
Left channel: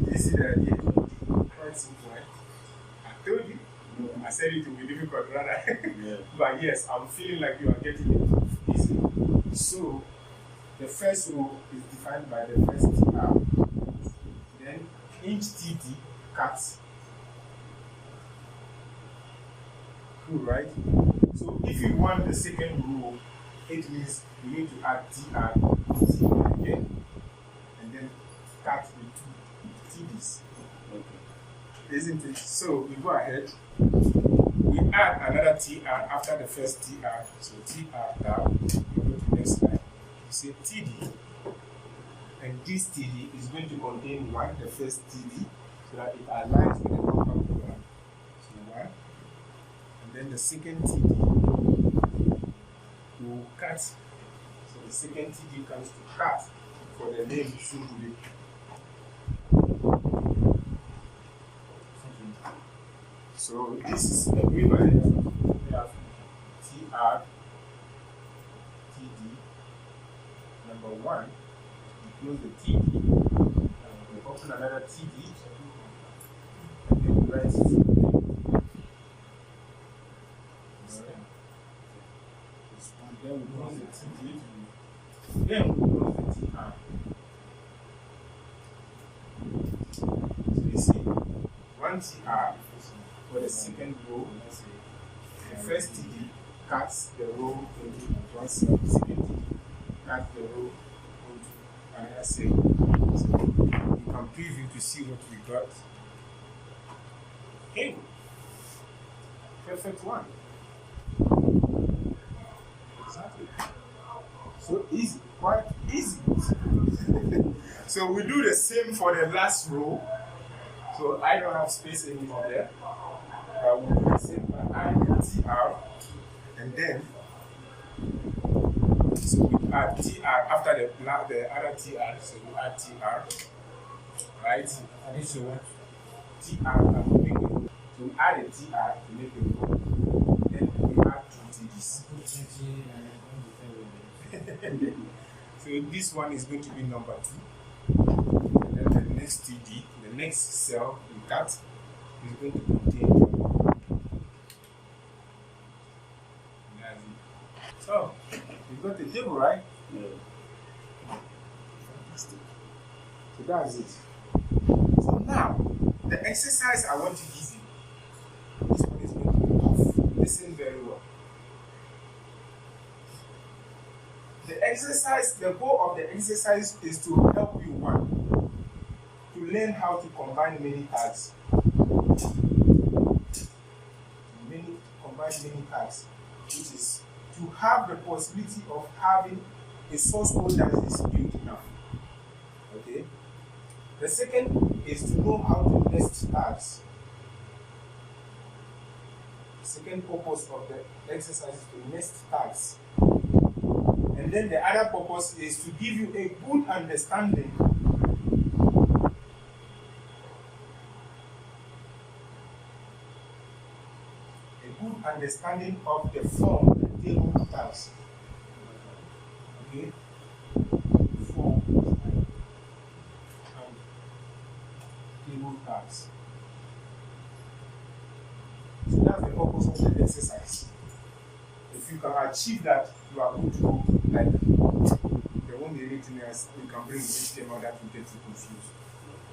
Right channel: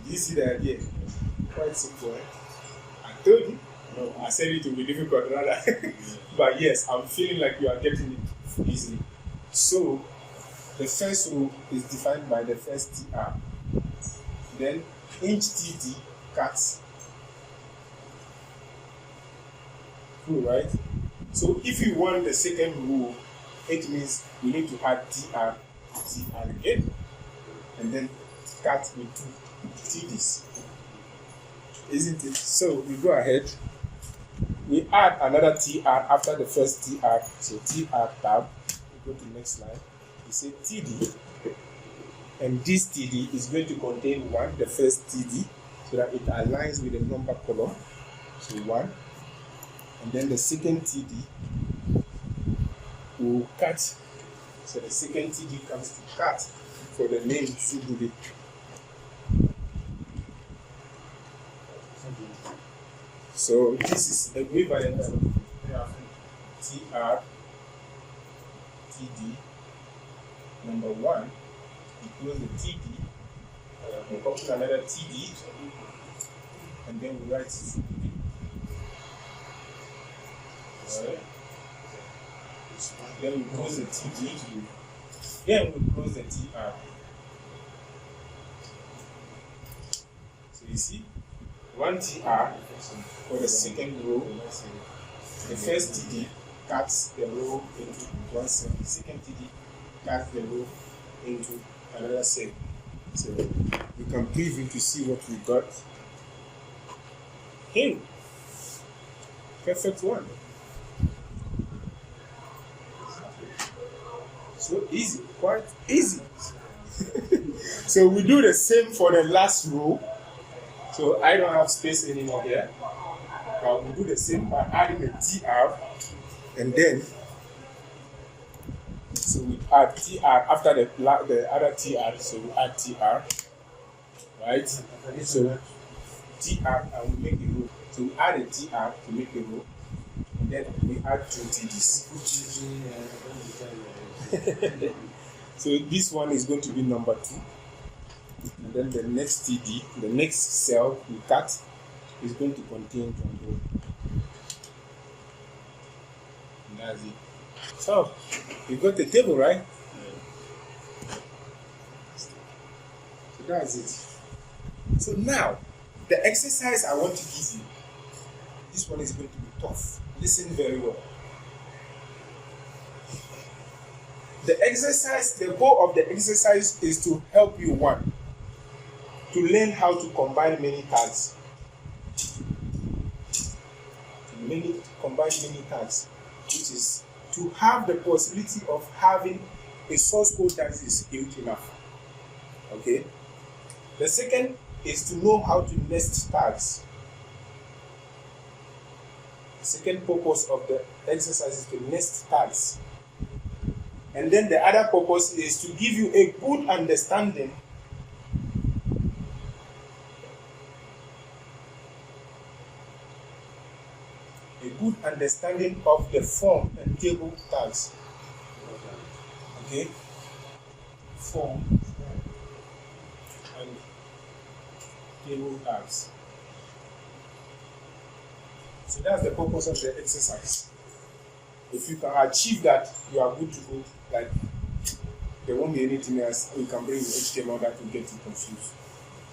Did you see the idea? Quite simple, eh? I told you. No, I said it will be difficult, rather. Yeah. But yes, I'm feeling like you are getting it easily. So, the first row is defined by the first TR. Then, each TD cuts. Cool, right? So, if you want the second row, it means we need to add TR again, and then cut with 2 TDs. Isn't it? So we go ahead, we add another TR after the first TR. So TR tab, we go to the next slide. We say TD, and this TD is going to contain 1, the first TD, so that it aligns with the number column. So 1, and then the second TD will cut. So the second TD comes to cut for the name Subudi. So this is the equivalent TR TD number 1. We close the TD, we open another TD, and then we write Subudi. Then we close the TD. Then we close the TR. So you see, 1 TR for the second row. The first TD cuts the row into one cell. The second TD cuts the row into another cell. So you can preview to see what we got. Hey, perfect one. So easy, quite easy. So we do the same for the last row. So I don't have space anymore here. We do the same by adding the TR, and then So we add tr after the other tr, so we add tr, right? So tr and we make a row. So we add a tr to make a row. Then we add 2 tds. So this one is going to be number 2. Then the next td, the next cell we cut is going to contain 20. And that's it. So you got the table, right? Yeah. So that's it. So now the exercise I want to give you. This one is going to be tough. Listen very well. The goal of the exercise is to help you, one, to learn how to combine many tags. Combine many tags, which is to have the possibility of having a source code that is huge enough. Okay? The second is to know how to nest tags. The second purpose of the exercise is to nest tags. And then the other purpose is to give you a good understanding of the form and table tags. Okay? Form and table tags. So that's the purpose of the exercise. If you can achieve that, you are good to go. Like, there won't be anything else we can bring in HTML that will get you confused.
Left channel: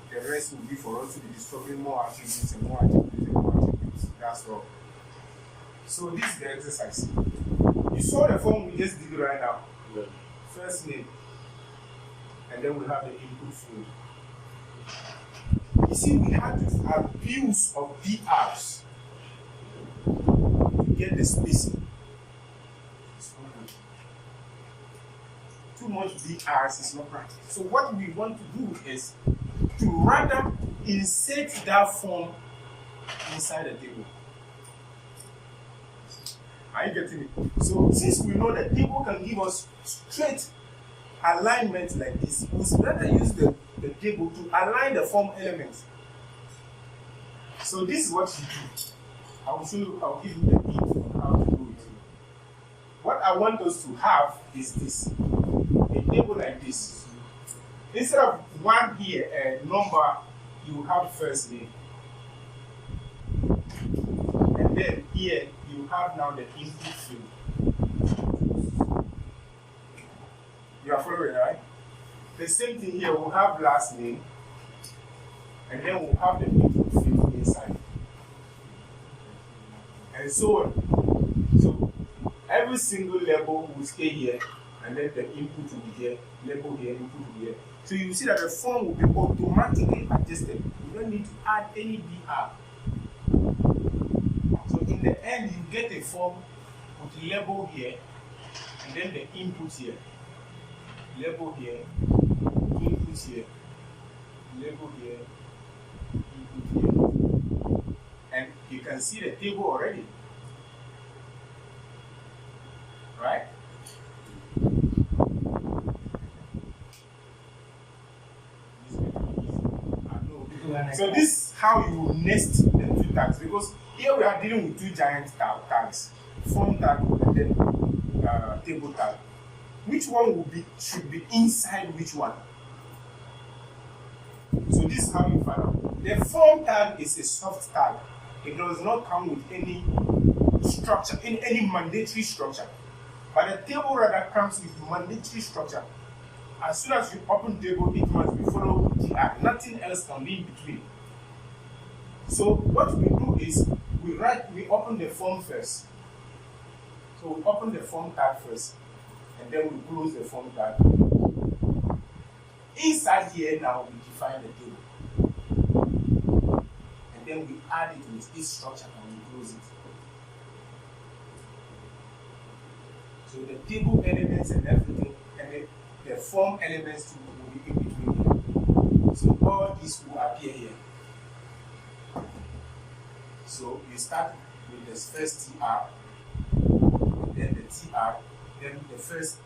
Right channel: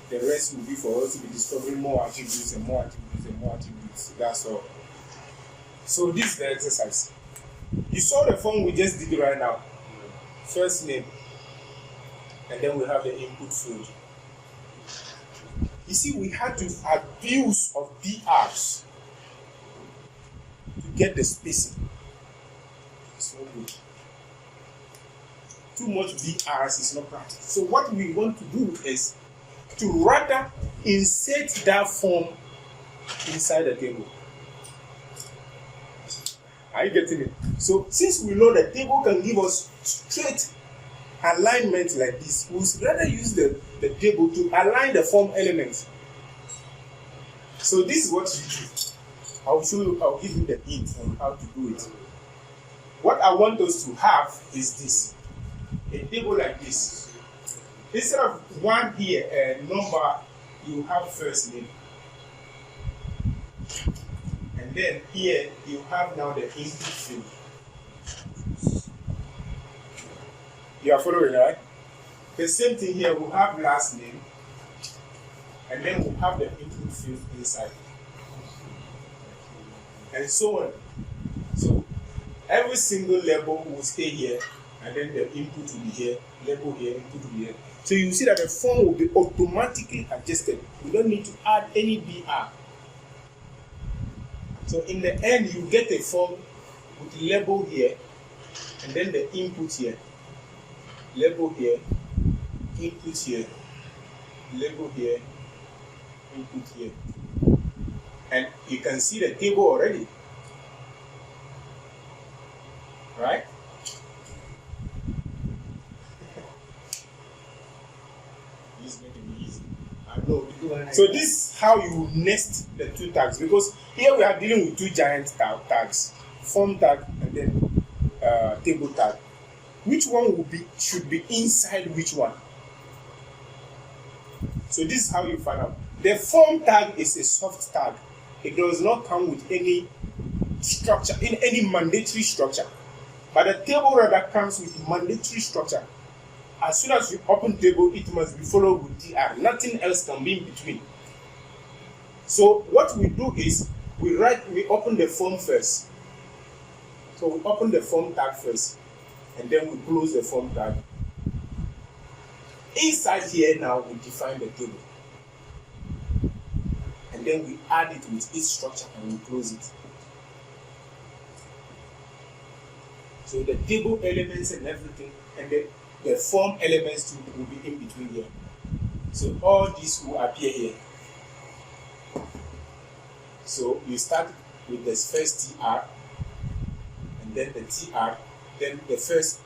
The rest will be for us to be discovering more attributes and more attributes and more attributes. That's all. So this is the exercise. You saw the form we just did right now. Yeah. First name. And then we have the input field. You see, we had to abuse of BRs to get the spacing. It's not good. Too much BRs is not practical. So what we want to do is to rather insert that form inside the table. Are you getting it? So since we know the table can give us straight alignment like this, we'll rather use the table to align the form elements. So this is what you do. I'll give you the hint on how to do it. What I want us to have is this. A table like this. Instead of one here, a number, you have first name. And then here, you have now the input field. You are following, right? The same thing here, we'll have last name. And then we'll have the input field inside. And so on. So, every single label will stay here. And then the input will be here, label here, input will be here. So you see that the form will be automatically adjusted. We don't need to add any BR. So in the end, you get a form with label here, and then the input here, label here, input here, label here, input here. And you can see the table already. Right? So this is how you nest the two tags, because here we are dealing with two giant tags, form tag and then table tag. Which one should be inside which one? So this is how you find out. The form tag is a soft tag. It does not come with any structure, in any mandatory structure. But the table rather comes with mandatory structure. As soon as you open table, it must be followed with TR. Nothing else can be in between. So what we do is we open the form first. So we open the form tag first, and then we close the form tag. Inside here now we define the table, and then we add it with its structure and we close it. So the table elements and everything, and the form elements too will be in between here. So all these will appear here. So you start with the first TR, and then the TR, then the first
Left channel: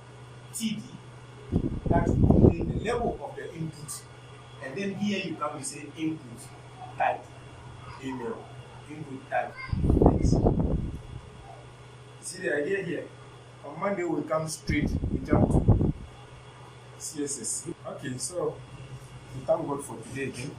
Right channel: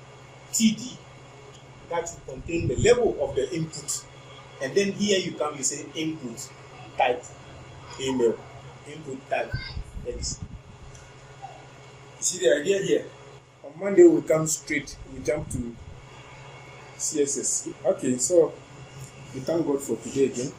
TD that will contain the level of the input, and then here you come, you say input type email, input type X. You see the idea here? On Monday we come straight, we jump to CSS. Okay, so we thank God for today again.